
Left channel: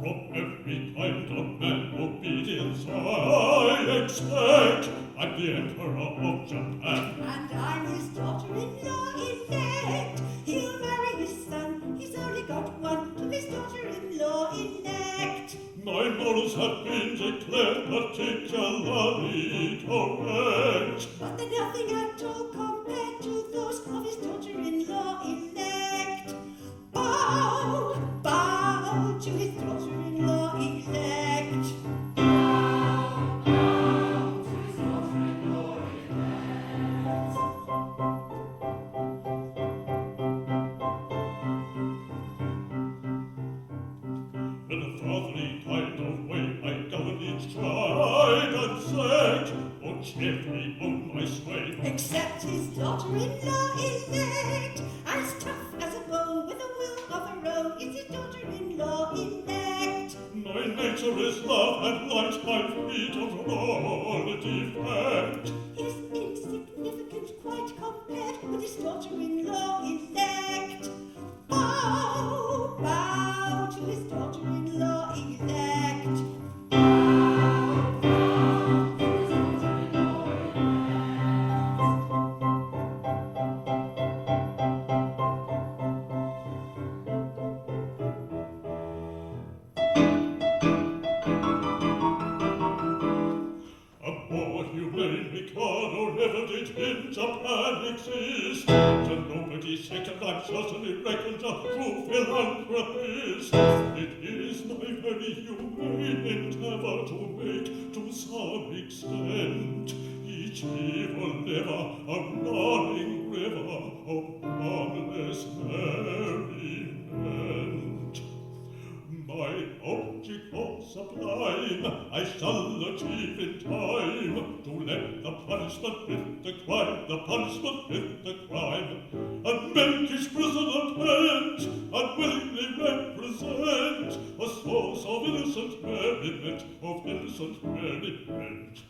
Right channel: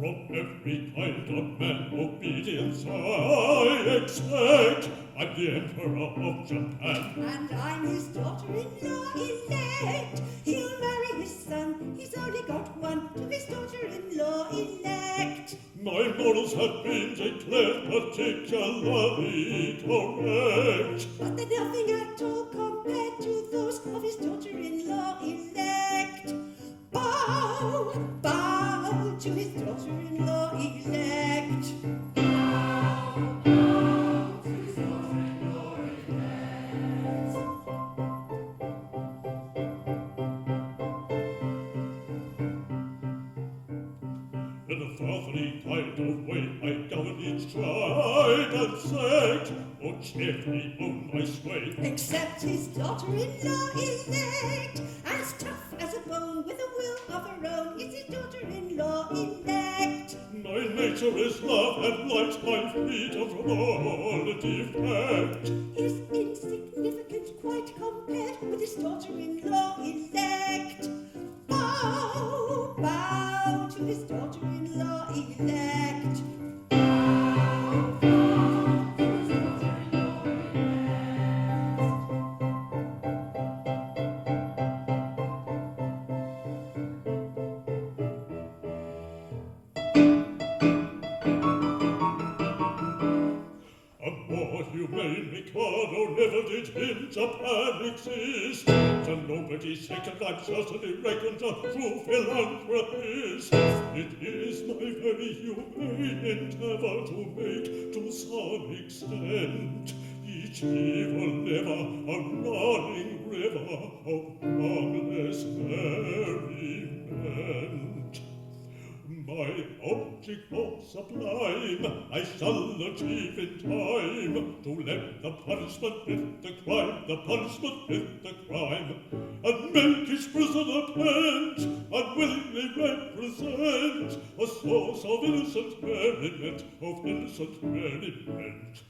From every kind of man obedience I expect. I'm the Emperor of Japan. And I'm his daughter-in-law elect. He'll marry his son, he's only got one, to his daughter-in-law elect. My morals have been declared particularly correct. But they're nothing at all compared to those of his daughter-in-law elect. Bow, bow to his daughter-in-law elect. Bow, bow to his daughter-in-law elect. In a fatherly kind of way, I govern each tribe and sect, or cheerfully own my sway. Except his daughter-in-law elect, as tough as a bone with a will of her own, is his daughter-in-law elect. My nature is love and light, my freedom from all defect. Is insignificant quite compared with his daughter-in-law elect. Bow, bow to his daughter-in-law elect. Bow, bow to his daughter-in-law A more humane Mikado never did in Japan exist. To nobody's second, I'm certainly reckoned a true philanthropist. It is my very humane endeavor to make, to some extent, each evil lever a running river of harmless merriment. My object more sublime I shall achieve in time, to let the punishment fit the crime, the punishment fit the crime, and make his prisoner pent, unwillingly represent a source of innocent merriment, of innocent merriment.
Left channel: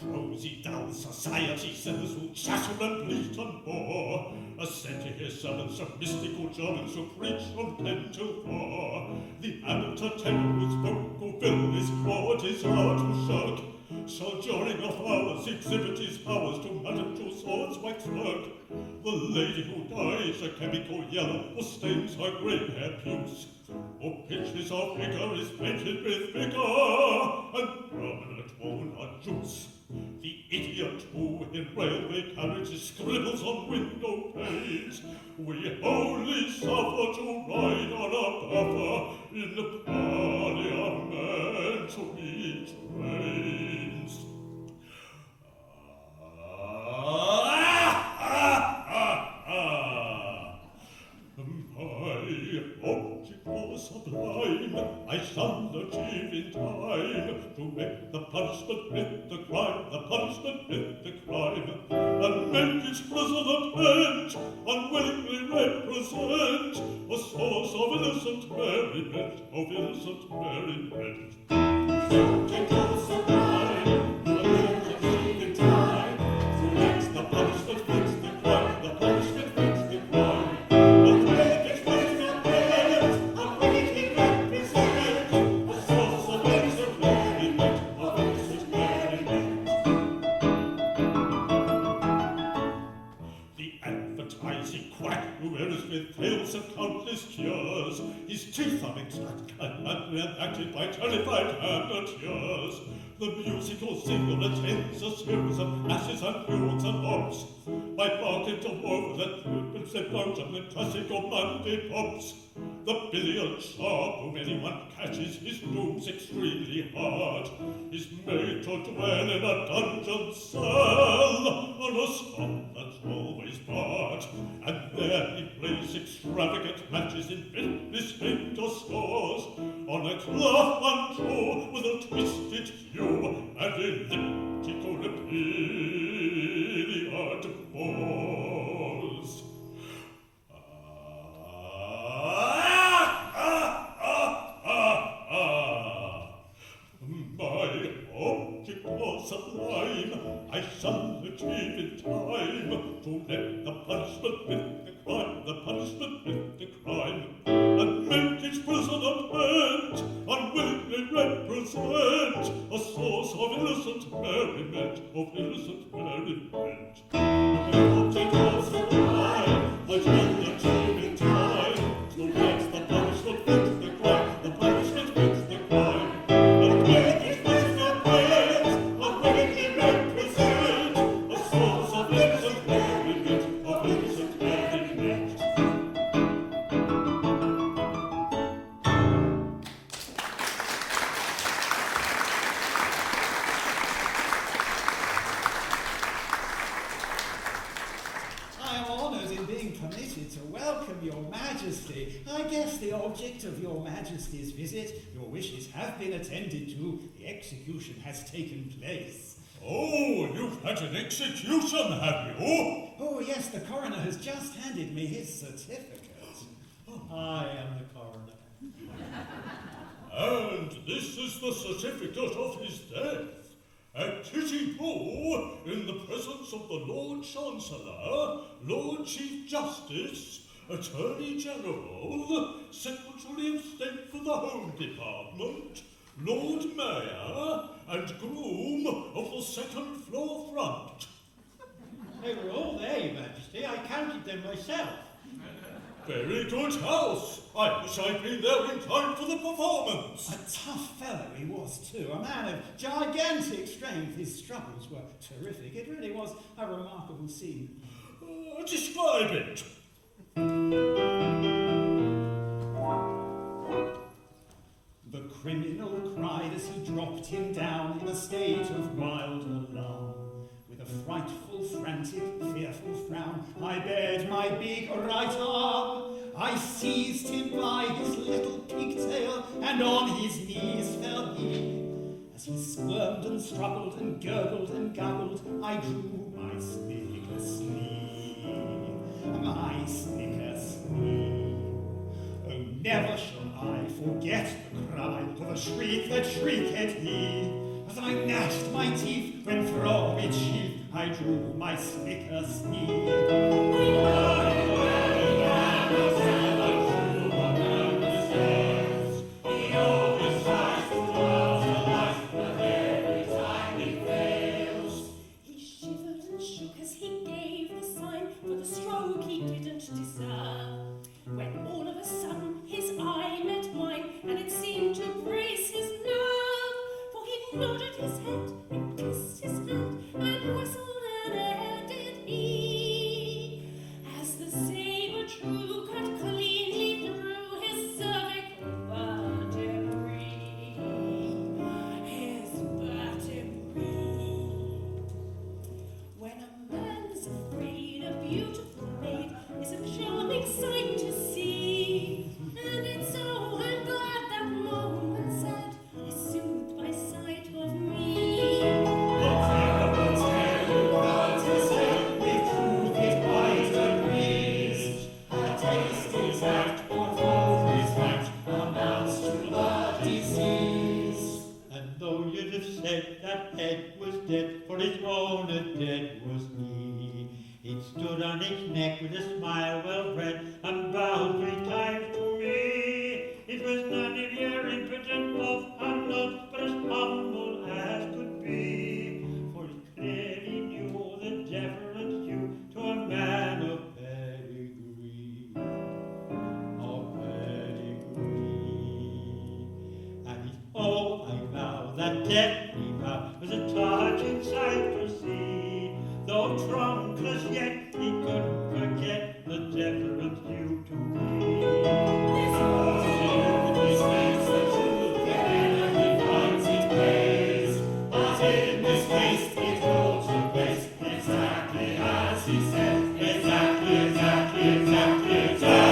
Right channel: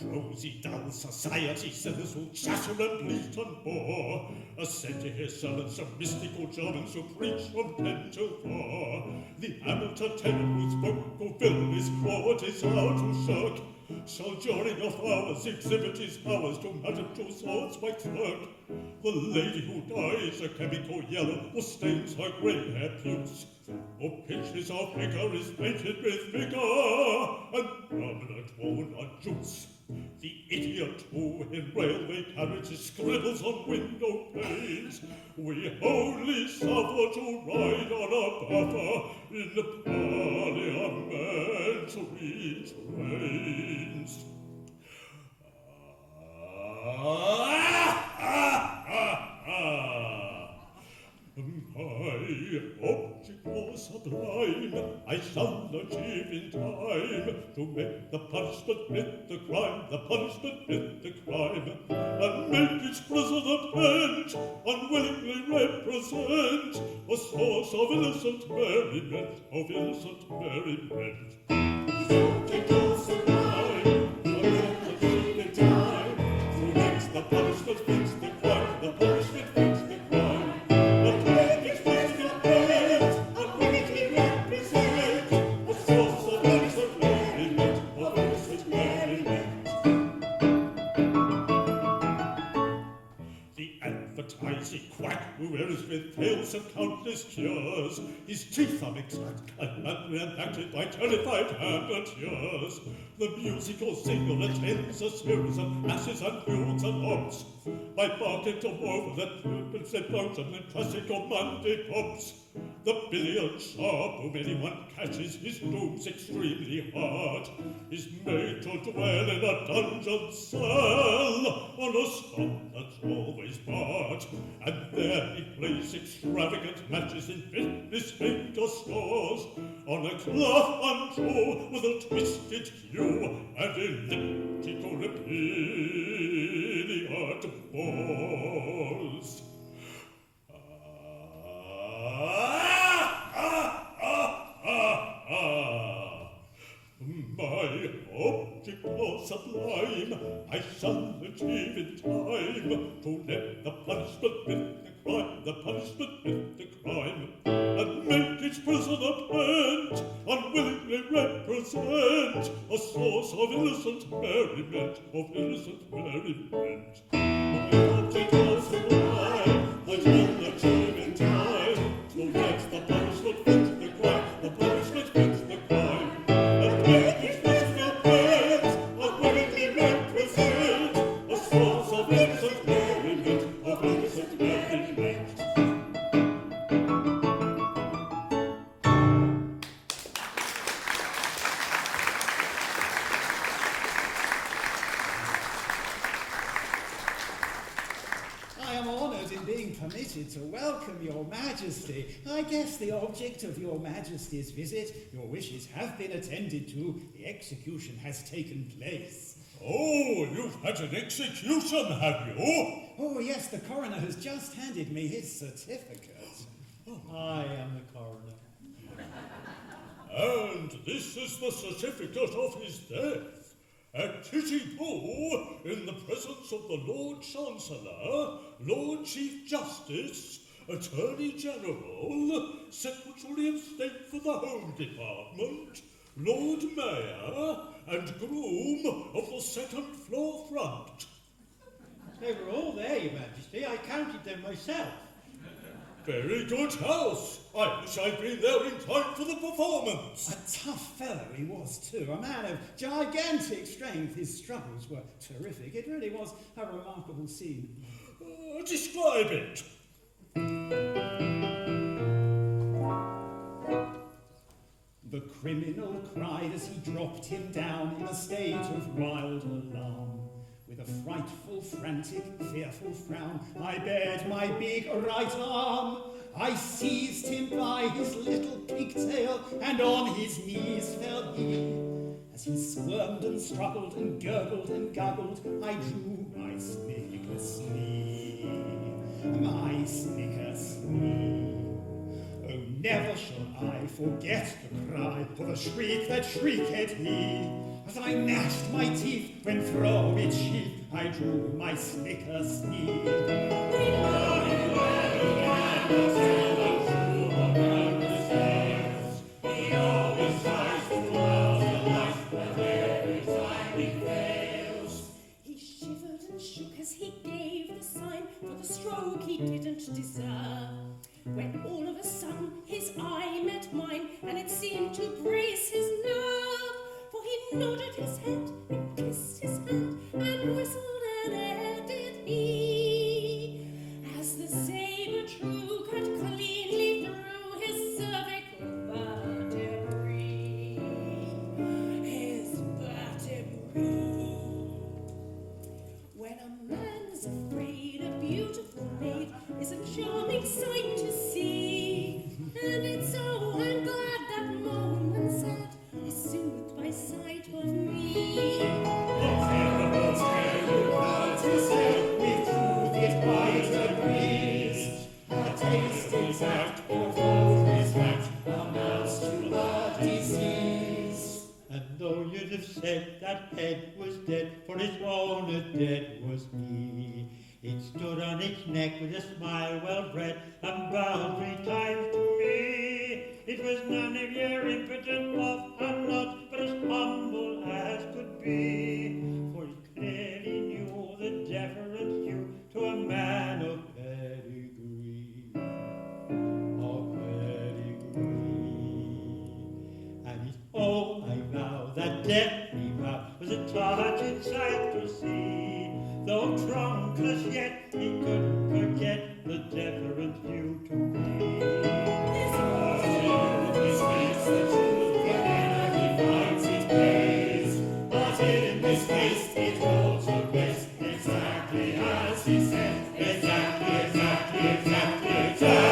Prosy, dull society sinners will chatter and bleat and bore, assent to his sermons of mystical Germans who preach from 10 till 4. The amateur tenor whose vocal bill is poor, 'tis hard to shirk, shall during off hours exhibit his powers to Madame Tussauds waxwork. The lady who dyes a chemical yellow or stains her grey hair puce, or pitches her figure is painted with vigour and permanent walnut juice. The idiot who in railway carriages scribbles on window panes, we only suffer to ride on a buffer in the parliamentary trains. My object was sublime, I shall achieve in time, to make the punishment fit the crime, the punishment fit the crime, and make each prisoner pent, unwillingly represent a source of innocent merriment, of innocent merriment. His object was sublime, he will achieve in time, to make The punishment fits the crime, the punishment fits the crime. Who wears with tales of countless cures, his teeth are exact and reenacted by terrified amateurs. The musical singer attends a series of asses and mules and hops, by barking to over the trumpets and mountain and classical Monday pops. The billiard sharp whom anyone catches his moves extremely hard, is made to dwell in a dungeon cell on a spot that's always barred, and there he plays extravagant matches in fitness finger scores on a cloth untrue with a twisted hue and elliptical repeated balls. My object was sublime, I shall achieve in time, to let the punishment fit the crime, the the punishment with the crime, and make each prisoner bent, unwillingly represent a source of innocent merriment, The object was the crime, I tell the tune in time, so let the punishment fit the crime, the punishment fits the crime, and make each prisoner bent, unwillingly represent a source of innocent merriment, I am honoured in being permitted to welcome your Majesty. I guess the object of your Majesty's visit, your wishes have been attended to. The execution has taken place. Oh, you've had an execution, have you? Oh, yes, the coroner has just handed me his certificate. I am the coroner. And this is the certificate of his death. At Titty-Boo, in the presence of the Lord Chancellor, Lord Chief Justice, Attorney General, Secretary of State for the Home Department, Lord Mayor, and groom of the second floor front. They were all there, Your Majesty. I counted them myself. Very good house. I wish I'd been there in time for the performance. A tough fellow he was too, a man of gigantic strength. His struggles were terrific. It really was a remarkable scene. Describe it. The criminal cried as he dropped him down in a state of wild alarm. With a frightful, frantic, fearful frown, I bared my big right arm. I seized him by his little pigtail, and on his knees fell he. As he squirmed and struggled and gurgled and guggled, I drew my snicker sleeve, my snicker sleeve. Oh, never shall I forget the cry of the shriek that shrieked he, as I gnashed my teeth when from its sheath I drew my snicker sleeve. He shivered and shook as he gave the sign for the stroke he didn't deserve. When all of a sudden his eye met mine, and it seemed to brace his nerve, for he nodded his head and kissed his hand and whistled an air did he, as the sabre true cut cleanly through his cervical vertebrae, his vertebrae. When a man's afraid, a beautiful maid is a charming sight to see, and it's so I'm glad that moment sad is soothed by sight of me. The terrible tale God has said, with truth it quite agrees. A taste exact for both his fact amounts to a disease. And though you'd have said that head was dead, for its owner dead was he, it stood on its neck with a smile well bred, and bowed 3 times to me. It was none of your impotent off and not, but as humble as could be, for it clearly knew the deference due to a man of pedigree, And it's all I vow that death we vow was a touching sight to see. Though drunk as yet, he couldn't forget the deference due to me. This makes the truth wherever he finds it pays, but in this case it all took place exactly as he said, exactly as he said.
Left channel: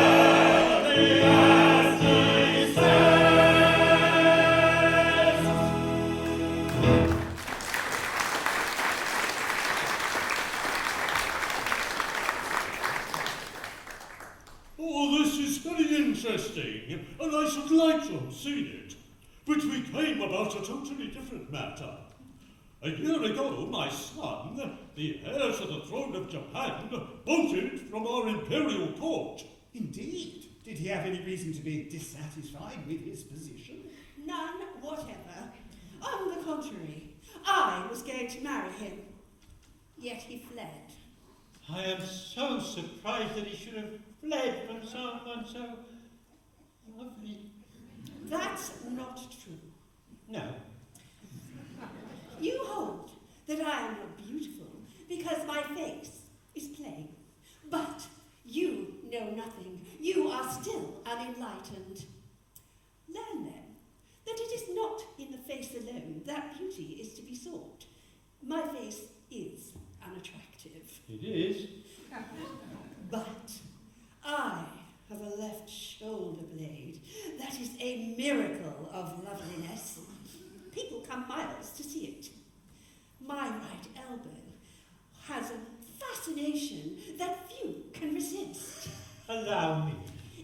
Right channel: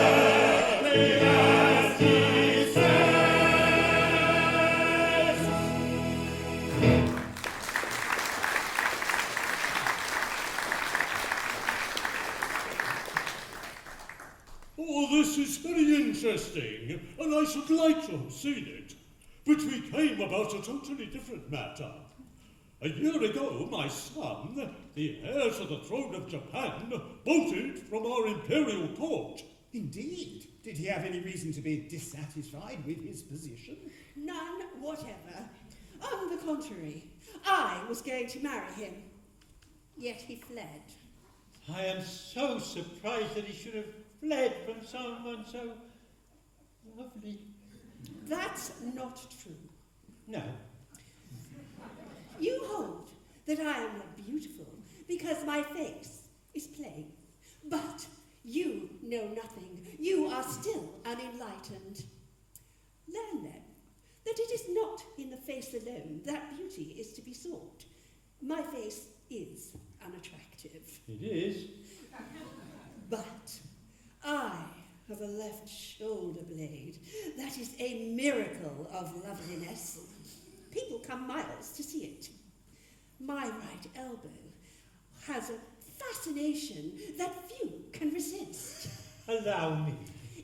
Oh, this is very interesting, and I should like to have seen it. But we came about a totally different matter. A year ago, my son, the heir to the throne of Japan, bolted from our imperial court. Indeed. Did he have any reason to be dissatisfied with his position? None whatever. On the contrary, I was going to marry him. Yet he fled. I am so surprised that he should have fled from someone so lovely. That's not true. No. You hold that I am not beautiful because my face is plain. But you know nothing. You are still unenlightened. Learn then that it is not in the face alone that beauty is to be sought. My face is unattractive. It is. But I have a left shoulder blade that is a miracle of loveliness. People come miles to see it. My right elbow has a fascination that few can resist. Allow me.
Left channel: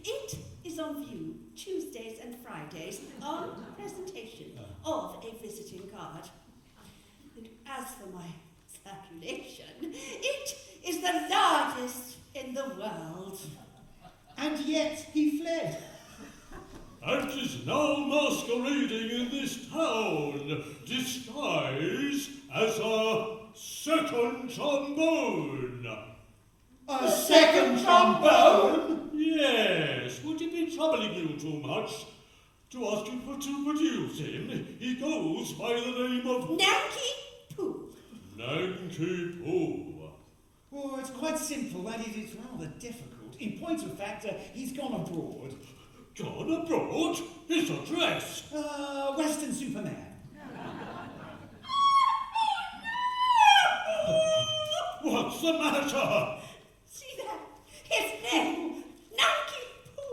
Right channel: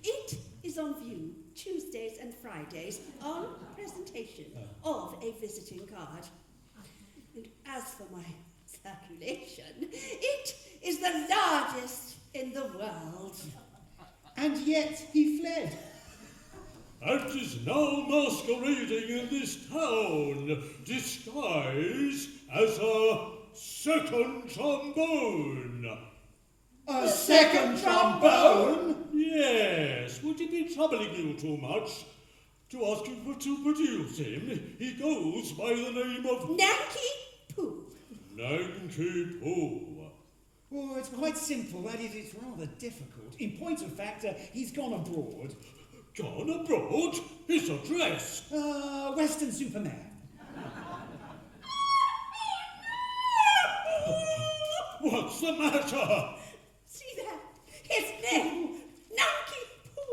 It is on view Tuesdays and Fridays on presentation of a visiting card. And as for my circulation, it is the largest in the world. And yet he fled. And is now masquerading in this town, disguised as a second trombone. A second trombone? Yes, would it be troubling you too much to ask you to produce him? He goes by the name of Nanky Poo. Nanky Poo. Oh, it's quite simple. That is, it's rather difficult. In point of fact, he's gone abroad. Gone abroad? His address? Western Superman. What's the matter? See that? His name, Nanky Poo,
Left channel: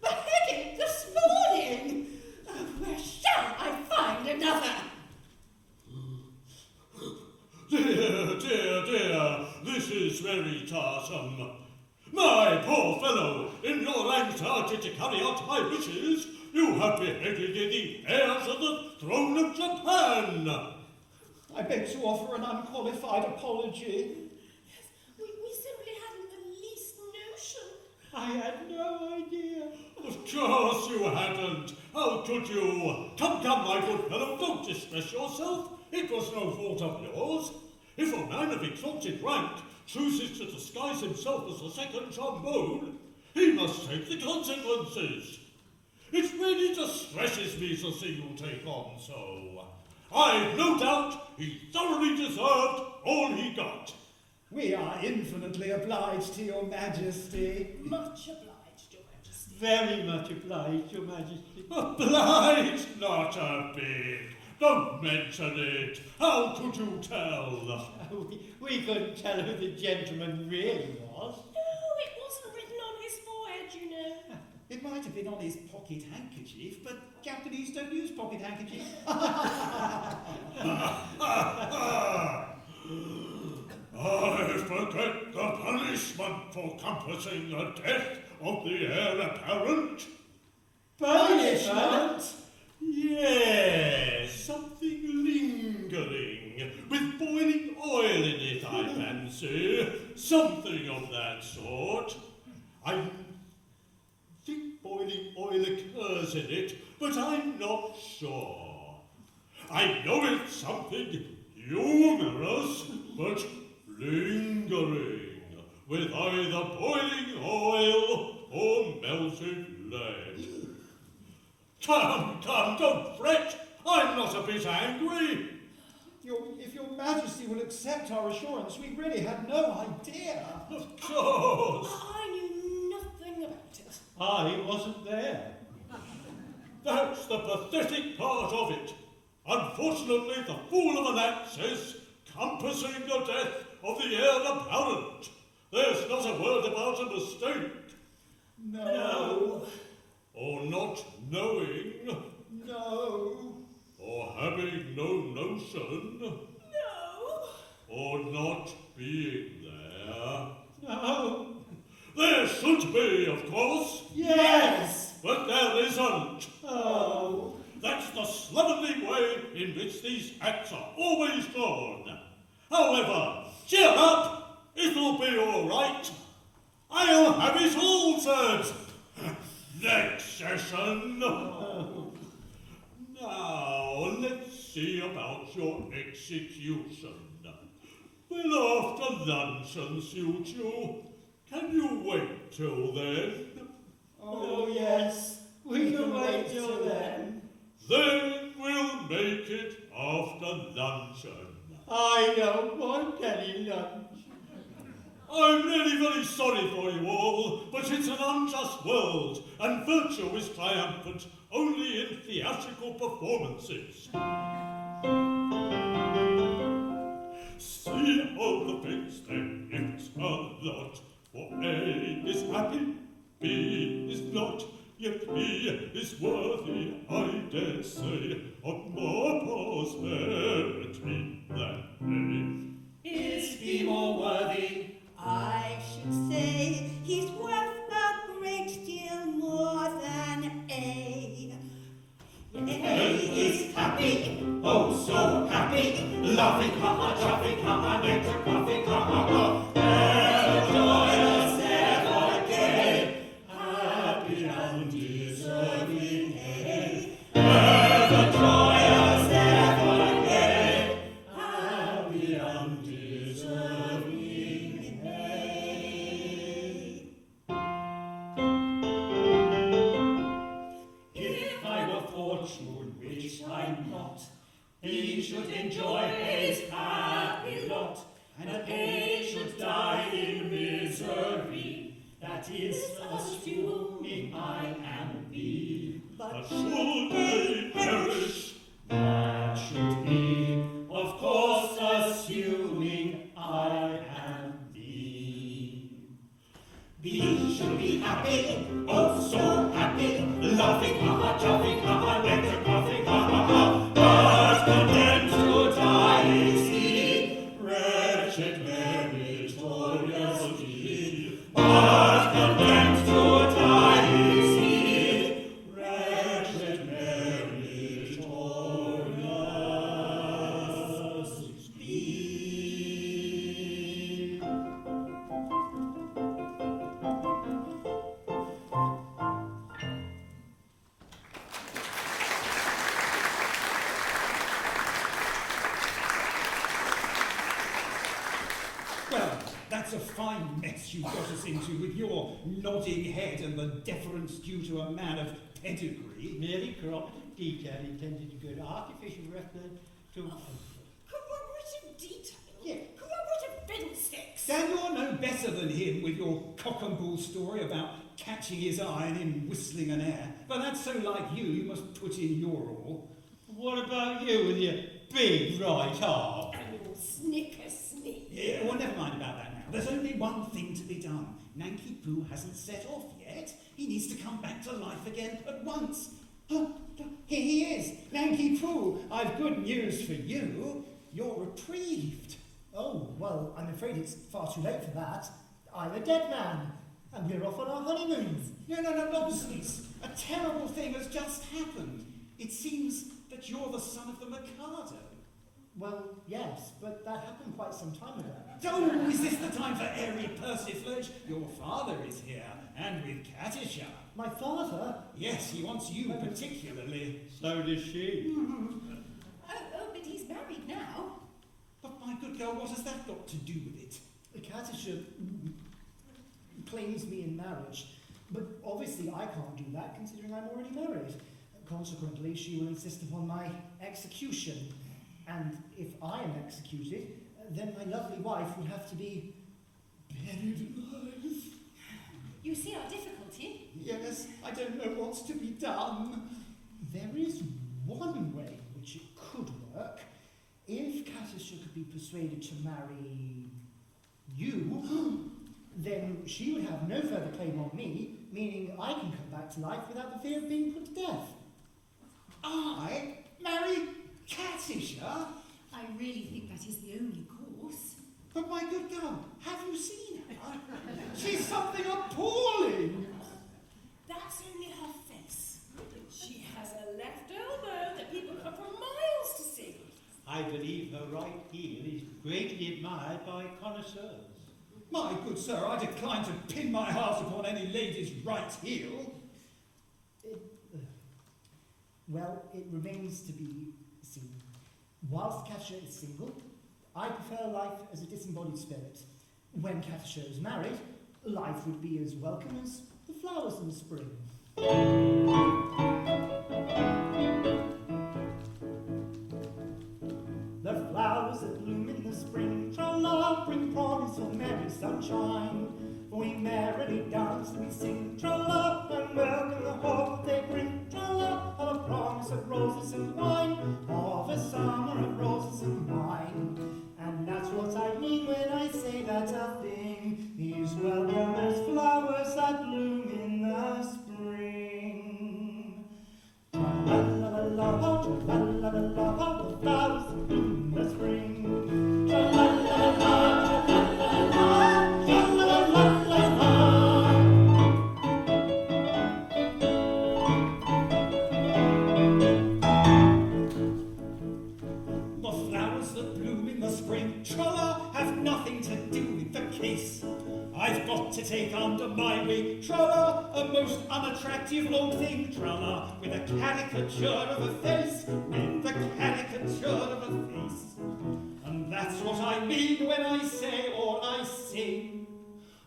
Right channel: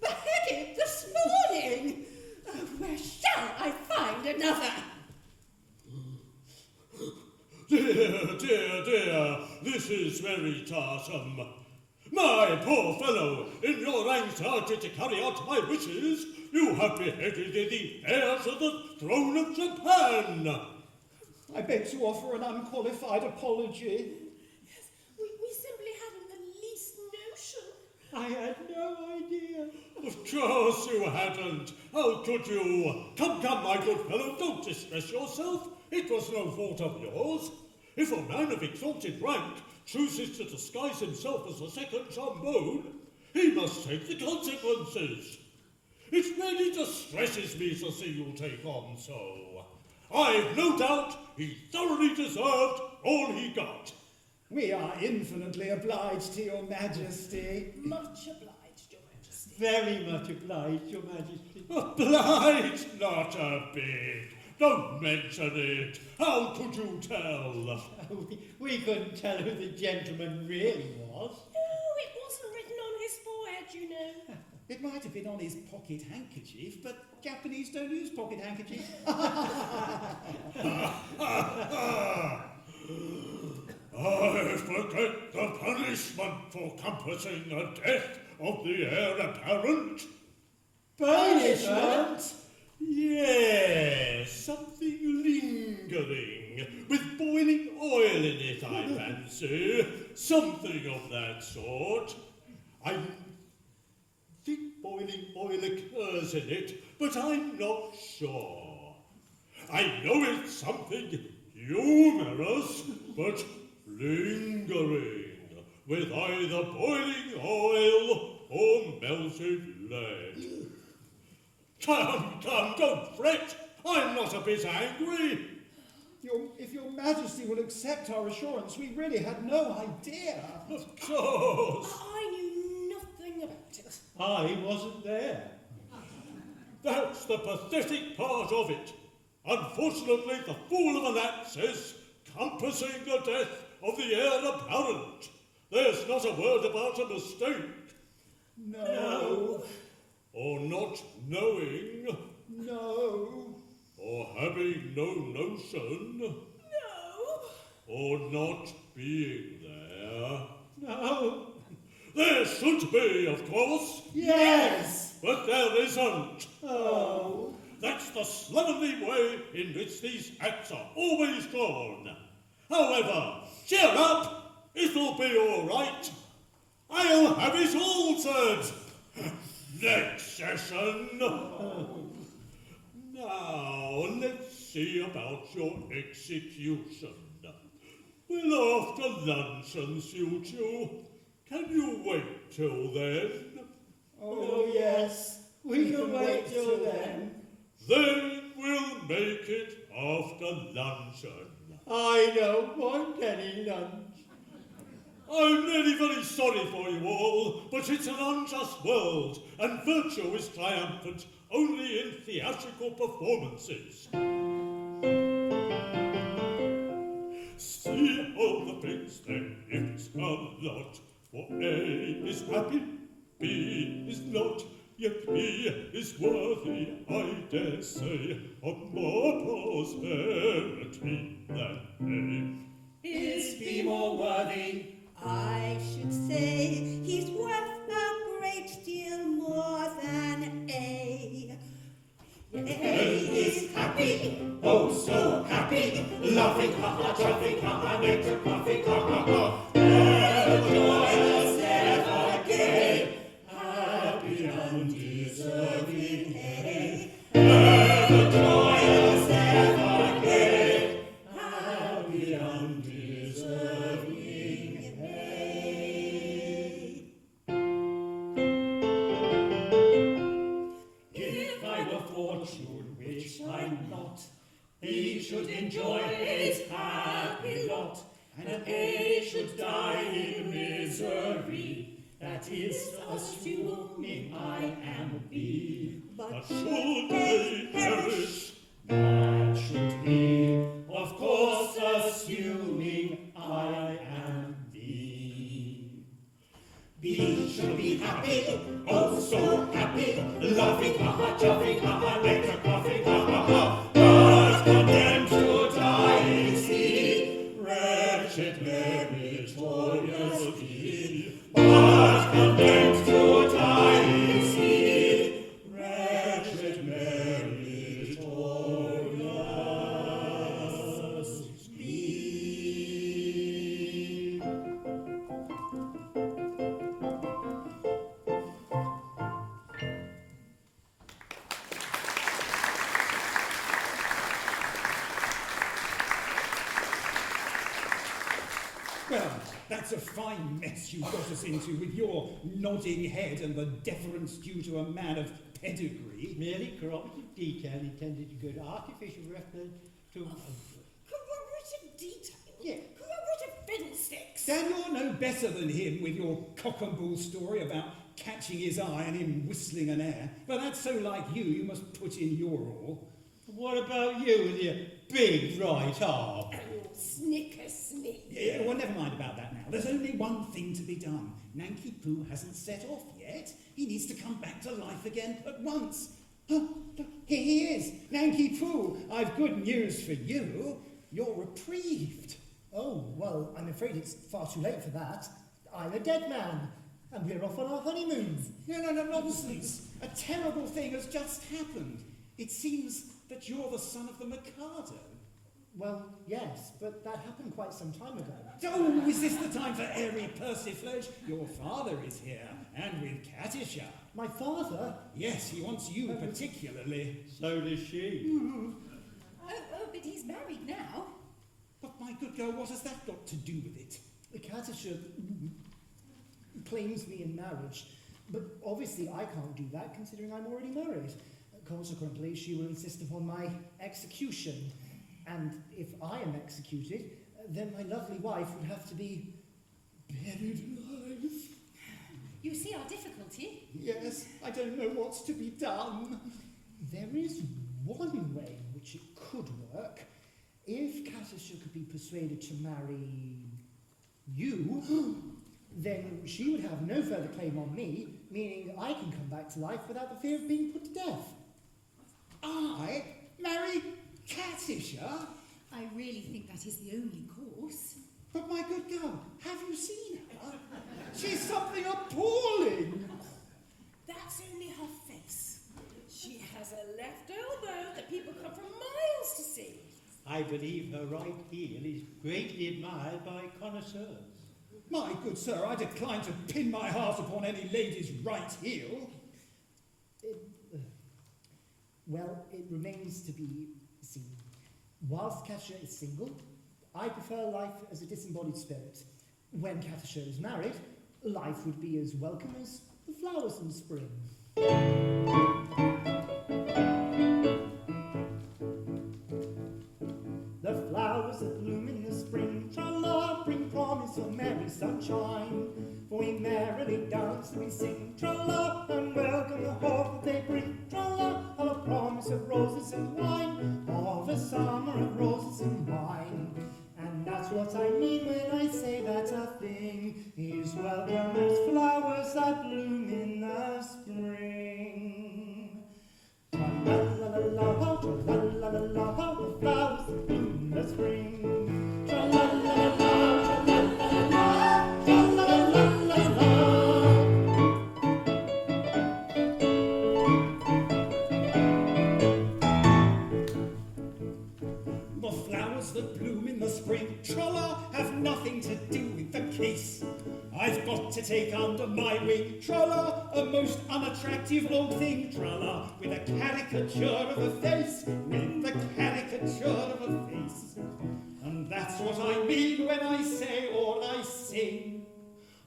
beheaded this morning. Where shall I find another? Dear, this is very tiresome. My poor fellow, in your anxiety to carry out my wishes, you have beheaded the heir to the throne of Japan. I beg to offer an unqualified apology. Yes, we simply hadn't the least notion. I had no idea. Of course you hadn't. How could you? Come, my good fellow, don't distress yourself. It was no fault of yours. If a man of exalted rank chooses to disguise himself as a second trombone, he must take the consequences. It really distresses me to see you take on so. I've no doubt he thoroughly deserved all he got. We are infinitely obliged to your majesty. Much obliged, Your Majesty. Very much obliged, Your Majesty. Obliged? Not a bit. Don't mention it. How could you tell? We couldn't tell who the gentleman really was. No, it wasn't written on his forehead, you know. It might have been on his pocket handkerchief, but Japanese don't use pocket handkerchiefs. I forget the punishment for compassing the death of the heir apparent. Punishment? Yes, something lingering, with boiling oil in it, I fancy. Something of that sort. I think boiling oil occurs in it, but I'm not sure. I know it's something humorous, but lingering, with either boiling oil or melted lead. Come, don't fret. I'm not a bit angry. If your majesty will accept our assurance, we really had no idea. Of course. I knew nothing about it. I wasn't there. That's the pathetic part of it. Unfortunately, the fool of an act says, compassing the death of the heir apparent. There's not a word about a mistake. No. Or not knowing. No. Or having no notion. No. Or not being there. No. There should be, of course. Yes. But there isn't. Oh. That's the slovenly way in which these acts are always drawn. However, cheer up, it'll be all right. I'll have it altered. Next session. Now, let's see about your execution. Will after luncheon suit you? Can you wait till then? Oh, yes. We can wait till then. Then we'll make it after luncheon. I don't want any lunch. I'm really very sorry for you all, but it's an unjust world, and virtue is triumphant only in theatrical performances. See all the things then, it's a lot. For A is happy, B is not, yet B is worthy, I dare say, of more prosperity than A. Is he more worthy? I should say he's worth a great deal more than A. A is happy, Oh, so happy, laughing, ha-ha, chuffing, ha-ha, nectar, puffing, ha-ha-ha. Ever joyous, ever gay, happy and deserving A. Ever joyous, ever gay, happy and deserving A. If I were fortune, which I'm not, he should enjoy his happy lot, and A should die in misery. That is assuming I am B. But should they perish? That should be, of course, assuming I am B. B should be happy, oh so happy, laughing, ha-ha, chuffing, ha-ha, nectar, puffing, ha-ha-ha. But condemned to die is he, wretched meritorious he. But condemned to die is he, wretched meritorious he. Well, that's a fine mess you got us into with your nodding head and the deference due to a man of pedigree. Merely corrupted detail intended to give artificial reference to... Corroborative detail? Yeah. Corroborative fiddlesticks? Dan, you're no better than him with your cock and bull story about catching his eye and him whistling an air. But that's so like you, you must put in your all. What about you with your big right arm? Oh, snickersnee. Yeah, well, never mind about that now. There's only one thing to be done. Nanky Poo hasn't set off yet. He needs to come back to life again at once. Oh, here he is. Nanky Poo, I've good news for you. You're reprieved. Oh, well, I'm afraid it's far too late for that. I'm a dead man, and we're off on our honeymoons. No, nonsense. A terrible thing has just happened. It seems that you're the son of the Mikado. Well, yes, but that happened quite some time ago. Oh, is this the time for airy persiflage? Your father is here, and with Katisha. My father? Yes, he wants you particularly. So does she. Oh, but he's married now. But my good girl, what has that got to do with it? Katisha claims me in marriage, but obviously I can't do that considering I'm already married. Consequently, she will insist upon my execution. And if I am executed, then my lovely wife would have to be buried alive. You see our difficulty? Yes, I don't know what's to be done. There is one way in which it could work. If Katisha could be persuaded to marry you, then she would have no further claim on me, meaning I can come back to life without the fear of being put to death. I marry Katisha? I really think that is the only course. But my good girl, have you seen her? She's something appalling. That's only her face. She has a left elbow I believe her right heel is greatly admired by connoisseurs. My good sir, I decline to pin my heart upon any lady's right heel. Well, it remains to be seen. Whilst Katisha is single, I prefer life as a disembodied spirit. When Katisha is married, life would be as welcome as the flowers in spring. The flowers that bloom in the spring, tra-la, bring promise of merry sunshine. For we merrily dance and we sing, tra-la, and welcome the hope that they bring, tra-la, of a promise of roses and wine, of a summer of roses and wine. And that's what I mean when I say that a thing is welcome as flowers that bloom in the spring. Tra-la-la-la-la, tra-la-la-la-la, the flowers that bloom in the spring. Tra-la-la-la-la, tra-la-la-la-la, tra-la-la-la-la-la. The flowers that bloom in the spring, tra-la, have nothing to do with the case. I've got to take under my wing, tra-la, a most unattractive old thing, tra-la, with a caricature of a face, with a caricature of a face. And that's what I mean when I say all I sing.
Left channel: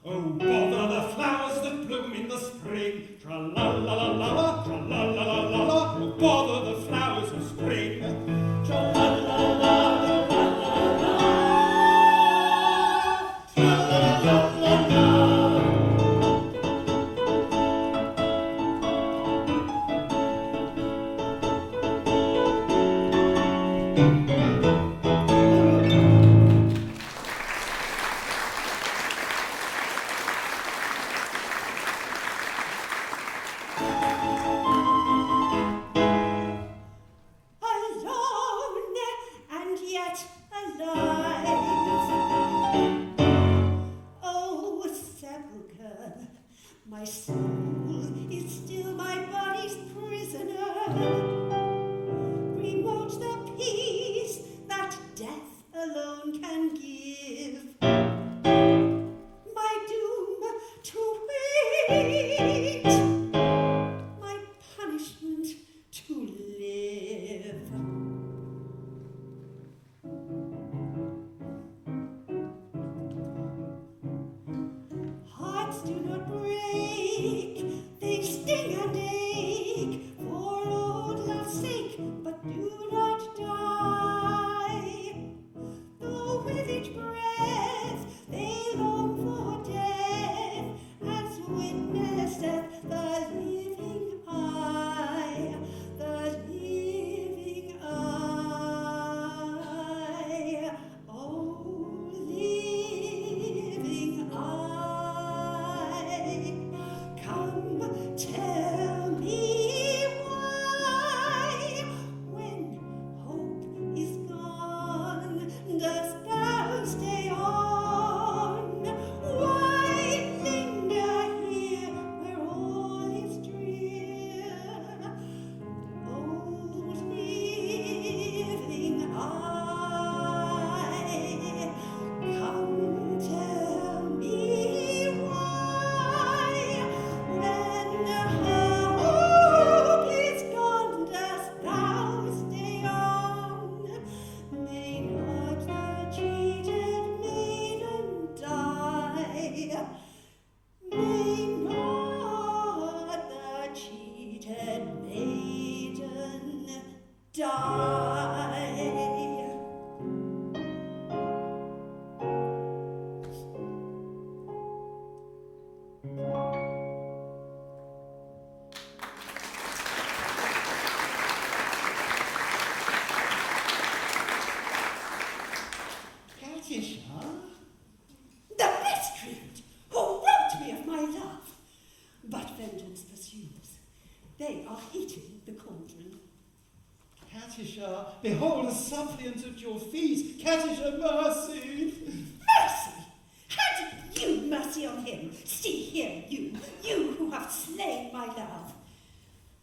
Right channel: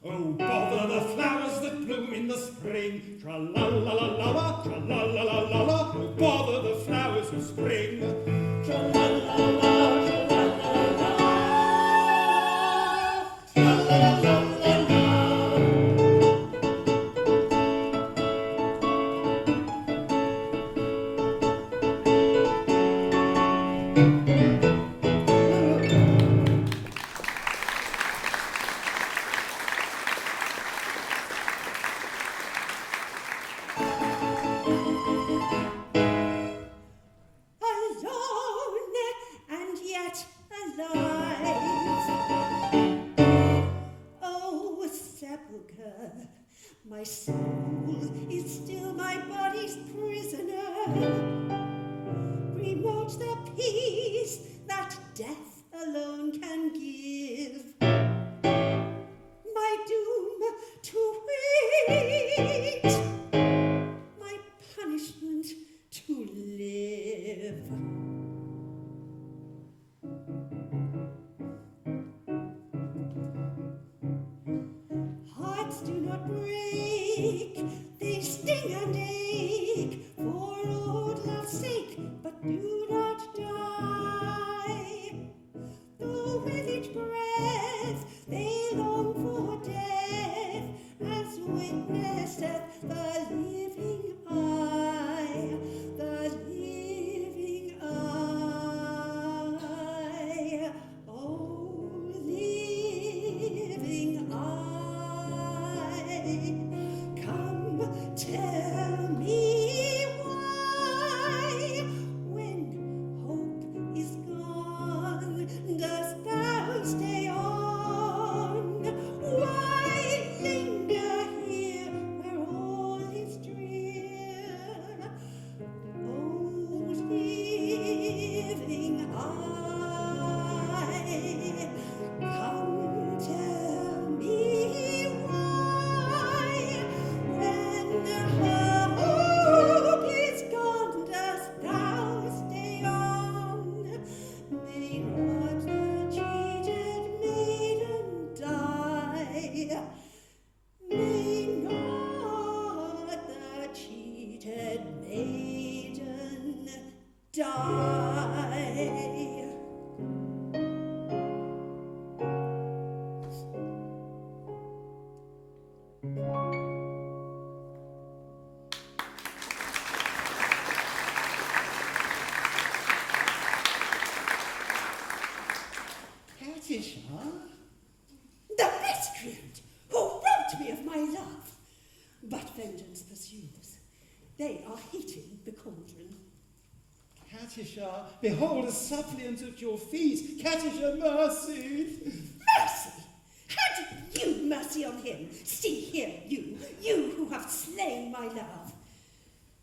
Oh, bother the flowers that bloom in the spring, tra-la-la-la-la, tra-la-la-la-la, oh, bother the flowers of spring, tra-la-la-la, tra-la-la-la-la, tra-la-la-la-la-la. Alone and yet alive. Oh, sepulchre, my soul is still my body's prisoner. Remote the peace that death alone can give. My doom to wait, my punishment to live. Hearts do not break, they sting and ache for old love's sake, but do not die. Though with each breath they long for death, as witnesseth the living eye, the living eye. Oh, living eye, come tell me why, when hope is gone, dost thou stay on? Why linger here where all is drear? Oh, living eye, come tell me why, when hope is gone, dost thou stay on? May not the cheated maiden die. May not the cheated maiden die. Katisha? The miscreant who robbed me of my love. But vengeance pursues. They are heating the cauldron. Katisha, behold a suppliant at your feet. Katisha, mercy. Mercy! Had you mercy on him? See here, you who have slain my love.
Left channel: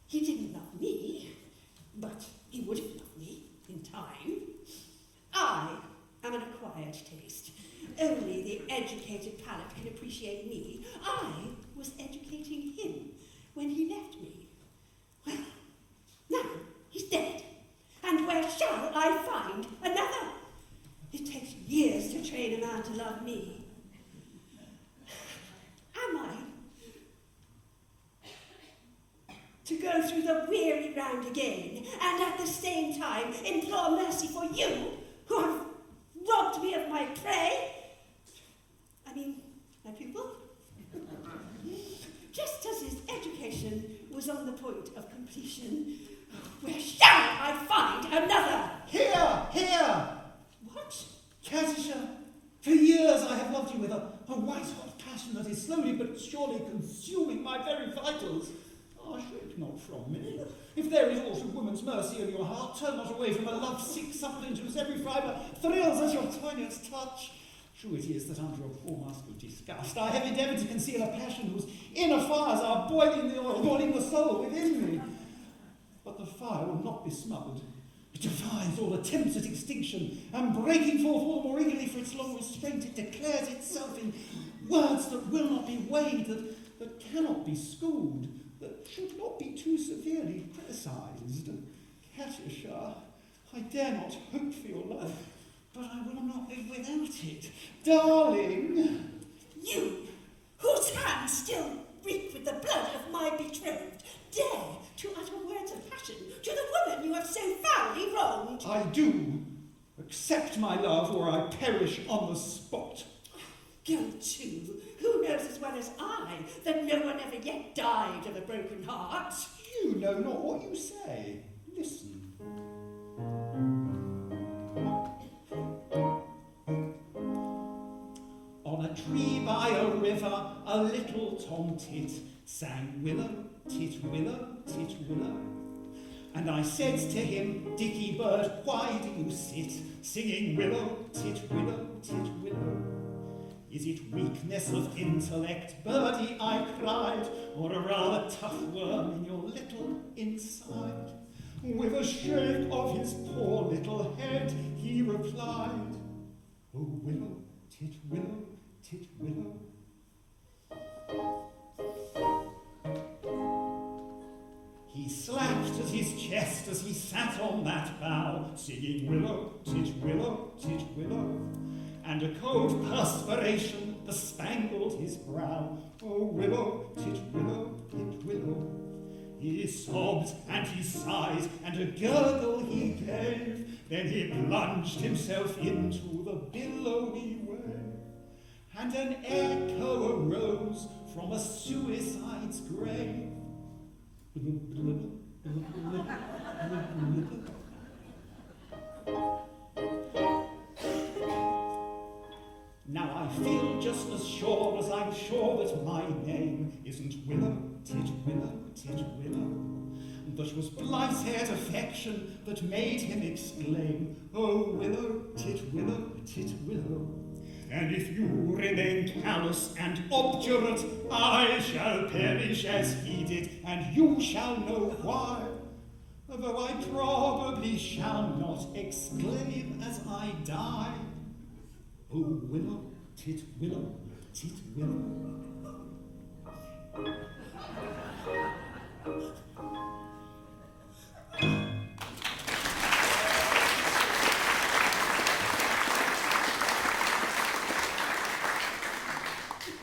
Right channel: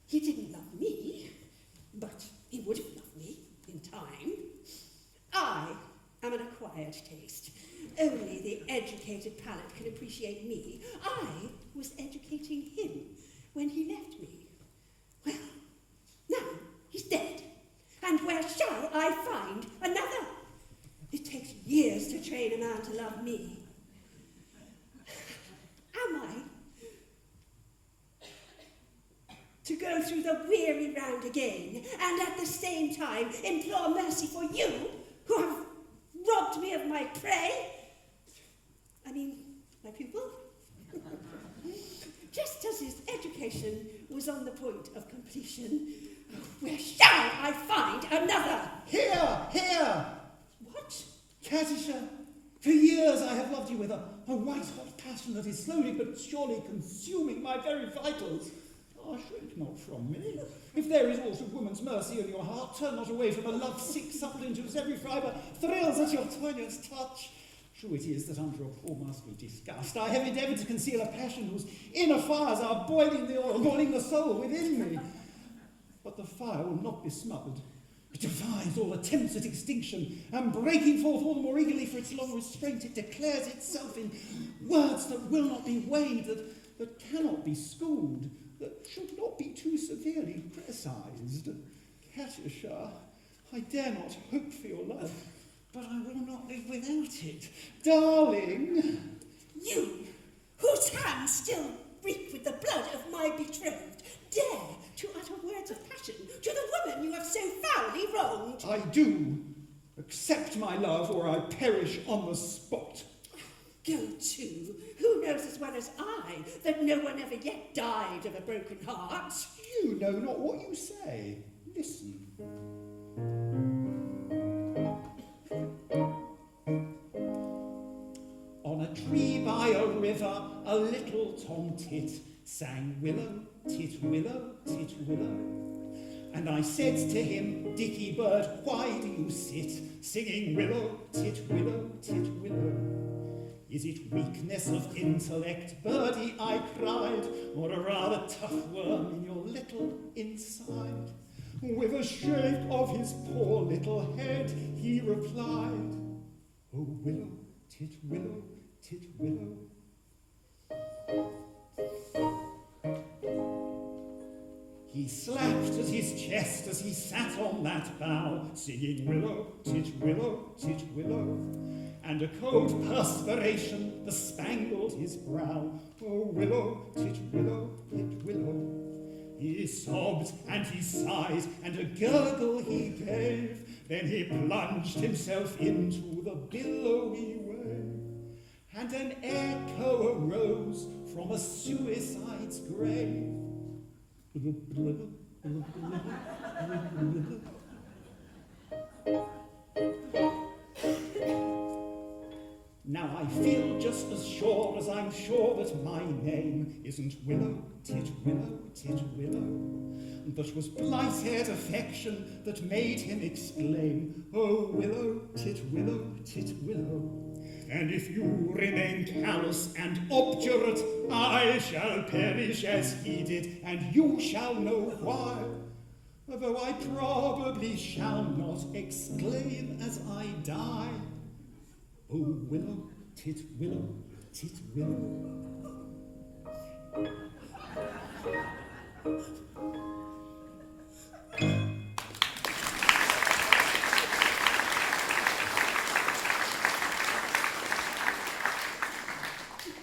He didn't love me, but he would have loved me in time. acquired taste. Only the educated palate can appreciate me. I was educating him when he left me. Well, now he's dead. And where shall I find another? It takes years to train a man to love me. Am I to go through the weary round again, and at the same time implore mercy for you, who have robbed me of my prey? I mean, my pupil? Just as his education was on the point of completion, where shall I find another? Here! What? Katisha, for years I have loved you with a white-hot passion that is slowly but surely consuming my very vitals. Shrink not from me. If there is aught of woman's mercy in your heart, turn not away from a love-sick suppliant whose every fibre thrills at your poignant touch. True it is that under a poor mask of disgust I have endeavoured to conceal a passion whose inner fires are boiling the oil, boiling the soul within me. But the fire will not be smothered. It defies all attempts at extinction, and breaking forth all the more eagerly for its long restraint, it declares itself in words that will not be weighed, that cannot be schooled, that should not be too severely criticised. Katisha, I dare not hope for your love, but I will not live without it. Darling! You, whose hands still reek with the blood of my betrothed, dare to utter words of passion to the woman you have so foully wronged. I do. Accept my love, or I perish on the spot. Go to. Who knows as well as I that no one ever yet died of a broken heart? You know not what you say. Listen. On a tree by a river, a little tomtit sang willow, tit willow, tit willow. And I said to him, Dicky bird, why do you sit singing willow, tit willow, tit willow? Is it weakness of intellect, birdie, I cried, or a rather tough worm in your little inside? With a shake of his poor little head, he replied, Oh, willow, tit willow, tit willow. He slapped at his chest as he sat on that bough, singing willow, tit willow, tit willow. And a cold perspiration bespangled his brow. Oh, willow, tit willow, tit willow. He sobbed and he sighed, and a gurgle he gave. Then he plunged himself into the billowy wave. And an echo arose from a suicide's grave. Now I feel just as sure as I'm sure that my name isn't Willow, tit willow, tit willow. But was blight-haired affection that made him exclaim, Oh, willow, tit willow, tit willow. And if you remain callous and obdurate, I shall perish as he did, and you shall know why. Though I probably shall not exclaim as I die, Oh, willow, tit willow, tit willow.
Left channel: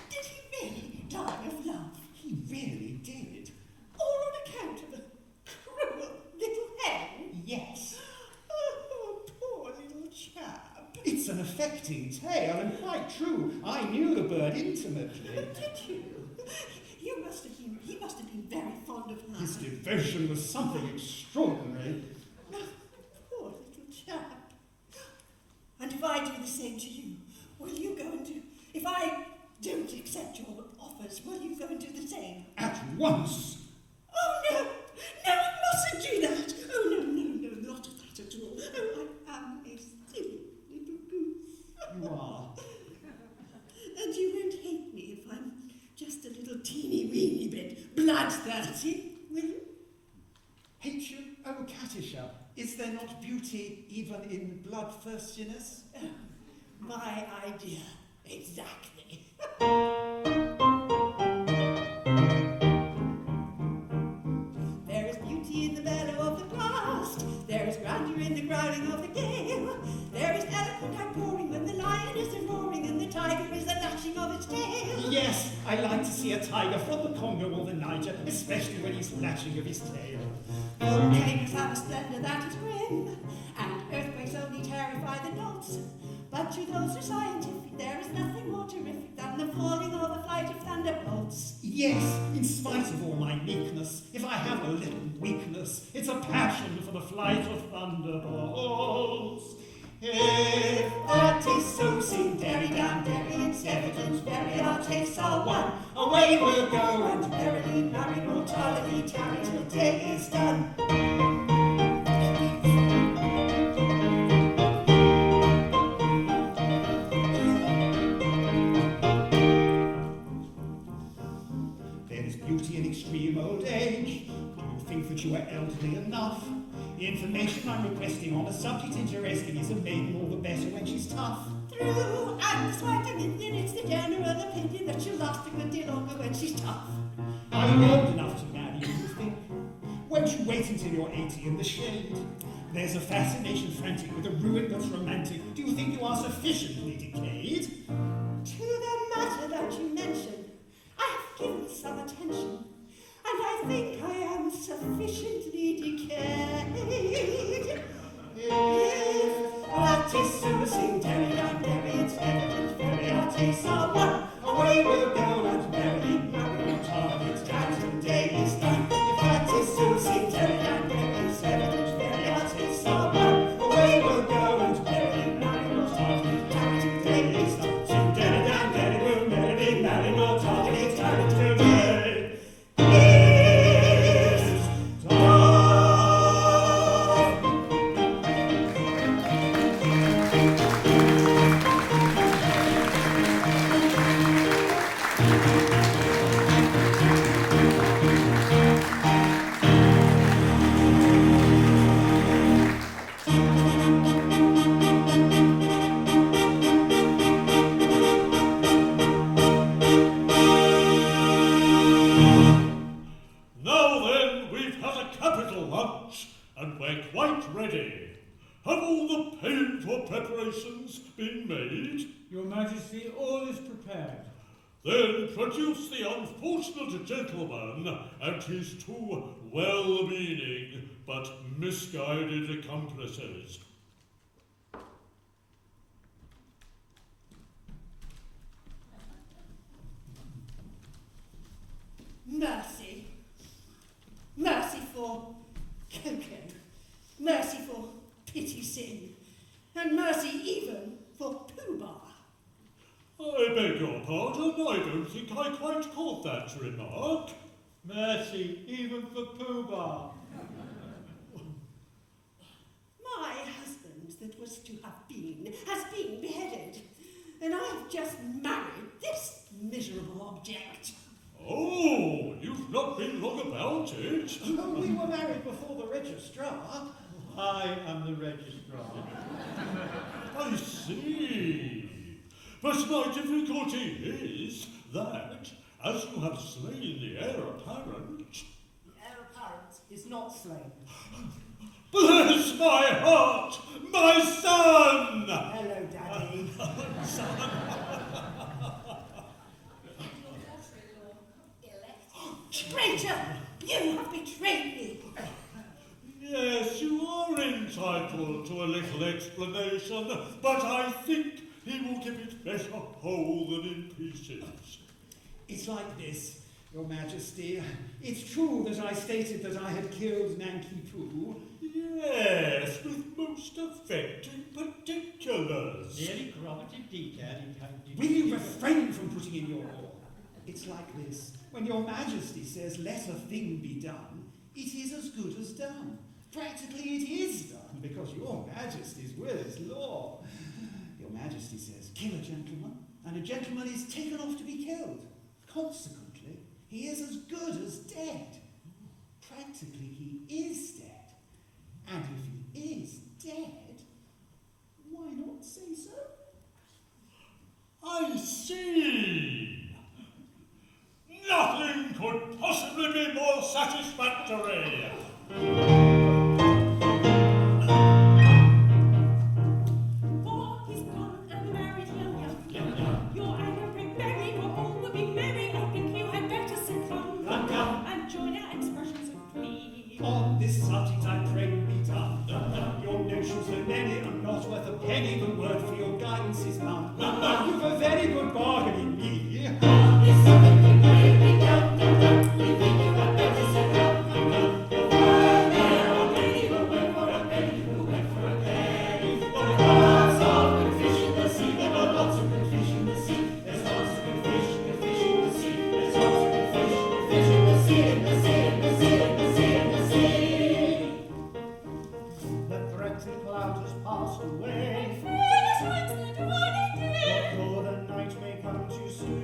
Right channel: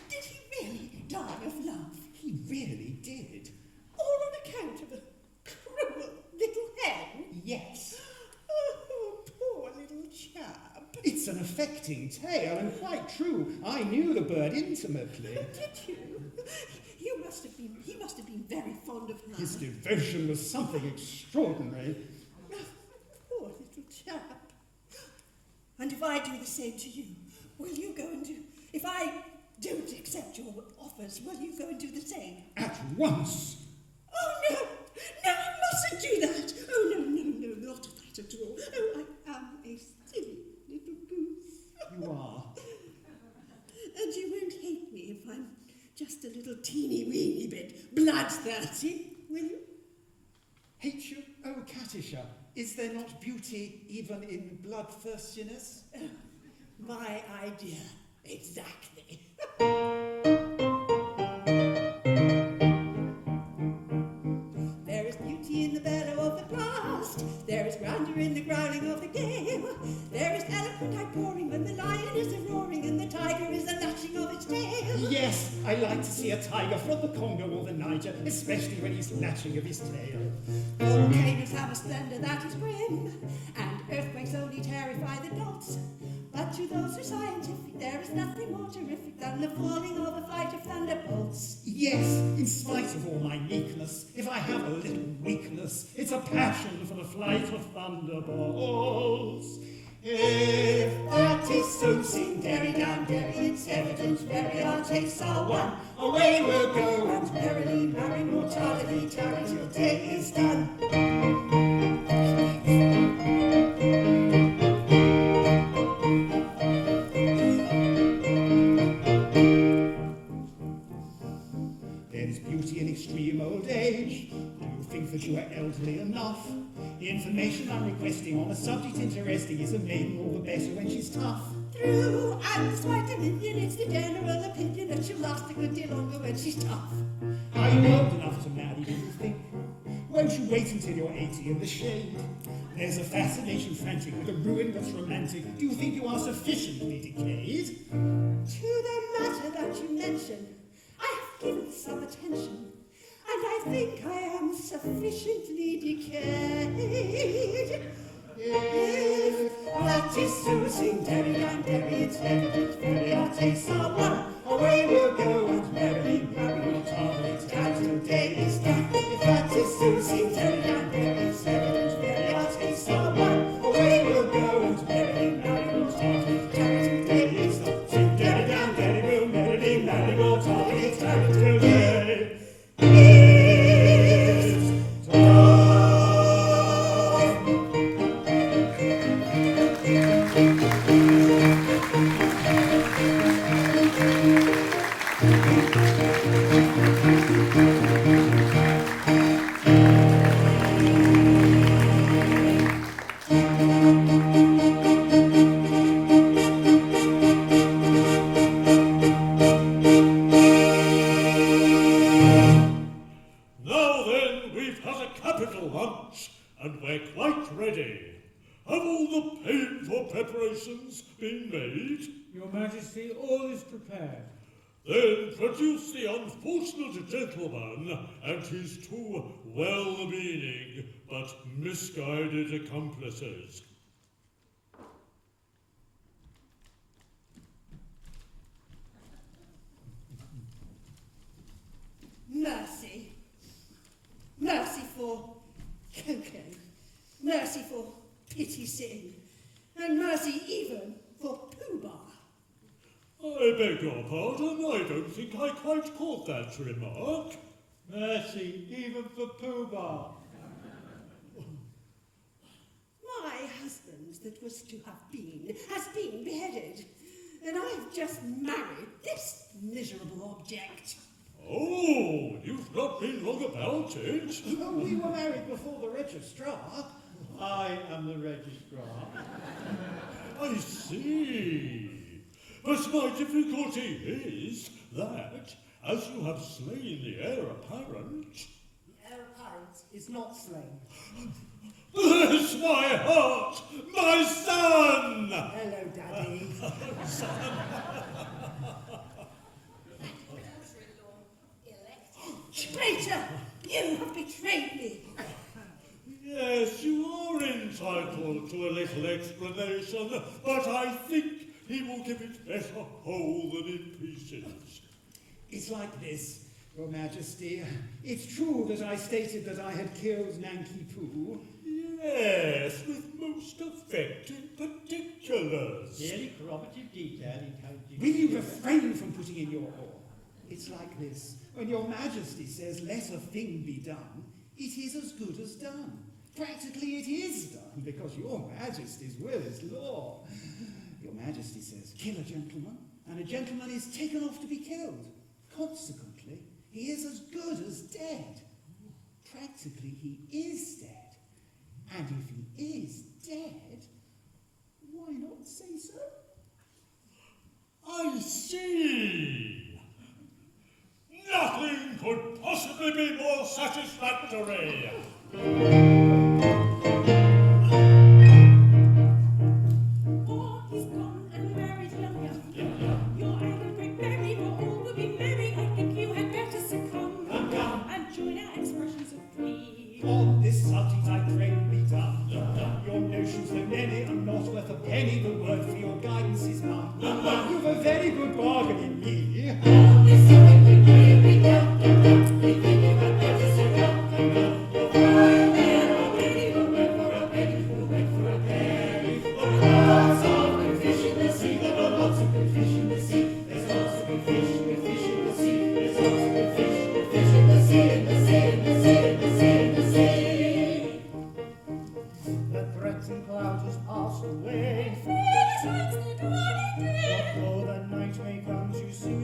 Did he really die of love? He really did. All on account of a cruel little hen? Yes. Oh, poor little chap. It's an affecting tale, and quite true. I knew the bird intimately. Did you? He must have been very fond of love. His devotion was something extraordinary. Poor little chap. And if I do the same to you, will you go and do... If I don't accept your offers, will you go and do the same? At once. Oh, no! No, you mustn't do that! Oh, no, not that at all. Oh, I am a silly little goose. You are. And you won't hate me if I'm just a little teeny-weeny bit bloodthirsty, will you? Hate you? Oh, Katisha, is there not beauty even in bloodthirstiness? My idea, exactly. There is beauty in the bellow of the blast. There is grandeur in the growling of the gale. There is eloquent outpouring when the lion is roaring and the tiger is the lashing of its tail. Yes, I like to see a tiger from the Congo or the Niger, especially when he's lashing of his tail. Volcanoes have a splendor that is grim, and earthquakes only terrify the dogs. But to those who are scientific, there is nothing more terrific than the falling or the flight of thunderbolts. Yes, in spite of all my meekness, if I have a little weakness, it's a passion for the flight of thunderbolts. If that is so, sing derry down derry, it's evident derry our tastes are one. Away we'll go and merrily marry mortality, tarry till day is done. There's beauty in extreme old age. Do you think that you are elderly enough? Information I'm requesting on a subject interesting is a maiden all the better when she's tough. True, and despite an Indian, it's the general opinion that she'll last a good deal longer when she's tough. Are you old enough to marry, do you think? Won't you wait until you're 80 in the shade? There's a fascination frantic with a ruin that's romantic. Do you think you are sufficiently decayed? To the matter that you mention, I have given some attention, and I think I am sufficiently decayed. If that is so, sing derry down derry, it's evident derry our tastes are one. Away we'll go and merrily marry mortality, down till day is done. If that is so, sing derry down derry, it's evident derry our tastes are one. Away we'll go and merrily marry mortality, down till day is done. Sing derry down derry, we'll merrily marry mortality, down till day is done. Now then, we've had a capital lunch, and we're quite ready. Have all the painful preparations been made? Your Majesty, all is prepared. Then produce the unfortunate gentleman and his two well-meaning but misguided accomplices. Mercy. Mercy for Coco. Mercy for Pity Sin. And mercy even for Pooh Bah. I beg your pardon, I don't think I quite caught that remark. Mercy, even for Pooh Bah. My husband that was to have been has been beheaded. And I've just married this miserable object. Oh, you've not been long about it. Oh, we were married before the registrar. I am the registrar. I see. But my difficulty is that, as you have slain the heir apparent... The heir apparent is not slain. Bless my heart, my son! Hello, Daddy. Traitor! You have betrayed me! Yes, you are entitled to a little explanation, but I think he will give it better whole than in pieces. It's like this, Your Majesty. It's true that I stated that I had killed Nanki Poo. Yes, with most effective particulars. Very corroborative detail in how Will you refrain from putting in your oar? It's like this. When Your Majesty says let a thing be done, it is as good as done. Practically it is done, because Your Majesty's will is law. Your Majesty says, kill a gentleman, and a gentleman is taken off to be killed. Consequently, he is as good as dead. Practically, he is dead. And if he is dead, why not say so? satisfactory. For he's gone and married young. Your anger break merry, for all will be merry. I think you had better succumb and join our expressions of glee. On this subject I pray be done. Your notions are many and not worth a penny. The word for your guidance is none. You've a very good bargain in me. The threatened clouds has passed away. What What more the night may come to see.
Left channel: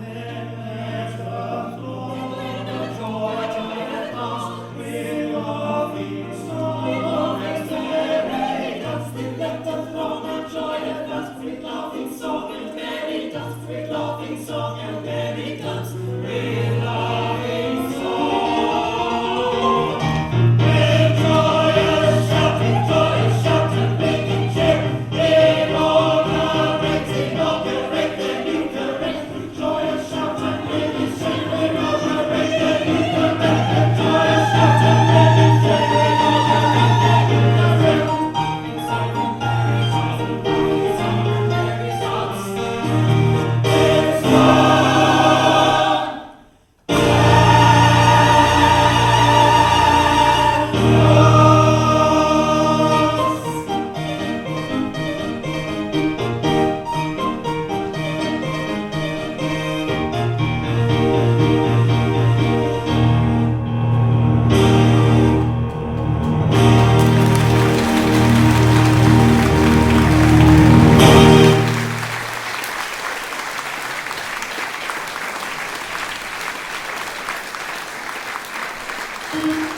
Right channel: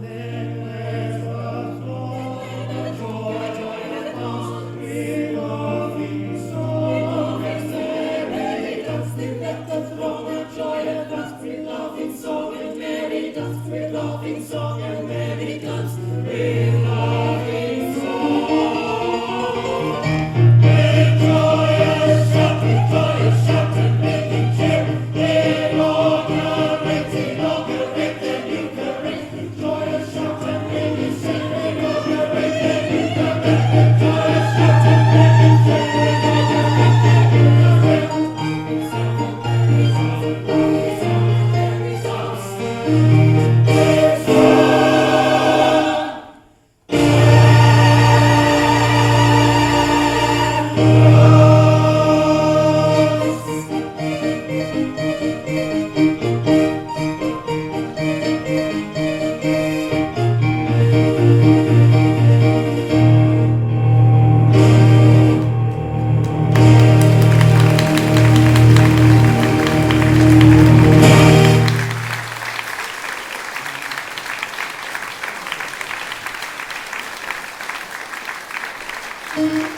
Then there's the dawn, the joy at last, with loving song. As merry dust with the throng, and joy at last, with loving song, and merry dust with loving song, and merry dust with loving song. With joyous shout, and making cheer, give all the ranks, inaugurate the new current. With joyous shout and making cheer, inaugurate the new current. With joyous shout and making cheer, inaugurate the new current. Song and merry songs, song and merry songs. With song. Thank you.